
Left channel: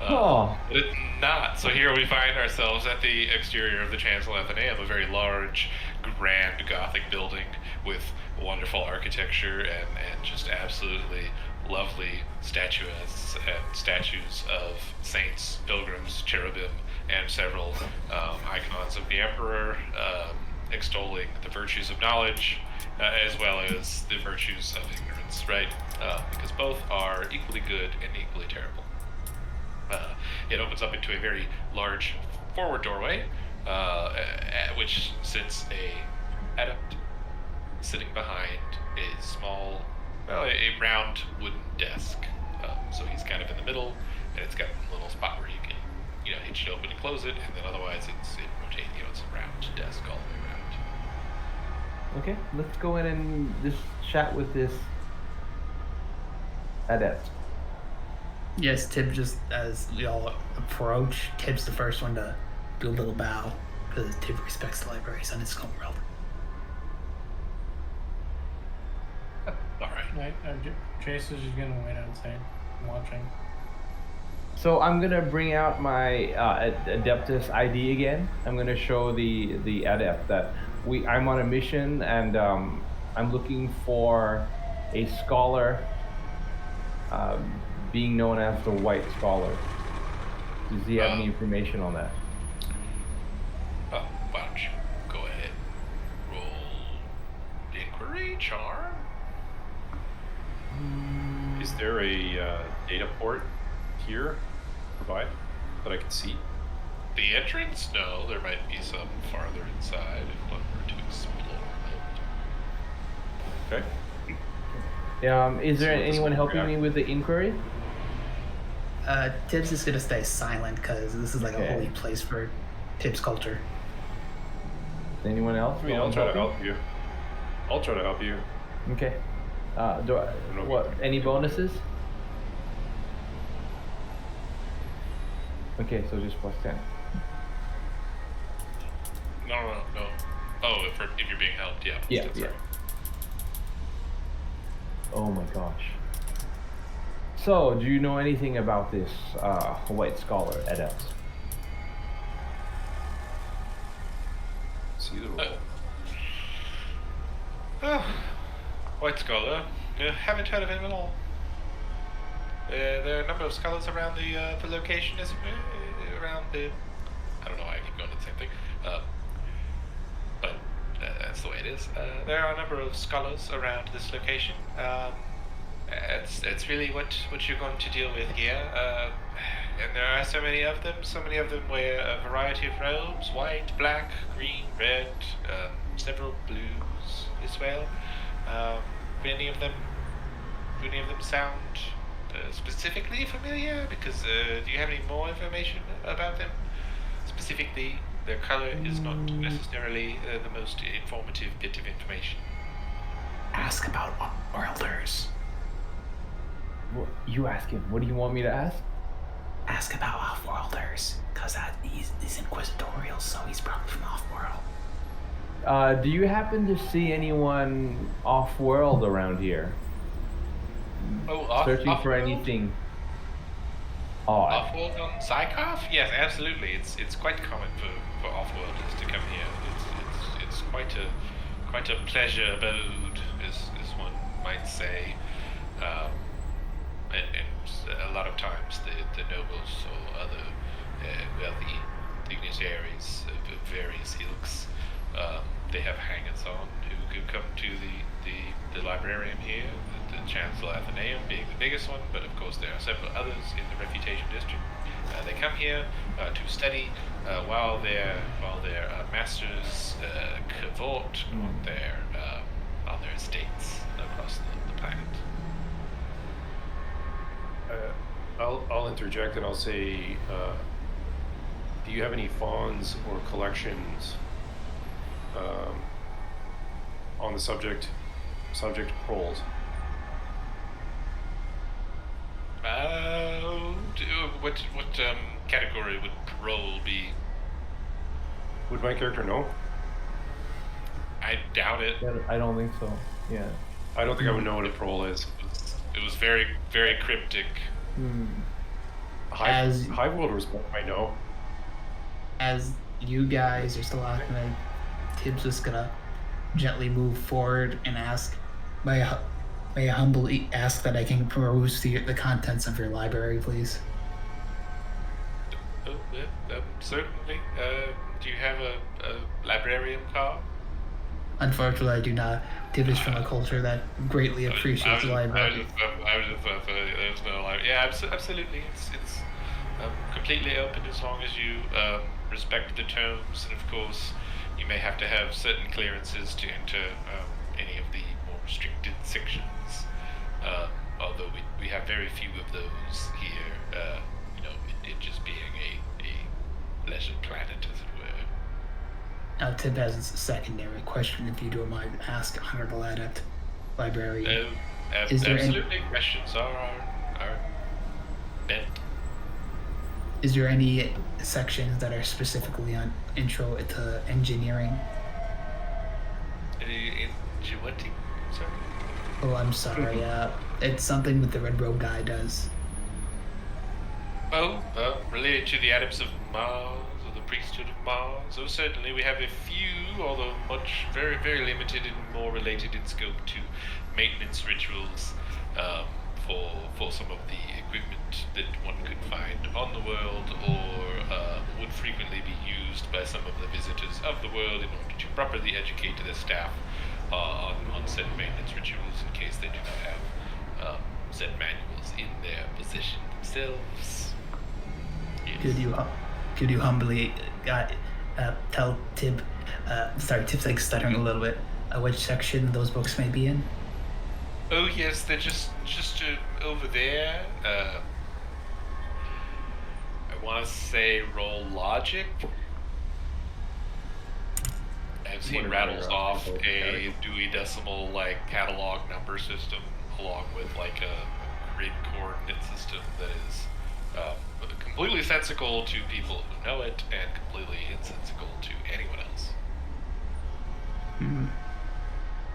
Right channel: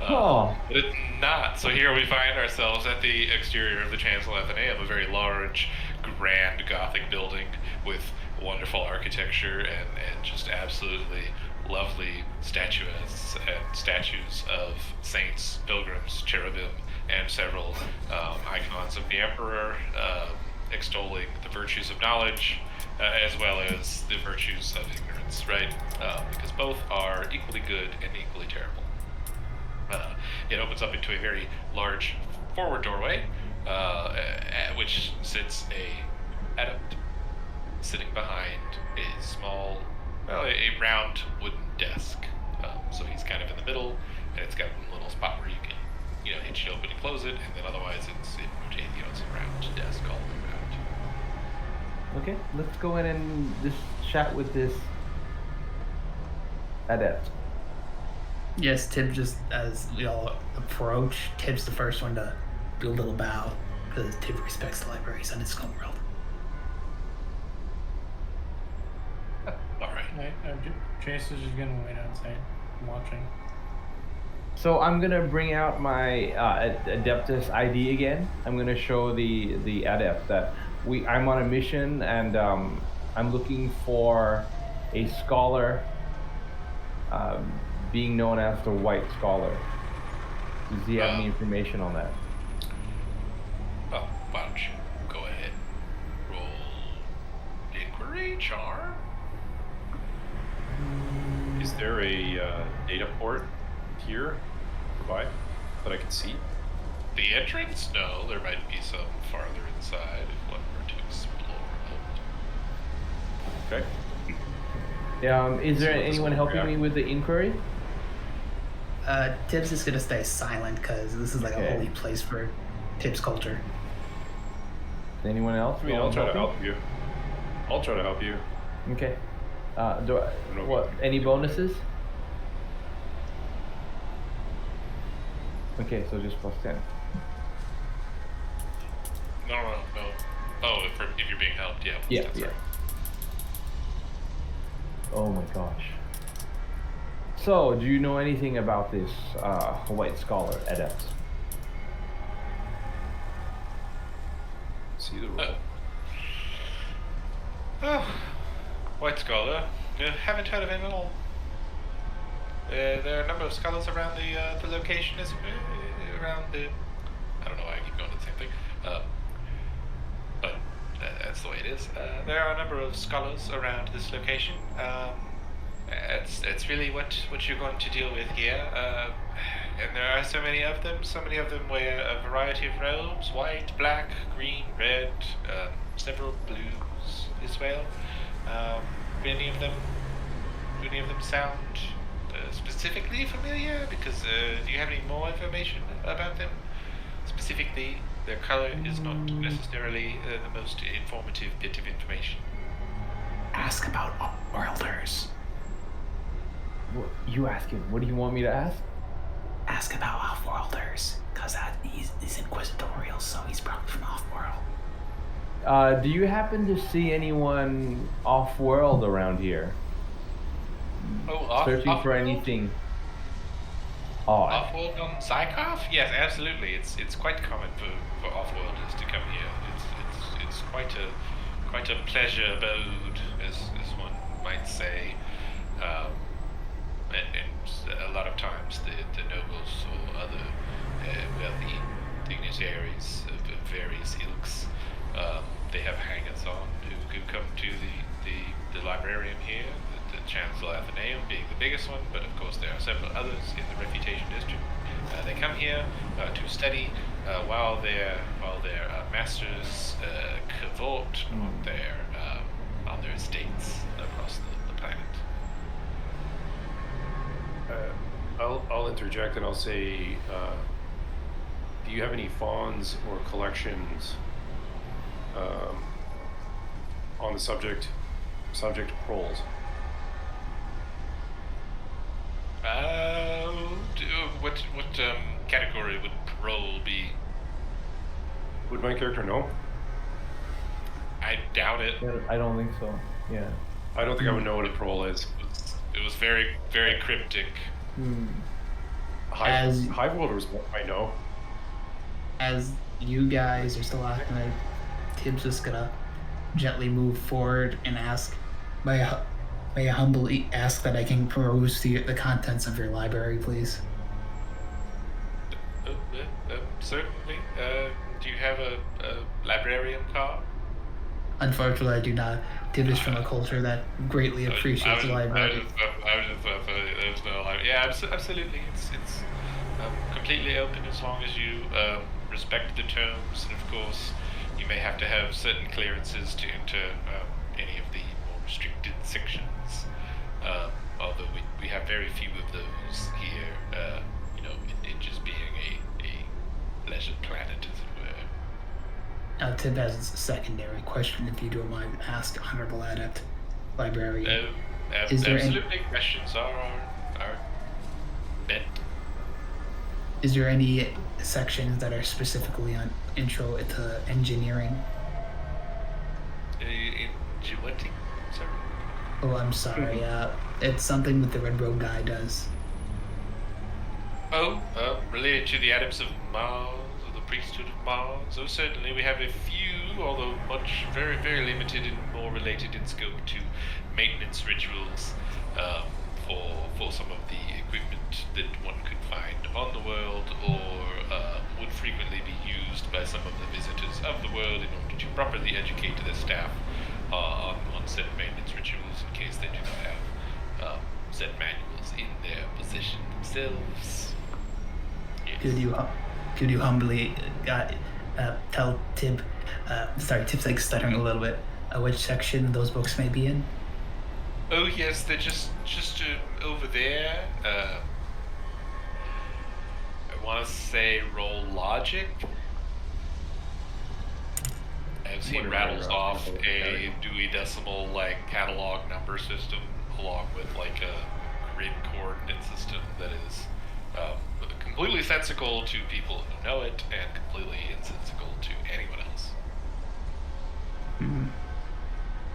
Oh. But it's not. So here we find ourselves at the exterior of the Chancel Athenaeum, a very large, grand Gothic building with wonderful architecture and just absolutely lovely statuettes and statues of saints, pilgrims, cherubim, and several icons of the Emperor, extolling the virtues of knowledge as well as the virtues of ignorance, right? Because both are equally good and equally terrible. It opens up into a very large forward doorway, at which sits a adept sitting behind a small, a round wooden desk. So he's kind of in the middle, and it's got a little spot where you can, hitch it open and close it, and then otherwise it rotates. It's a round desk all the way around. Okay, let's go in and just chat with this adept. Yes, Tib just, as we all approach, Tib's the first one to do a little bow, because Tib respects the libraries on his home world. All right. Chase is just gonna wait outside, watching. So I'm gonna bring out my Adeptus ID again. I'm gonna show the adept that I'm on a mission, and I'm looking for a scholar, being known as the White Scholar. Does he have any information on that? Why don't you go ahead, roll inquiry, charm? Is there a data port here nearby that I can see? The entrance? No, there might be some farther inside if one were to explore out. Okay. Is there See what this anyone little helping me reactor- with the inquiry? Tib's just gonna stay silent, because this is like Okay. a holy place for Tib's culture. Anyone else? I mean, I'll try to help you. I'll try to help you. Okay. know What? Any bonuses? Okay, so just plus 10. No. Oh, if you're being helped, yeah. Yeah, that's yeah. right. Oh my gosh. So, do you know anything about this White Scholar adept? See the roll. Oh, White Scholar. Haven't heard of him at all. There are a number of scholars around the location, around the... I don't know why I keep going to the same thing. But that's the way it is. There are a number of scholars around this location. At that's really what you're going to deal with here. And there are so many of them. So many of them wear a variety of robes: white, black, green, red, several blues as well. Do any of them sound specifically familiar? Because do you have any more information about them? Specifically, their color is not necessarily the most informative bit of information. Ask about Oilers. What, you ask him. What do you want me to ask? Ask about Off-Worlders, because he's inquisitorial, so he's probably from Off-World. Do you happen to see anyone off-world around here? Oh, Searching for off-world? anything odd. Off-world on Zykov? Yes, absolutely. It's quite common for off-worlders to come here. It's quite a pleasure abode, as one might say. And a lot of times the nobles or other wealthy dignitaries of various ilks, they have hangers-on who come to the librarium here, the Chancellor Athenaeum being the biggest one, but of course there are several others in the Refutation District. They come here to study while their masters cavort on their estates across the planet. I'll interject and I'll say, do you have any fawns or collections on the subject proles? What category would prole be? Would my character know? I doubt it. Yeah, I don't think so. Yeah. I don't think I would know what a prole is. It was very, very cryptic. Hive Worlders might know. As you guys are still acting, like, Tibbs just gonna gently move forward and ask, may I humbly ask that I can peruse the contents of your library, please? Oh, certainly. Do you have a librarian card? Unfortunately, I do not. Tibbs is from a culture that greatly appreciates the library. Yeah, absolutely. It's completely open as long as you respect the terms, and of course, you may have to have certain clearances to enter any of the more restricted sections. Although we have very few of those here. It just being a leisure planet, as it were. Now, Tib has a secondary question, if you don't mind, ask Honorable Adept Librarian. Is there absolutely. Questions are bent. Is there any sections that are specifically on intro to engineering? Ingenuity, sorry? Oh, I'm sorry. It's something that the Red Robe guy does. Oh, related to the Adepts of Mars, or the Priesthood of Mars? Oh, certainly. We have a few, although very, very limited and more related in scope to maintenance rituals for some of the equipment that one could find on the world, or would frequently be used by some of the visitors of the world in order to properly educate their staff on said maintenance rituals, in case they do not have said manuals in their possession themselves. Yes. Could you humbly tell Tib, Tib's like stuttering a little bit, which section those books may be in? Oh yes, they're just over there. I want to say roll logic. As he rattles off a Dewey Decimal catalog number system, along with a grid coordinate system that is completely sensical to people who know it and completely insensical to anyone else. Mm-hmm.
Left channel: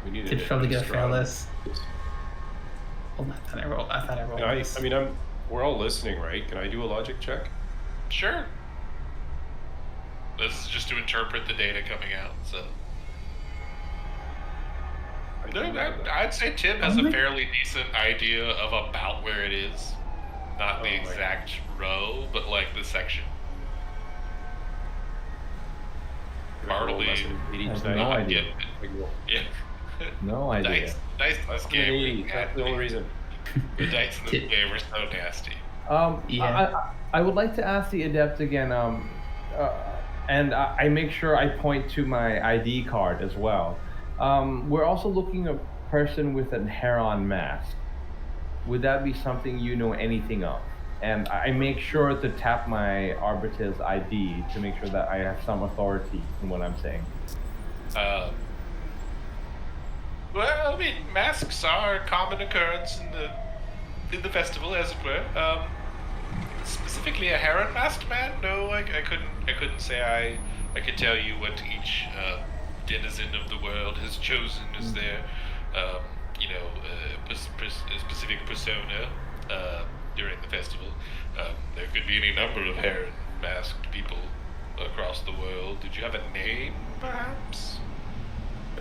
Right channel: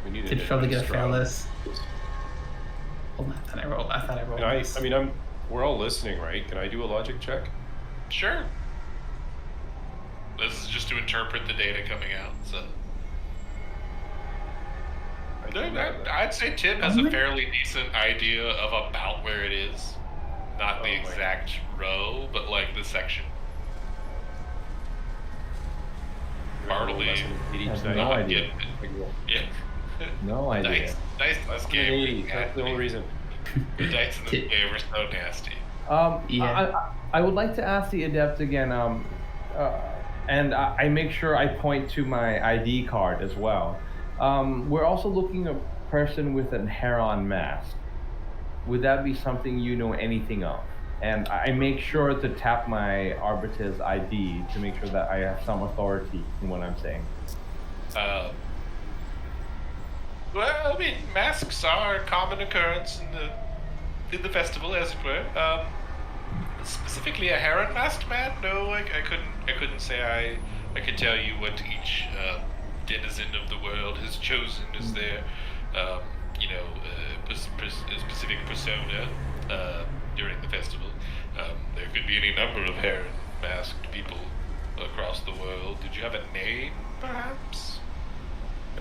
We need Tib's probably gonna fail this. Hold on, I thought I rolled this. We're all listening, right? Can I do a logic check? Sure. This is just to interpret the data coming out, so. I'd say Tib has a fairly decent idea of about where it is. Not the exact row, but the section. Hardly. I have no idea. Yeah. No idea. Nice game. That's the only reason. The dice in this game were so nasty. Yeah. I would like to ask the adept again, and I make sure I point to my ID card as well. We're also looking at a person with a heron mask. Would that be something you know anything of? And I make sure to tap my Arbitr's ID to make sure that I have some authority in what I'm saying. Well, I mean, masks are a common occurrence in the festival, as it were. Specifically, a heron masked man? No, I couldn't say I could tell you what each denizen of the world has chosen as their, specific persona during the festival. There could be any number of heron masked people across the world. Did you have a name, perhaps?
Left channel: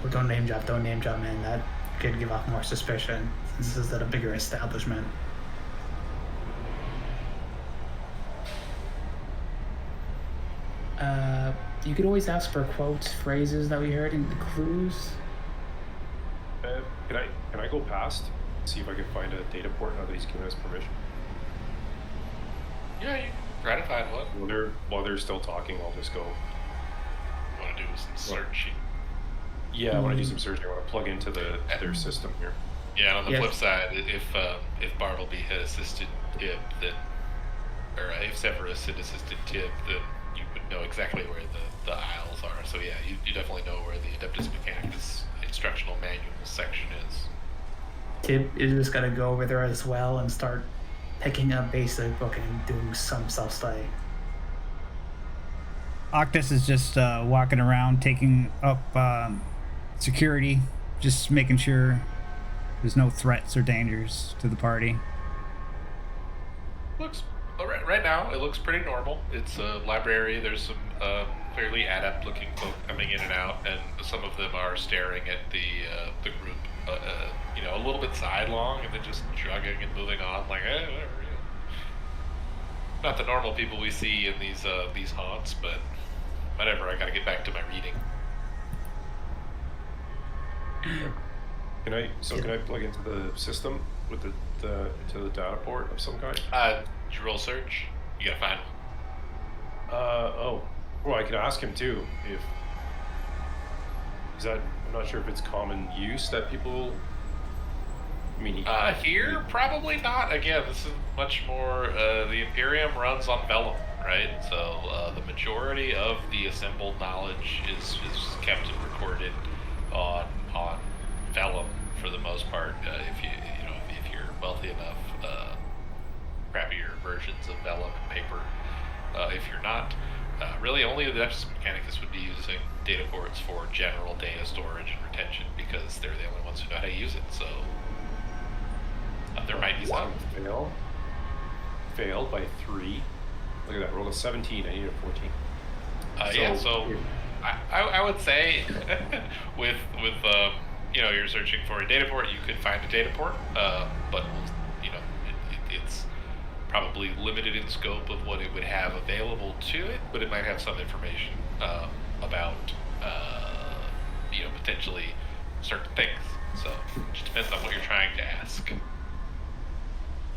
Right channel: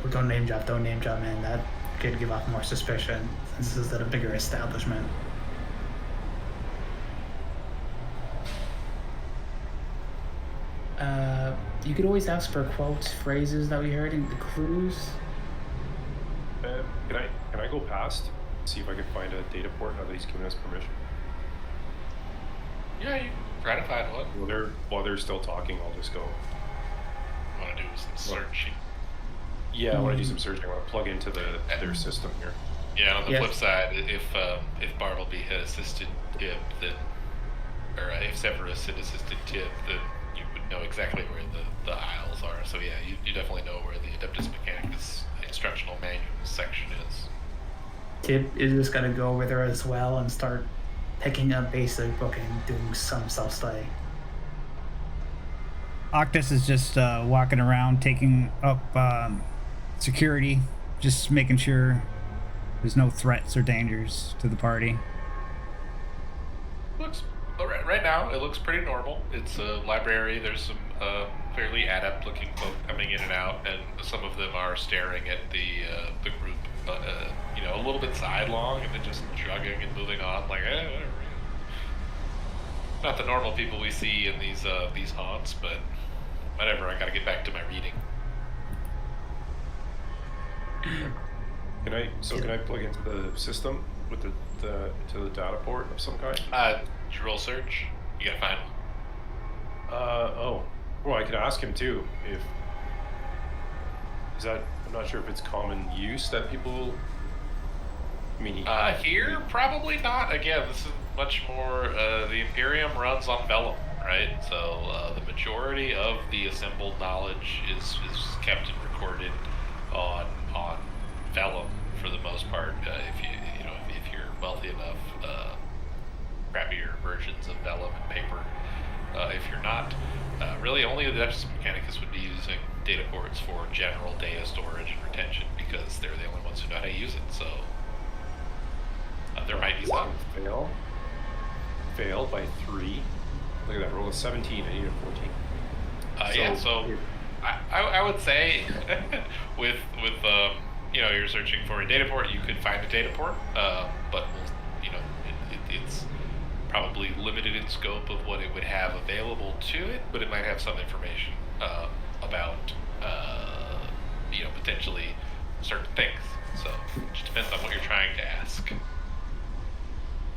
Oh, don't name drop, man. That could give off more suspicion. This is at a bigger establishment. You could always ask for quotes, phrases that we heard in the clues. Can I go past, see if I can find a data port now that he's given us permission? Yeah, you can try to find one. While they're still talking, I'll just go. Want to do some searching? Yeah, I want to do some searching. I want to plug into their system here. Yeah, and on the flip side, if Bartleby had assisted Tib, then, or if Severus had assisted Tib, then you would know exactly where the aisles are. So yeah, you definitely know where the Adeptus Mechanicus instructional manual section is. Tib is just gonna go over there as well and start picking up basic book and doing some self-study. Octus is just walking around, taking up security, just making sure there's no threats or dangers to the party. Right now, it looks pretty normal. It's a library. There's some clearly adept-looking folk coming in and out, and some of them are staring at the group, a little bit sidelong, and then just shrugging and moving on, like, whatever. Not the normal people we see in these haunts, but whatever. I got to get back to my reading. Can I plug into the system with the data port of some kind? Did you roll search? You gotta find one. Well, I could ask him too. If is that, I'm not sure if it's common use that people. I mean, here probably not. Again, this is much more. The Imperium runs on vellum, right? So the majority of the assembled knowledge is kept and recorded on vellum for the most part. If you're wealthy enough, crappier versions of vellum and paper. If you're not, really only the Adeptus Mechanicus would be using data ports for general data storage and retention because they're the only ones who know how to use it. So there might be some. Failed by 3. Look at that. Roll a 17. I need a 14. So I would say with you're searching for a data port, you could find a data port, but it's probably limited in scope of what it would have available to it, but it might have some information about potentially certain things. So it just depends on what you're trying to ask.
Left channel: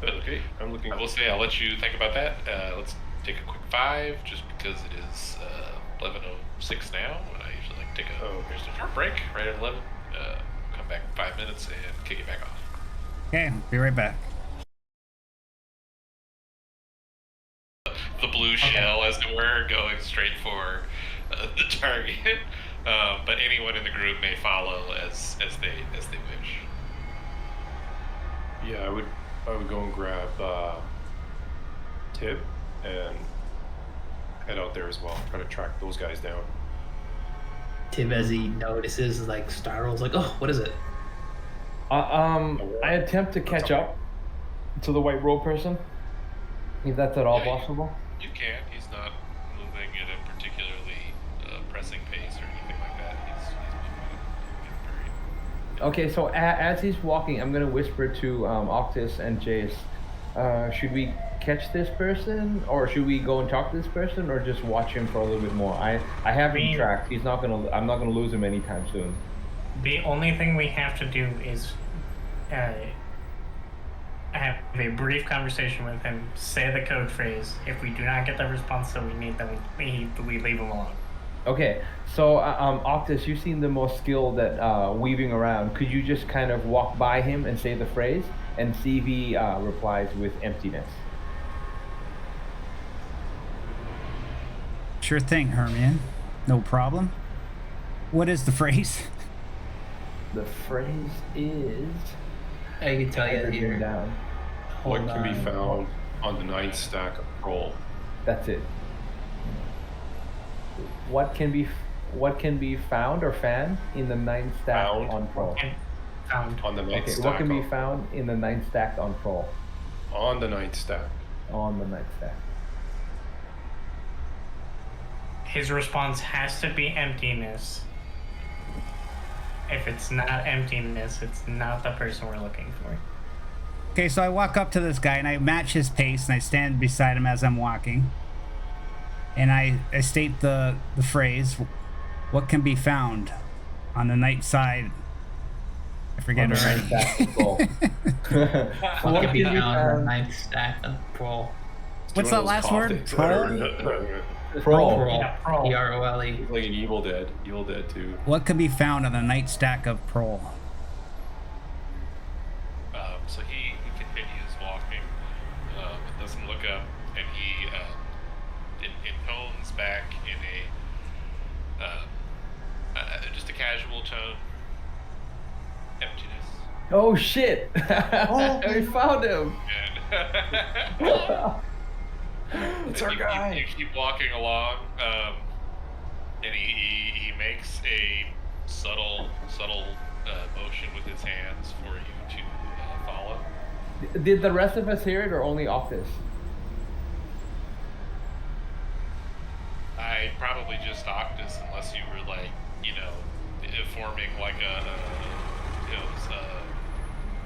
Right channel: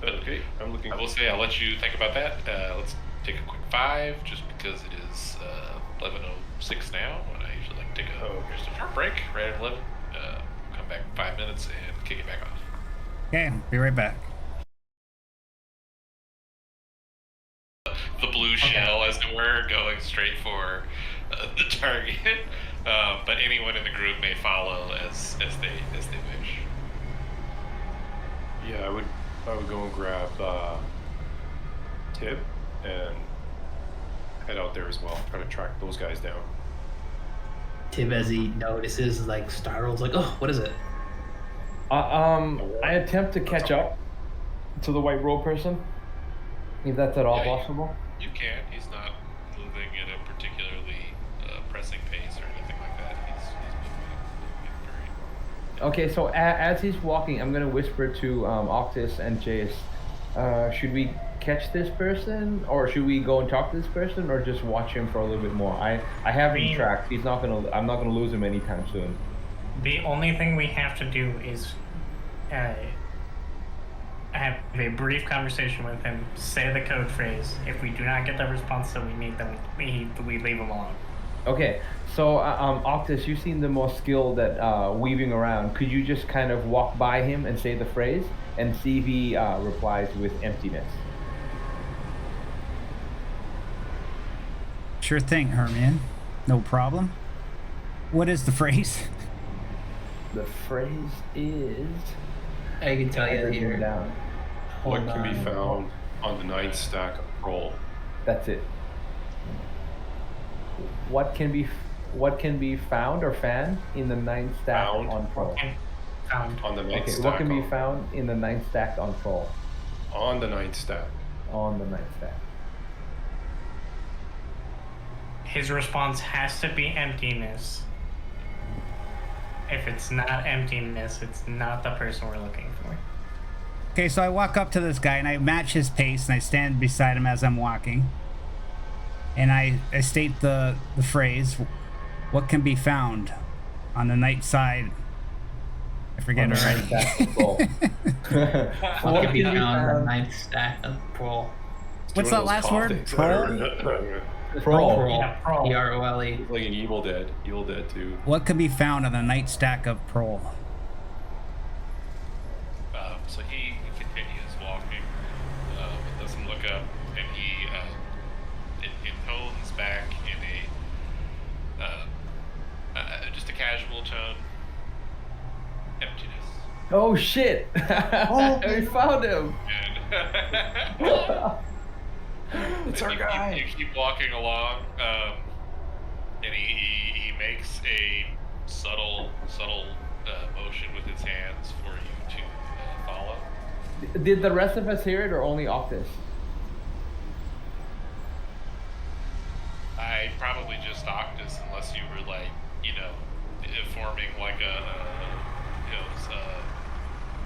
But okay, I'm looking. I will say I'll let you think about that. Let's take a quick 5, just because it is 11:06 now, and I usually like to take just a short break right at 11. Come back 5 minutes and kick it back off. Okay, be right back. The blue shell, as it were, going straight for the target. But anyone in the group may follow as they wish. Yeah, I would go and grab Tib and head out there as well. Try to track those guys down. Tib, as he notices, like startles, like, oh, what is it? I attempt to catch up to the white robe person, if that's at all possible. You can. He's not moving at a particularly pressing pace or anything like that. He's moving very. Okay, so as he's walking, I'm gonna whisper to Octus and Jace. Should we catch this person, or should we go and talk to this person, or just watch him for a little bit more? I have him tracked. I'm not gonna lose him anytime soon. The only thing we have to do is have a brief conversation with him, say the code phrase. If we do not get the response that we need, then we leave him alone. Okay, so Octus, you seem the most skilled at weaving around. Could you just kind of walk by him and say the phrase and see if he replies with emptiness? Sure thing, Hermione. No problem. What is the phrase? The phrase is... I can tell you Written here. down. What Hold can be on. found on the ninth stack of roll? That's it. What can be found or fan in the ninth stack Found. on Pro? And found. On the ninth Okay, stack. what can be found in the ninth stack on Pro? On the ninth stack. On the ninth stack. His response has to be emptiness. If it's not emptiness, it's not the person we're looking for. Okay, so I walk up to this guy and I match his pace and I stand beside him as I'm walking. And I state the phrase, what can be found on the night side? I forget On the already. ninth stack of Pro. What can be can be found on the found- ninth stack of Pro? What's Doing that those last cough word? things. Pro? Pro. Yeah, Pro. Prole. Like an Evil Dead. Evil Dead 2. What can be found on the night stack of Pro? So he continues walking and doesn't look up, and he intones back in a just a casual tone. Emptiness. Oh shit! We found him. And It's our you, guy. You keep walking along, and he makes a subtle motion with his hands for you to follow. Did the rest of us hear it or only Octus? I probably just Octus, unless you were like, forming like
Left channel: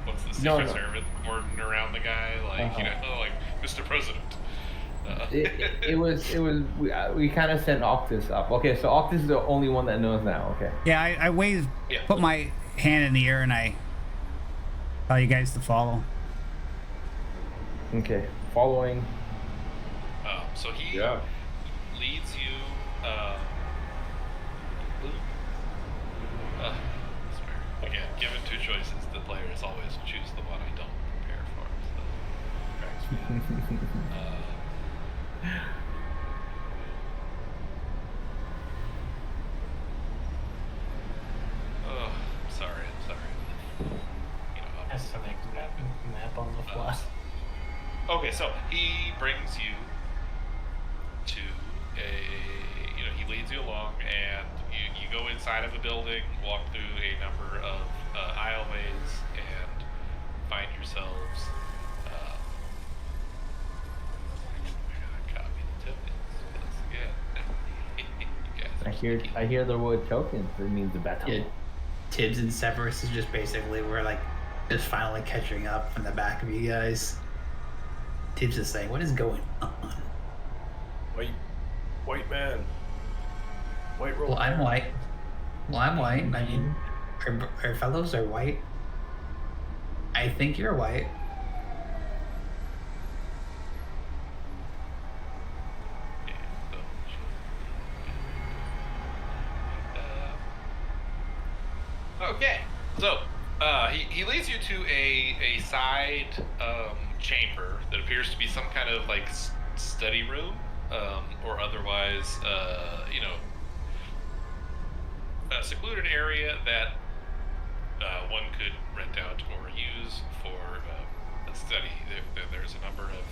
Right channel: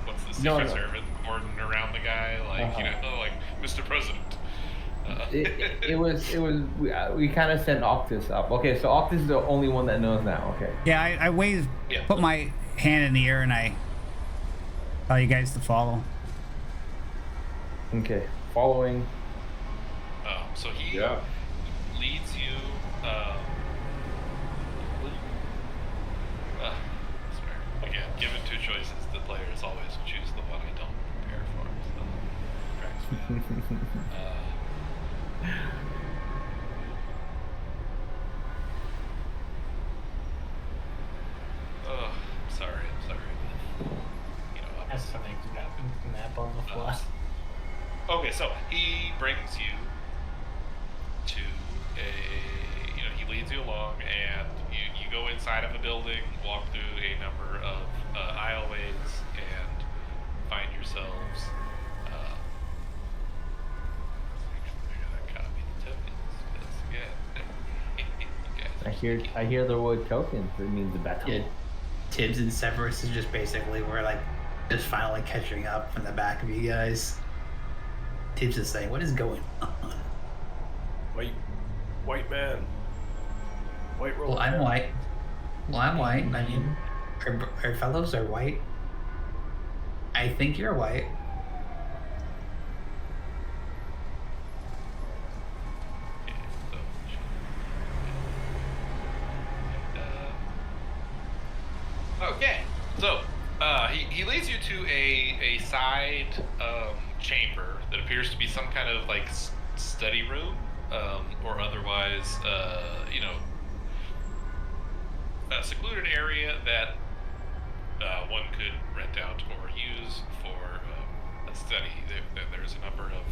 what's the No, Secret no. Service cordon around the guy, like like Mr. President. It was we kind of sent Octus up. Okay, so Octus is the only one that knows now. Okay. Yeah, I wave, Yeah. put my hand in the air and I tell you guys to follow. Okay. Following. So he Yeah. leads you. I swear. Again, given two choices, the players always choose the one I don't prepare for. So it cracks me up. Oh, I'm sorry. Has to make map on the fly. Okay, so he brings you to he leads you along, and you go inside of a building, walk through a number of aisleways, and find yourselves. I gotta copy the tokens again. You guys are sneaky. I hear the word tokens. It means battle. Yeah, Tibbs and Severus is just basically we're like just finally catching up from the back of you guys. Tibbs is saying, "What is going on?" White man. White roll. Well, I'm white. I mean, our fellows are white. I think you're white. Okay, okay, so he leads you to a side chamber that appears to be some kind of like study room, or otherwise, a secluded area that one could rent out or use for a study. There's a number of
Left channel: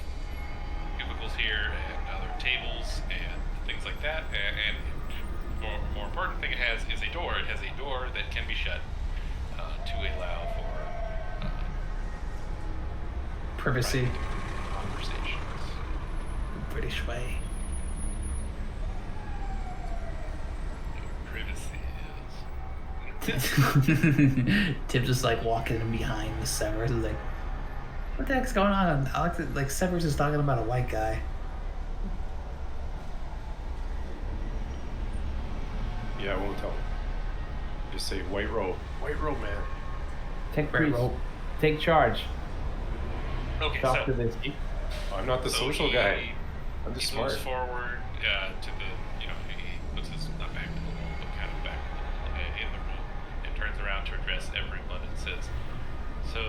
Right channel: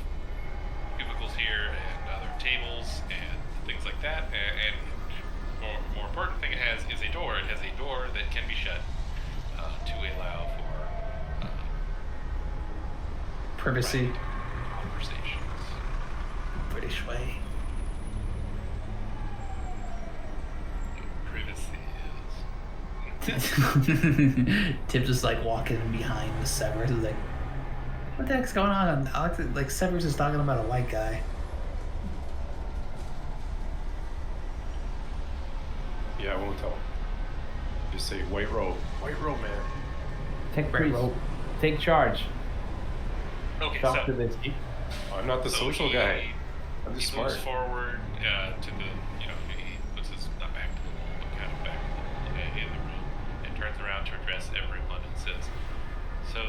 cubicles here and other tables and things like that, and more important thing it has is a door. It has a door that can be shut to allow for Privacy, private conversations. the British way. Privacy is. Tibbs is like walking in behind with Severus. He's like, "What the heck's going on?" Alex, like Severus is talking about a white guy. Yeah, I won't tell him. Just say white robe. White robe, man. Tech Right, priest. rope. Take charge. Okay, talk so to this. I'm not the so social he- guy. I'm He just moves smart. forward to the, he puts his, not back to the wall, but kind of back to the wall in the room, and turns around to address everyone and says, "So,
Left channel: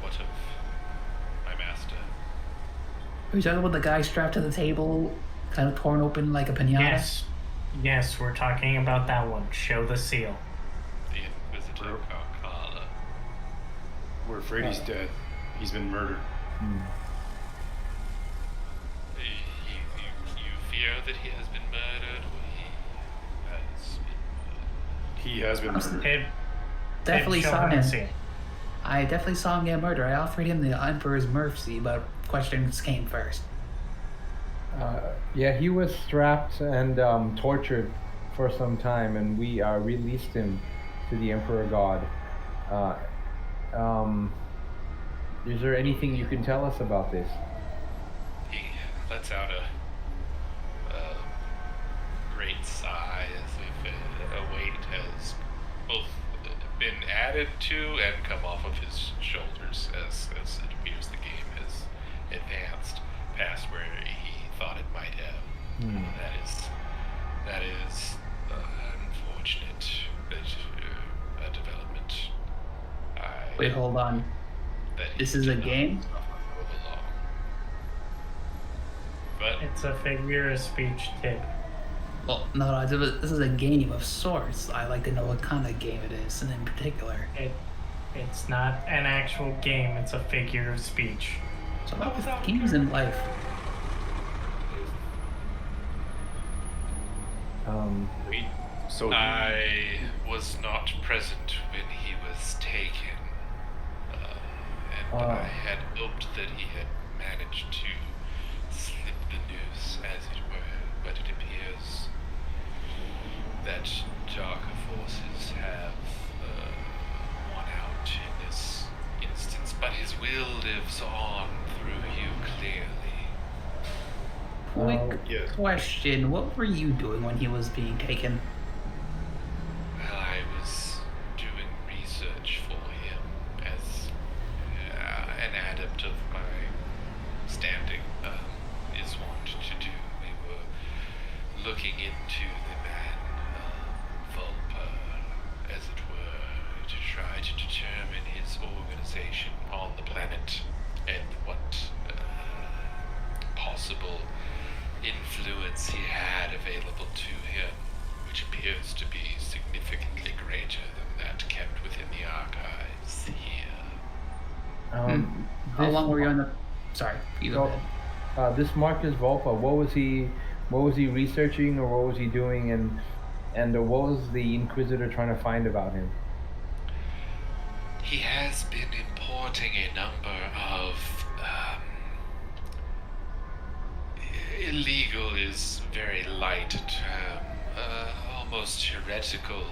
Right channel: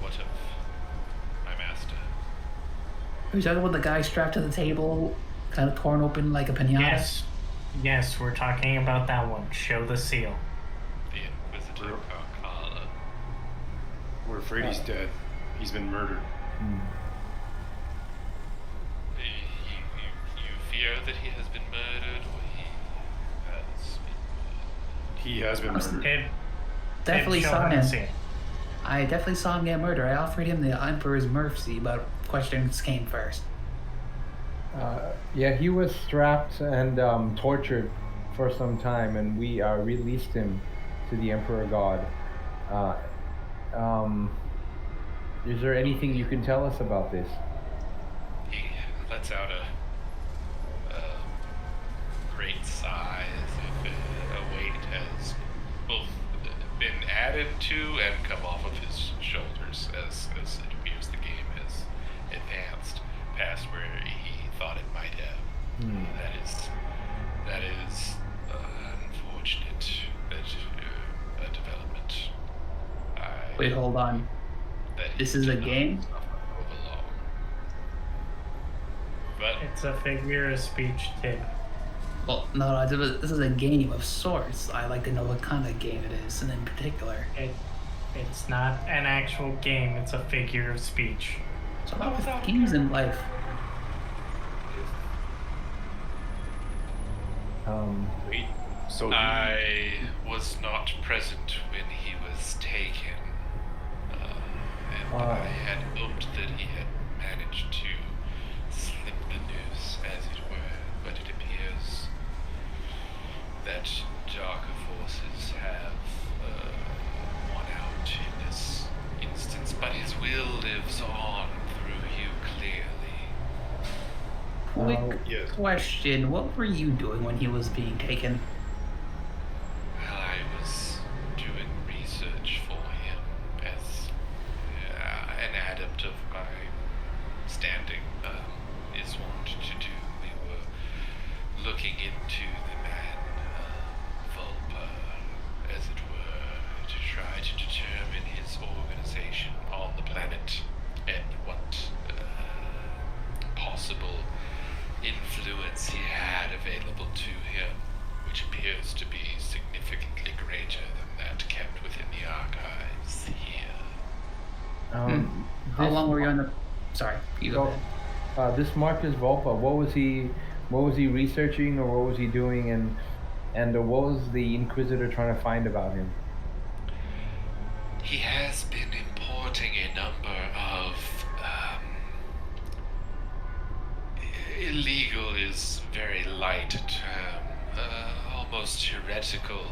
what of my master?" Are you talking about the guy strapped to the table, kind of torn open like a pinata? Yes, we're talking about that one. Show the seal. The Inquisitor Carcala. We're afraid he's dead. He's been murdered. You fear that he has been murdered, or he has been murdered? He has been murdered. Tib, Definitely show saw him the him. seal. I definitely saw him get murdered. I offered him the Emperor's mercy, but questions came first. Yeah, he was strapped and tortured for some time, and we released him to the Emperor God. Is there anything you can tell us about this? He lets out a great sigh as if a weight has both been added to and come off of his shoulders as it appears the game has advanced past where he thought it might have. That is unfortunate development. Wait, hold on. That he This is a did not game? suffer overlong. But It's a figure of speech, Tib. Well, no, this is a game of sorts. I like to know what kind of game it is, and in particular. It's not an actual game. It's a figure of speech. So about with games in life. Wait. So I was not present when he was taken, and I had hoped that he had managed to slip the news, as it were, but it appears that darker forces have won out in this instance, but his will lives on through you clearly. Quick yes. question: what were you doing when he was being taken? I was doing research for him as an adept of my standing is wont to do. We were looking into the man, Vulpa, as it were, to try to determine his organization on the planet and what possible influence he had available to him, which appears to be significantly greater than that kept within the archives here. How long were you on the? Sorry, you go ahead. This Marcus Volpa, what was he researching, or what was he doing, and what was the Inquisitor trying to find about him? He has been importing a number of illegal is very light a term, almost heretical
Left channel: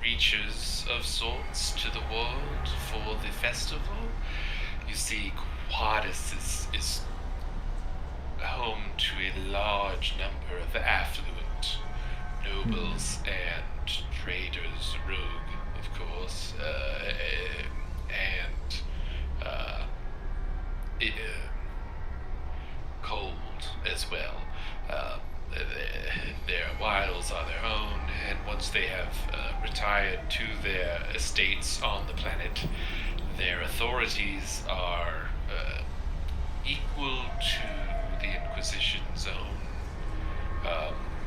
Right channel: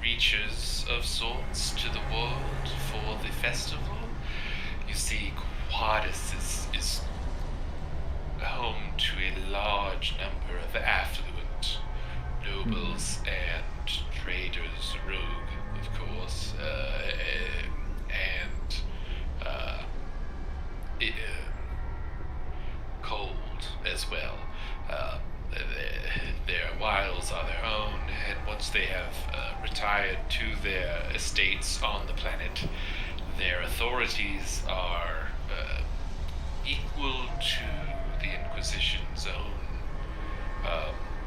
creatures of sorts to the world for the festival. You see, Quadus is home to a large number of affluent nobles and traders, rogue, of course, and cold as well. Their wiles are their own, and once they have retired to their estates on the planet, their authorities are equal to the Inquisition's own,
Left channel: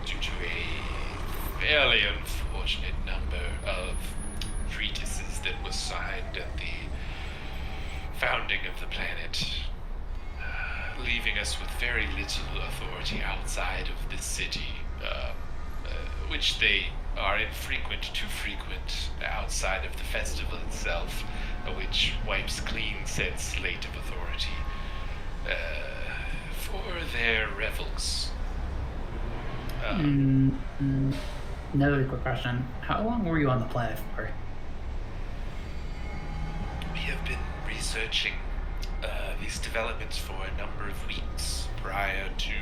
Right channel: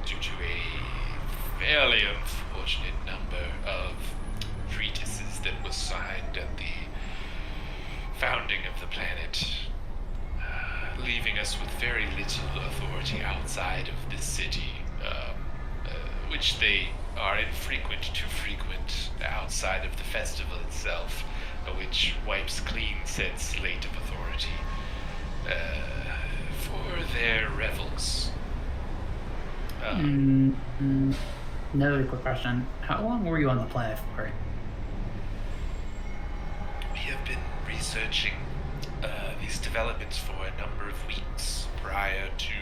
due to a fairly unfortunate number of treatises that was signed at the founding of the planet, leaving us with very little authority outside of this city, which they are too frequent outside of the festival itself, which wipes clean said slate of authority for their revels. Another quick question: how long were you on the planet for? We have been researching these developments for a number of weeks prior to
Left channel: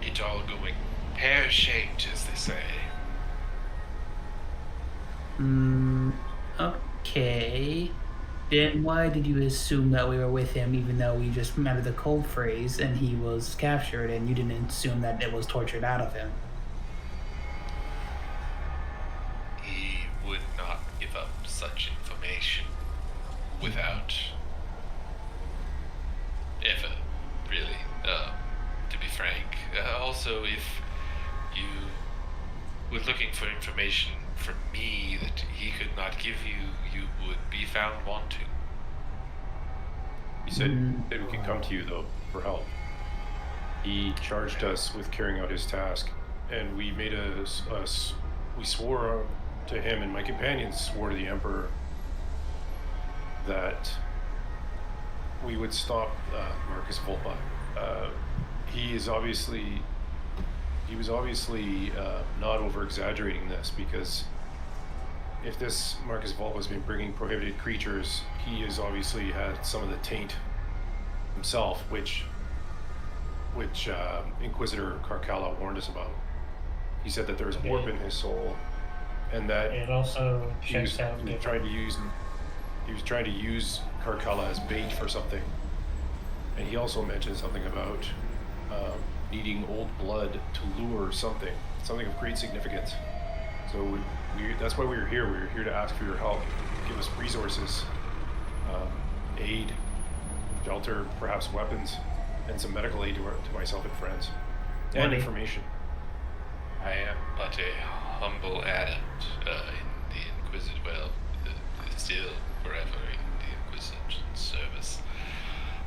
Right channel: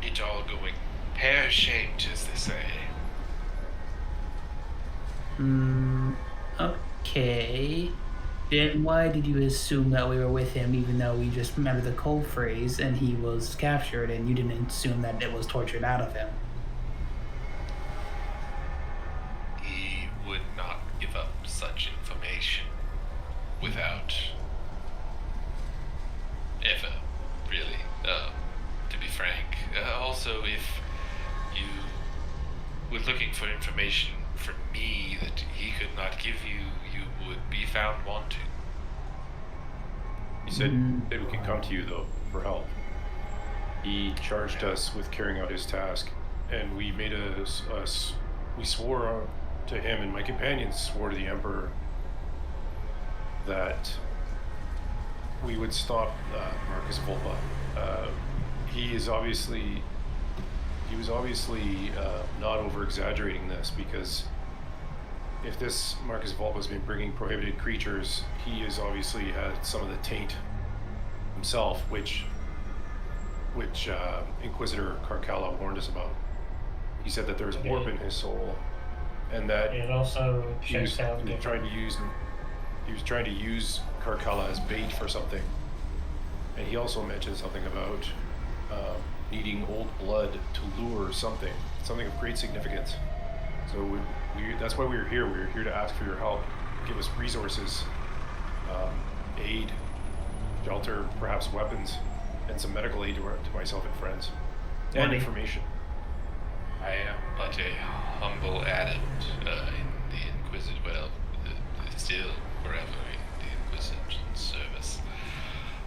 it all going pear-shaped, as they say. Okay. Then why did you assume that we were with him, even though we just met at the cold phrase and he was captured, and you didn't assume that it was tortured out of him? He would not give up such information without ever, really, to be frank. Also, if you were looking for information from me that he could not give you, you would be found wanting. He said that we could come to you, though, for help. He charged us with carrying out his task, and we made we swore to him, and my companions swore to the Emperor that we would stop Marcus Volpa. He was obviously not over-exaggerating this, because if this Marcus Volpa has been bringing prohibited creatures, he has obviously had some of the taint himself, which Inquisitor Carcalla warned us about. He said that there was warp in his soul, and that It also he was checks out. trying to use Carcalla as bait for something. And he also mentioned something about needing old blood to lure something of great significance. So that's why we were here. We were here to ask for your help, give us resources, aid, shelter, perhaps weapons, and some medical aid to myself and friends, and Money. information. I am but a humble adept in the Inquisition, still forever in the Inquisition service.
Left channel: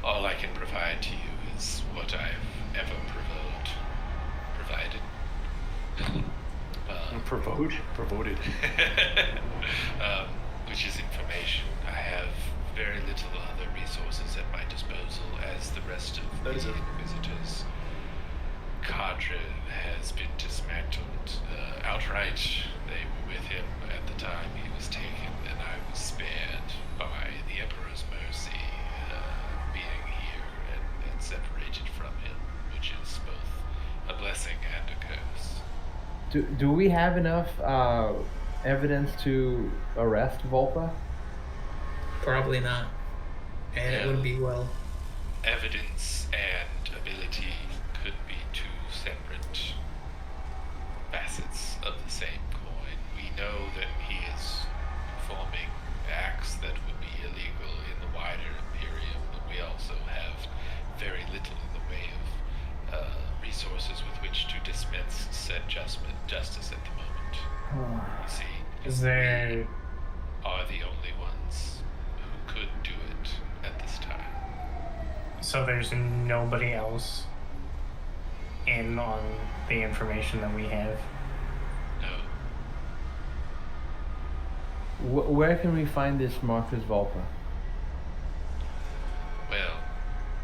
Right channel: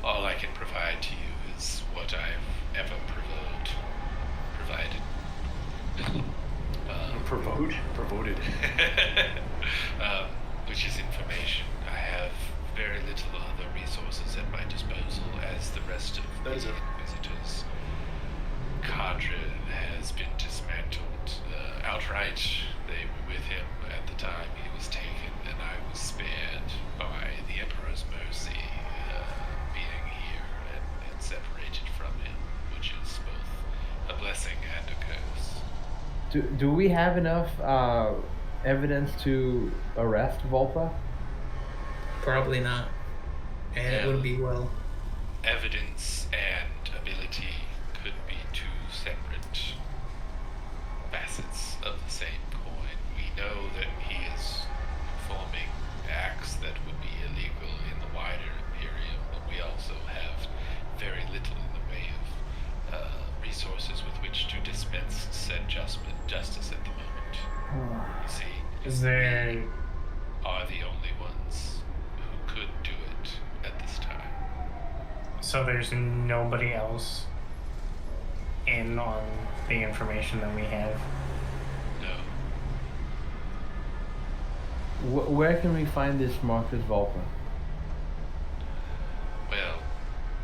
All I can provide to you is what I've ever provided. Provoted. Which is information. I have very little other resources at my disposal, as the rest of the Inquisitors' cadre has been dismantled outright. They were with him at the time he was taken, and I was spared by the Emperor's mercy, being here and separated from him, which is both a blessing and a curse. Do we have enough evidence to arrest Volpa? Probably not. And it would be well. Evidence and ability could be two separate facets of the same coin. We know that he is performing acts that would be illegal in the wider Imperium, but we also have very little in the way of resources with which to dispense said justice at the moment. You see, There are the only ones who could do it at this time. So there's nobody else in on the information that we have. No. Where can we find this Marcus Volpa? Well,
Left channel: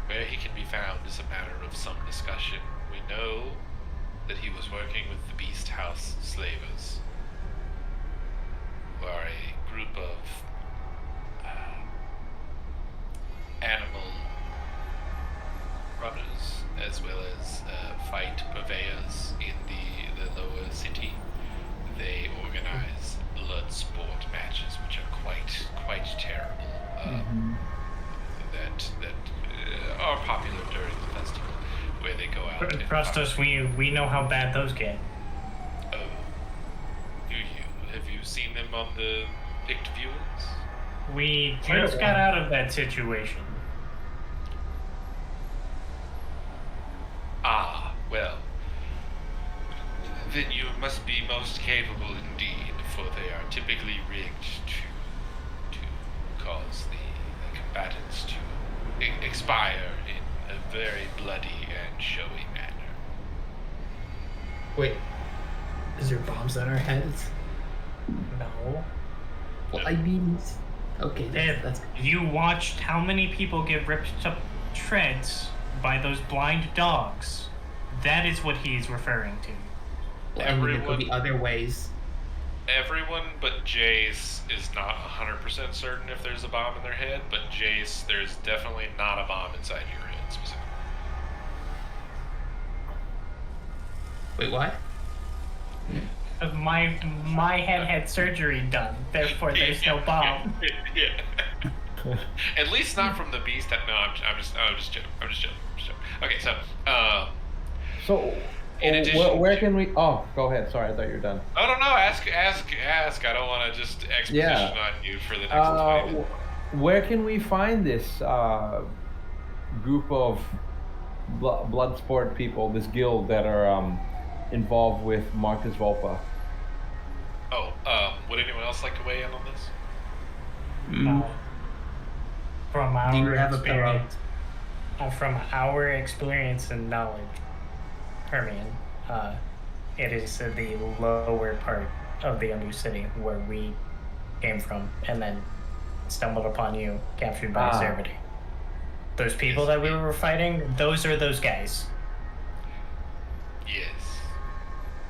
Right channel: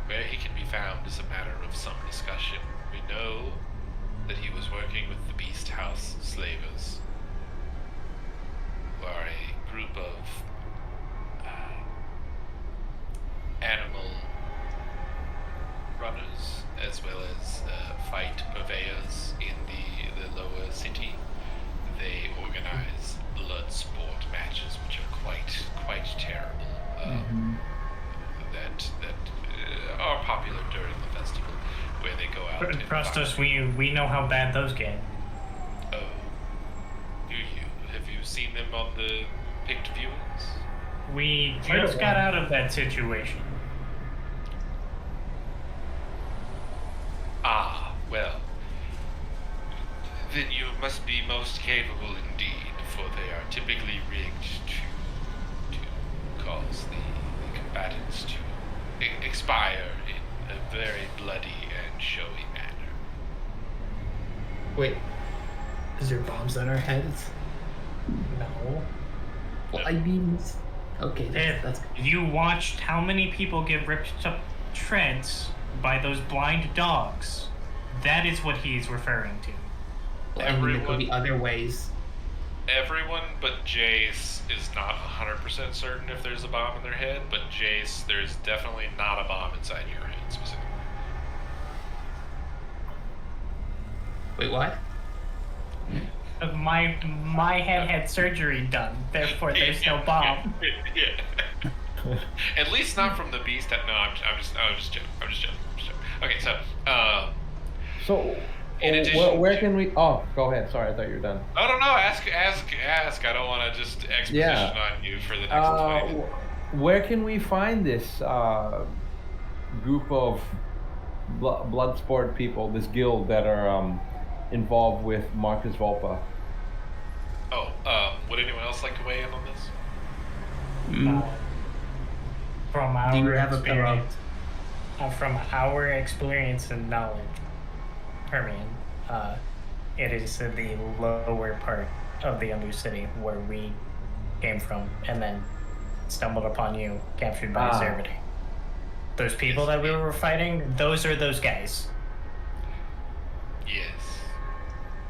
where he can be found is a matter of some discussion. We know that he was working with the Beast House Slavers, who are a group of animal runners, as well as fight purveyors in the lower city. They organize blood sport matches, which are quite terrible. That are popular during the festival, where they go out and Trust fight. us, we know how bad those get. Oh, do you? Have you seen them on the picked viewings? We I don't just got want- out of that situation. Ah, well. Then you must be most capable indeed, for they are typically rigged to cause the combatants to expire in a very bloody and showy manner. Wait, is there bombs on our heads? No. Well, I mean, okay, Ed, that's you watched how many people get ripped to shreds by those blind dogs. That is what he's referring to. well, I mean, there everyone- could be other ways. Everyone but Jace is not 100% certain if there's a bomb in their head, but Jace, there's definitely not a bomb inside your head specifically. Wait, what? My head had surgery done, therefore there's no bomb. Yeah. At least not from the beast. No, I'm just joking. I'm just joking. Okay, so So, in addition, where can we? Oh, go ahead. Sorry, I thought you were done. Oh no, ask. I don't want to just exposition on you for the next 20 minutes. Where can we find this group of blood sport people, this guild that are involved with Marcus Volpa? Oh, would anyone else like to weigh in on this? From Do you our have a pillow? experience, from our experience and knowledge, Hermione, it is the lower part of the Undercity where we came from, and then stumbled upon you, captured by Zervity. Those people that we were fighting, those are those guys. Yes.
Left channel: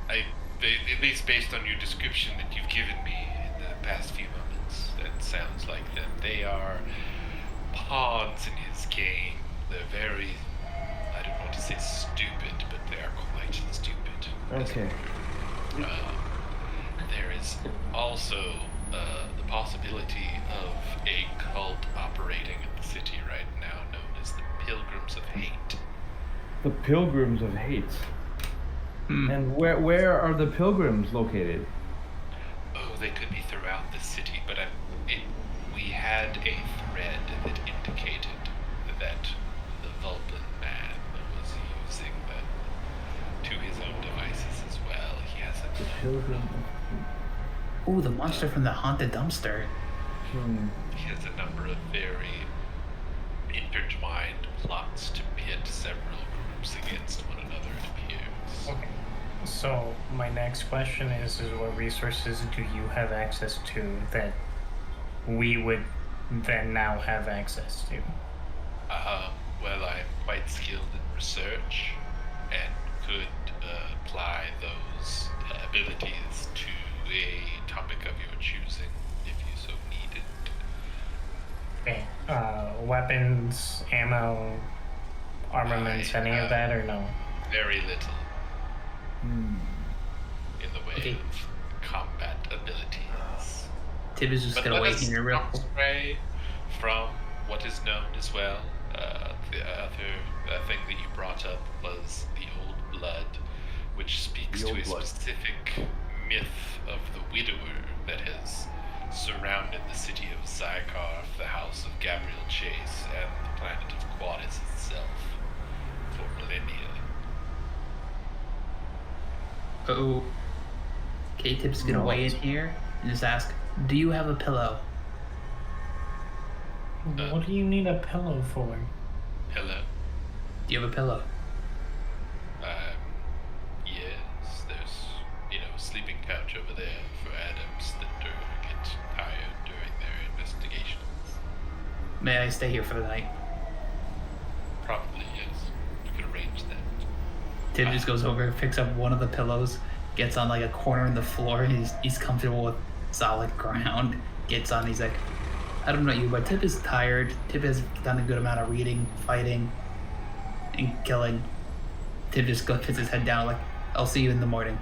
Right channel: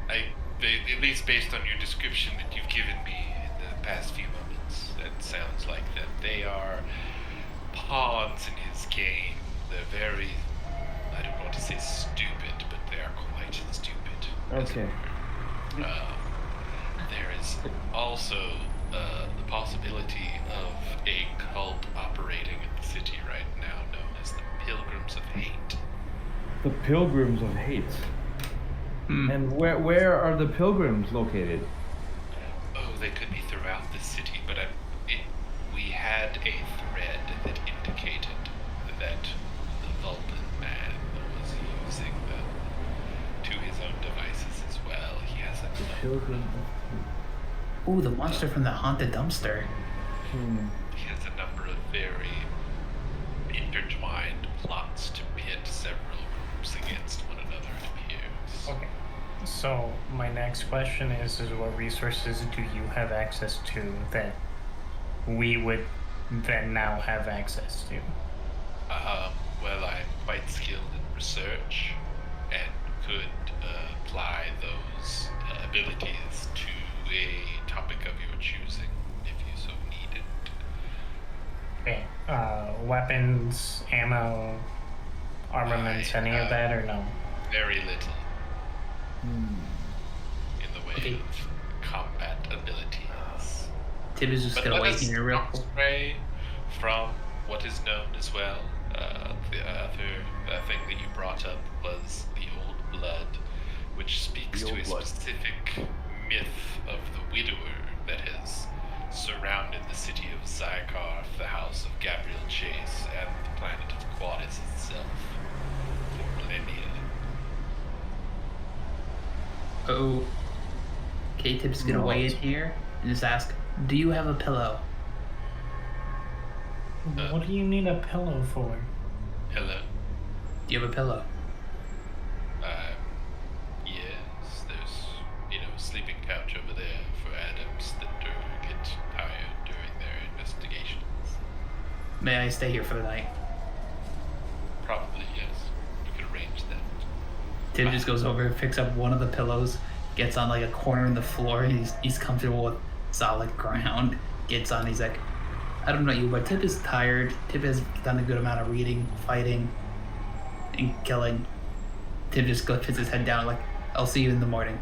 At least based on your description that you've given me in the past few moments, that sounds like them. They are pawns in his game. They're very, I don't want to say stupid, but they are quite stupid. Okay. There is also the possibility of a cult operating in the city right now known as the Pilgrims of Hate. The Pilgrims of Hate. And where are the Pilgrims located? Oh, they could be throughout the city, but we had a thread that indicated that the Vulcan man was using them to his own devices as well. He has The a Pilgrim of Hate. Ooh, the monster from the haunted dumpster. He has a number of very intertwined plots to pit several groups against one another, it appears. Okay. So my next question is what resources do you have access to that we would then now have access to? Well, I'm quite skilled in research and could apply those abilities to a topic of your choosing if you so needed. Okay. Weapons, ammo, armaments, any of that, or no? Very little in the way Okay. of combat abilities. Tib is just But gonna let wait us here real not quick. stray from what is known as well. The other thing that you brought up was the Old Blood, which speaks The to Old a Blood. specific myth of the Widower that has surrounded the city of Zykarth, the house of Gabriel Chase, and the planet of Quadis itself for millennia. Oh. Okay, Tib's gonna weigh in here and just ask, do you have a pillow? What do you need a pillow for? Hello? Do you have a pillow? Yes, there's, a sleeping couch over there for Adams that get tired during their investigations. May I stay here for the night? Probably, yes. We could arrange that. Tib just goes over, picks up one of the pillows, gets on like a corner in the floor. He's comfortable with solid ground. Gets on. He's like, I don't know you, but Tib is tired. Tib has done a good amount of reading, fighting, and killing. Tib just puts his head down like, I'll see you in the morning.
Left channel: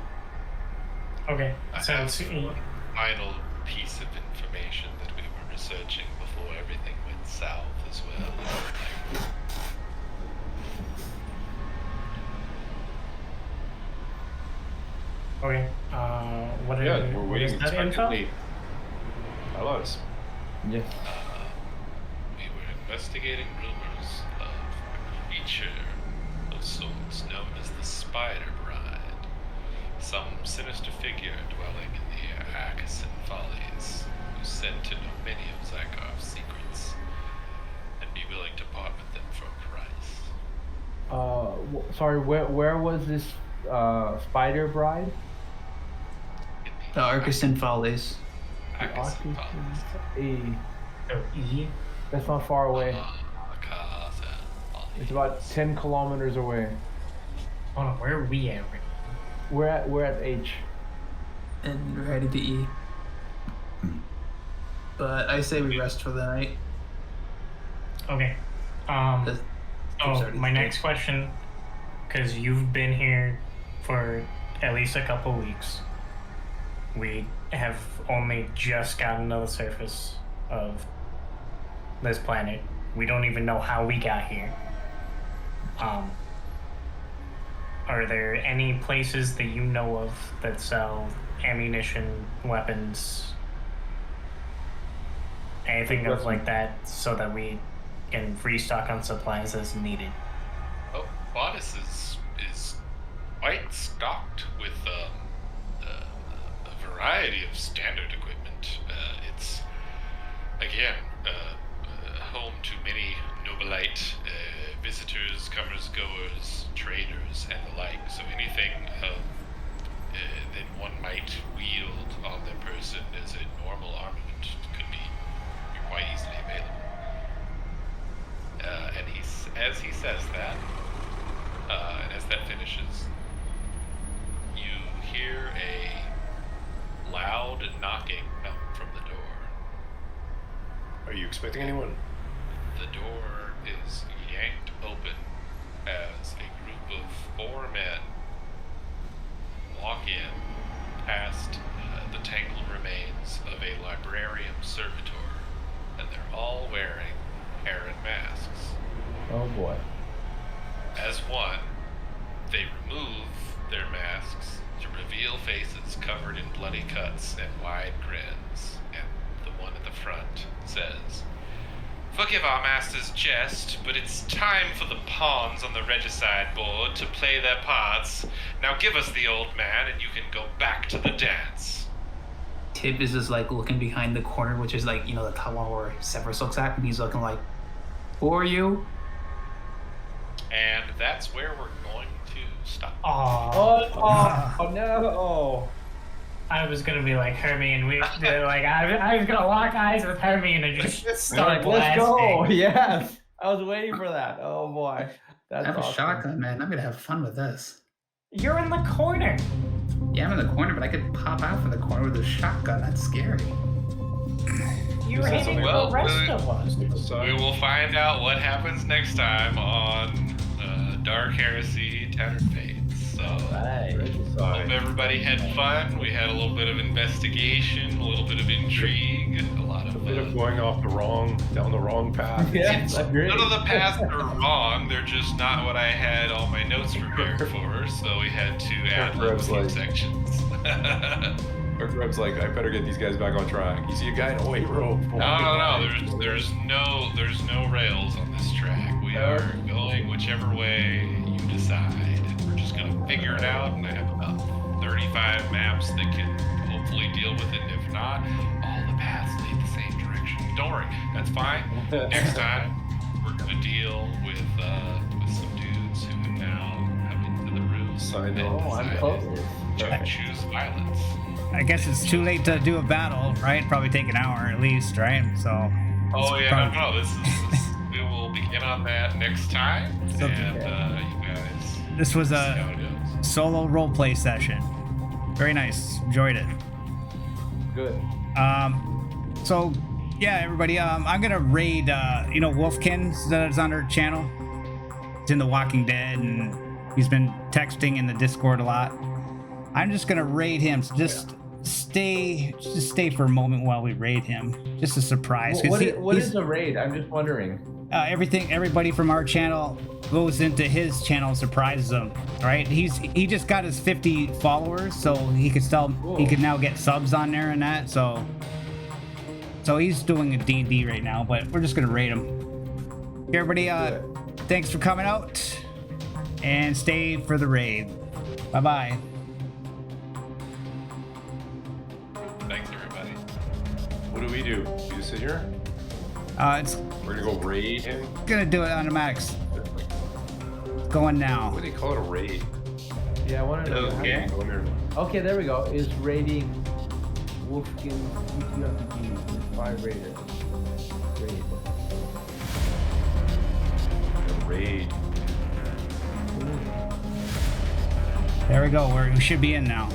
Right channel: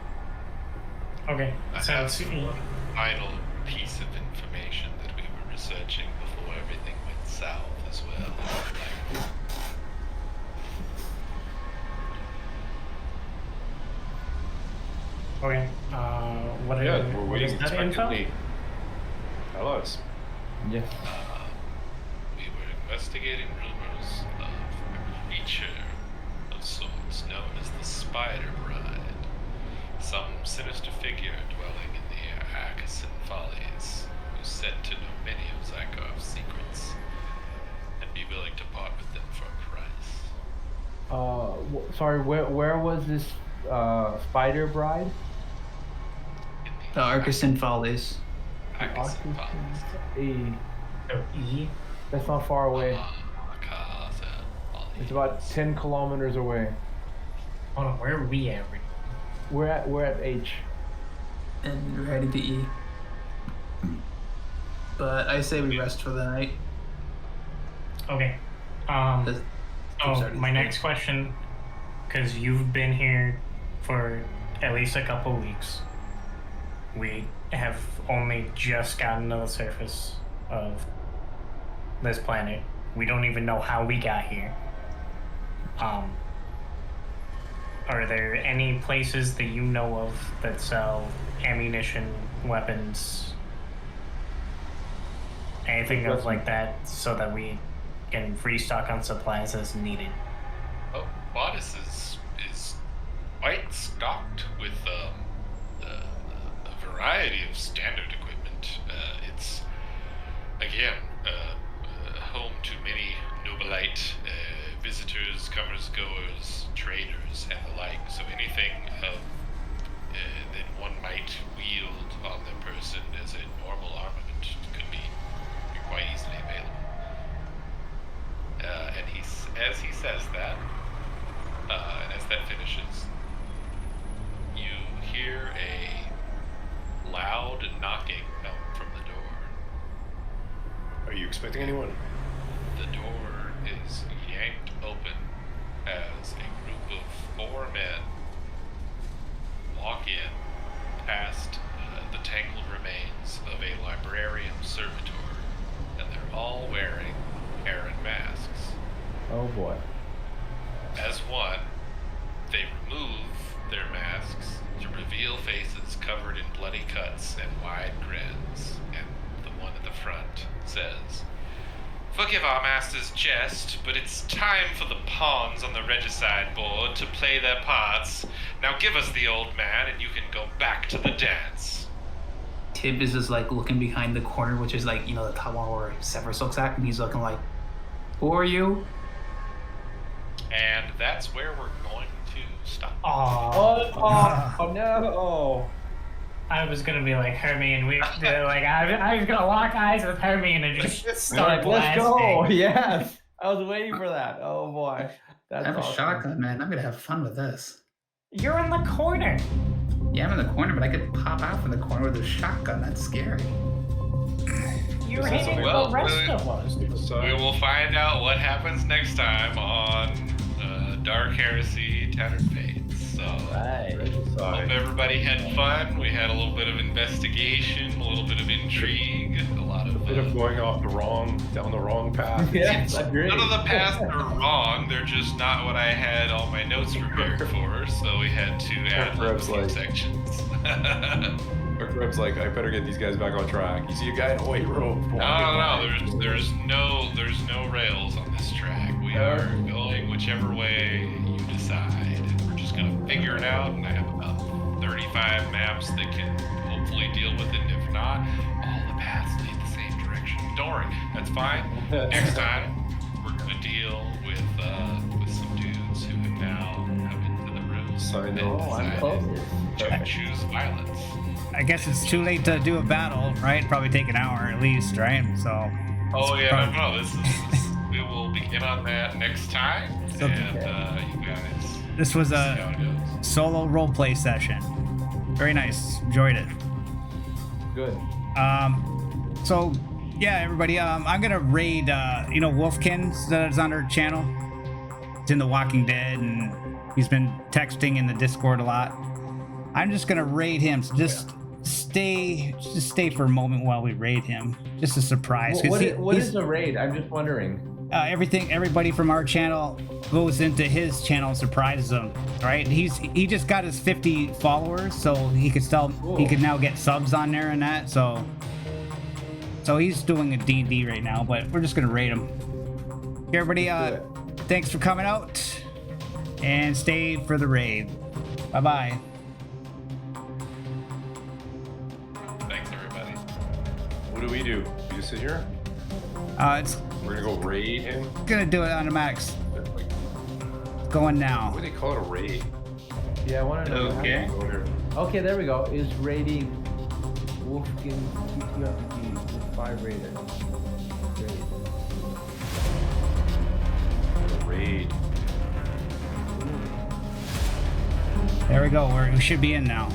Okay. I So have it's- one final piece of information that we were researching before everything went south as well. okay. What is, Yeah, we're what waiting is that info? expectantly. Tell us. Yes. We were investigating rumors of a creature of sorts known as the Spider Bride. Some sinister figure dwelling in the Akasan Follies, who's said to know many of Zykarth's secrets, and be willing to part with them for a price. Sorry, where was this Spider Bride? In The Arkeson Follies. Akasan Follies. So E. That's not far away. Akasan Follies. It's about 10 kilometers away. Hold on, where are we at? right We're at H. And we're heading to E. But I say we rest for the night. now? Okay. 'Cause Tib's Oh, already my asleep. next question, because you've been here for at least a couple weeks. We have only just gotten to the surface of this planet. We don't even know how we got here. Are there any places that you know of that sell ammunition, weapons, anything of like that, so that we can restock on supplies as needed? Oh, Bodice is quite stocked with a variety of standard equipment. It's again home to many nobilite visitors, comers, goers, traders, and the like. So anything that one might wield on their person as a normal armament could be quite easily available. And as he says that, and as that finishes, you hear a loud knocking come from the door. Are you expecting anyone? The door is yanked open as a group of 4 men walk in past the tangled remains of a librarium servitor, and they're all wearing Heron masks. Oh boy. As one, they remove their masks to reveal faces covered in bloody cuts and wide grins, and the one at the front says, "Forgive our master's jest, but it's time for the pawns on the regicide board to play their parts. Now give us the old man and you can go back to the dance." Tib is just like looking behind the corner, which is like, the top one where Severus looks at, and he's looking like, "Who are you?" And that's where we're going to stop. Oh no. I was gonna be like Hermione. I was gonna lock eyes with Hermione and just start Let's blasting. go. Yes. I was waiting for that. Oh boy. That's I have awesome. a shotgun, man. I'm gonna have fun with this. You're in the corner. Yeah, I'm in the corner, but I could pop out from the corner with a shotgun. That's scary. You're This is hitting well, the rest of us. We will find out what happens next time on Dark Heresy Tattered Fates. So, Right. hope everybody had fun. We had a little bit of investigation, a little bit of intrigue, a lot A of bit of going down the wrong path. Yes, agreed. none of the paths are wrong. They're just not what I had all my notes prepared for. So we had to add a Greb's few like- sections. Or Greb's like, I better get these guys back on track. You see a guy in a white robe. No. There's no rails on this track. We are going whichever way you decide. And we're just gonna figure it out. And I have about 35 maps that can hopefully deal with it. And if not, all the paths lead the same direction. Don't worry, that's fine. Next time, we're gonna deal with some dudes who have now come into the room. Sign and on. Oh, I'm decided close. to Perfect. choose violence. I guess it's too late to do a battle, right? Probably take an hour at least, right? So. Oh it's yeah, probably- no. This we will begin on that next time, So- and you guys This was see a how it goes. solo roleplay session. Very nice. Enjoyed it. Good. So yeah, everybody. I'm gonna raid. Wolfkin that's on our channel. It's in The Walking Dead, and he's been texting in the Discord a lot. I'm just gonna raid him. So just stay for a moment while we raid him. Just a surprise. 'cause What he's- is a raid? I'm just wondering. everybody from our channel goes into his channel and surprises him, right? He just got his 50 followers, so he could now get subs on there and that. So he's doing a D&D right now, but we're just gonna raid him. Okay, everybody, Let's do it. thanks for coming out, and stay for the raid. Bye bye. Thanks, everybody. What do? We just sit here? It's We're gonna go raid him? gonna do it automatics. Going now. What do they call it, a raid? Yeah, I want to know. Okay. Go in there. Okay, there we go. Is raiding Wolfkin TTRPG with 5 raiders. Raid. Raid. Ooh. There we go. We should be in now.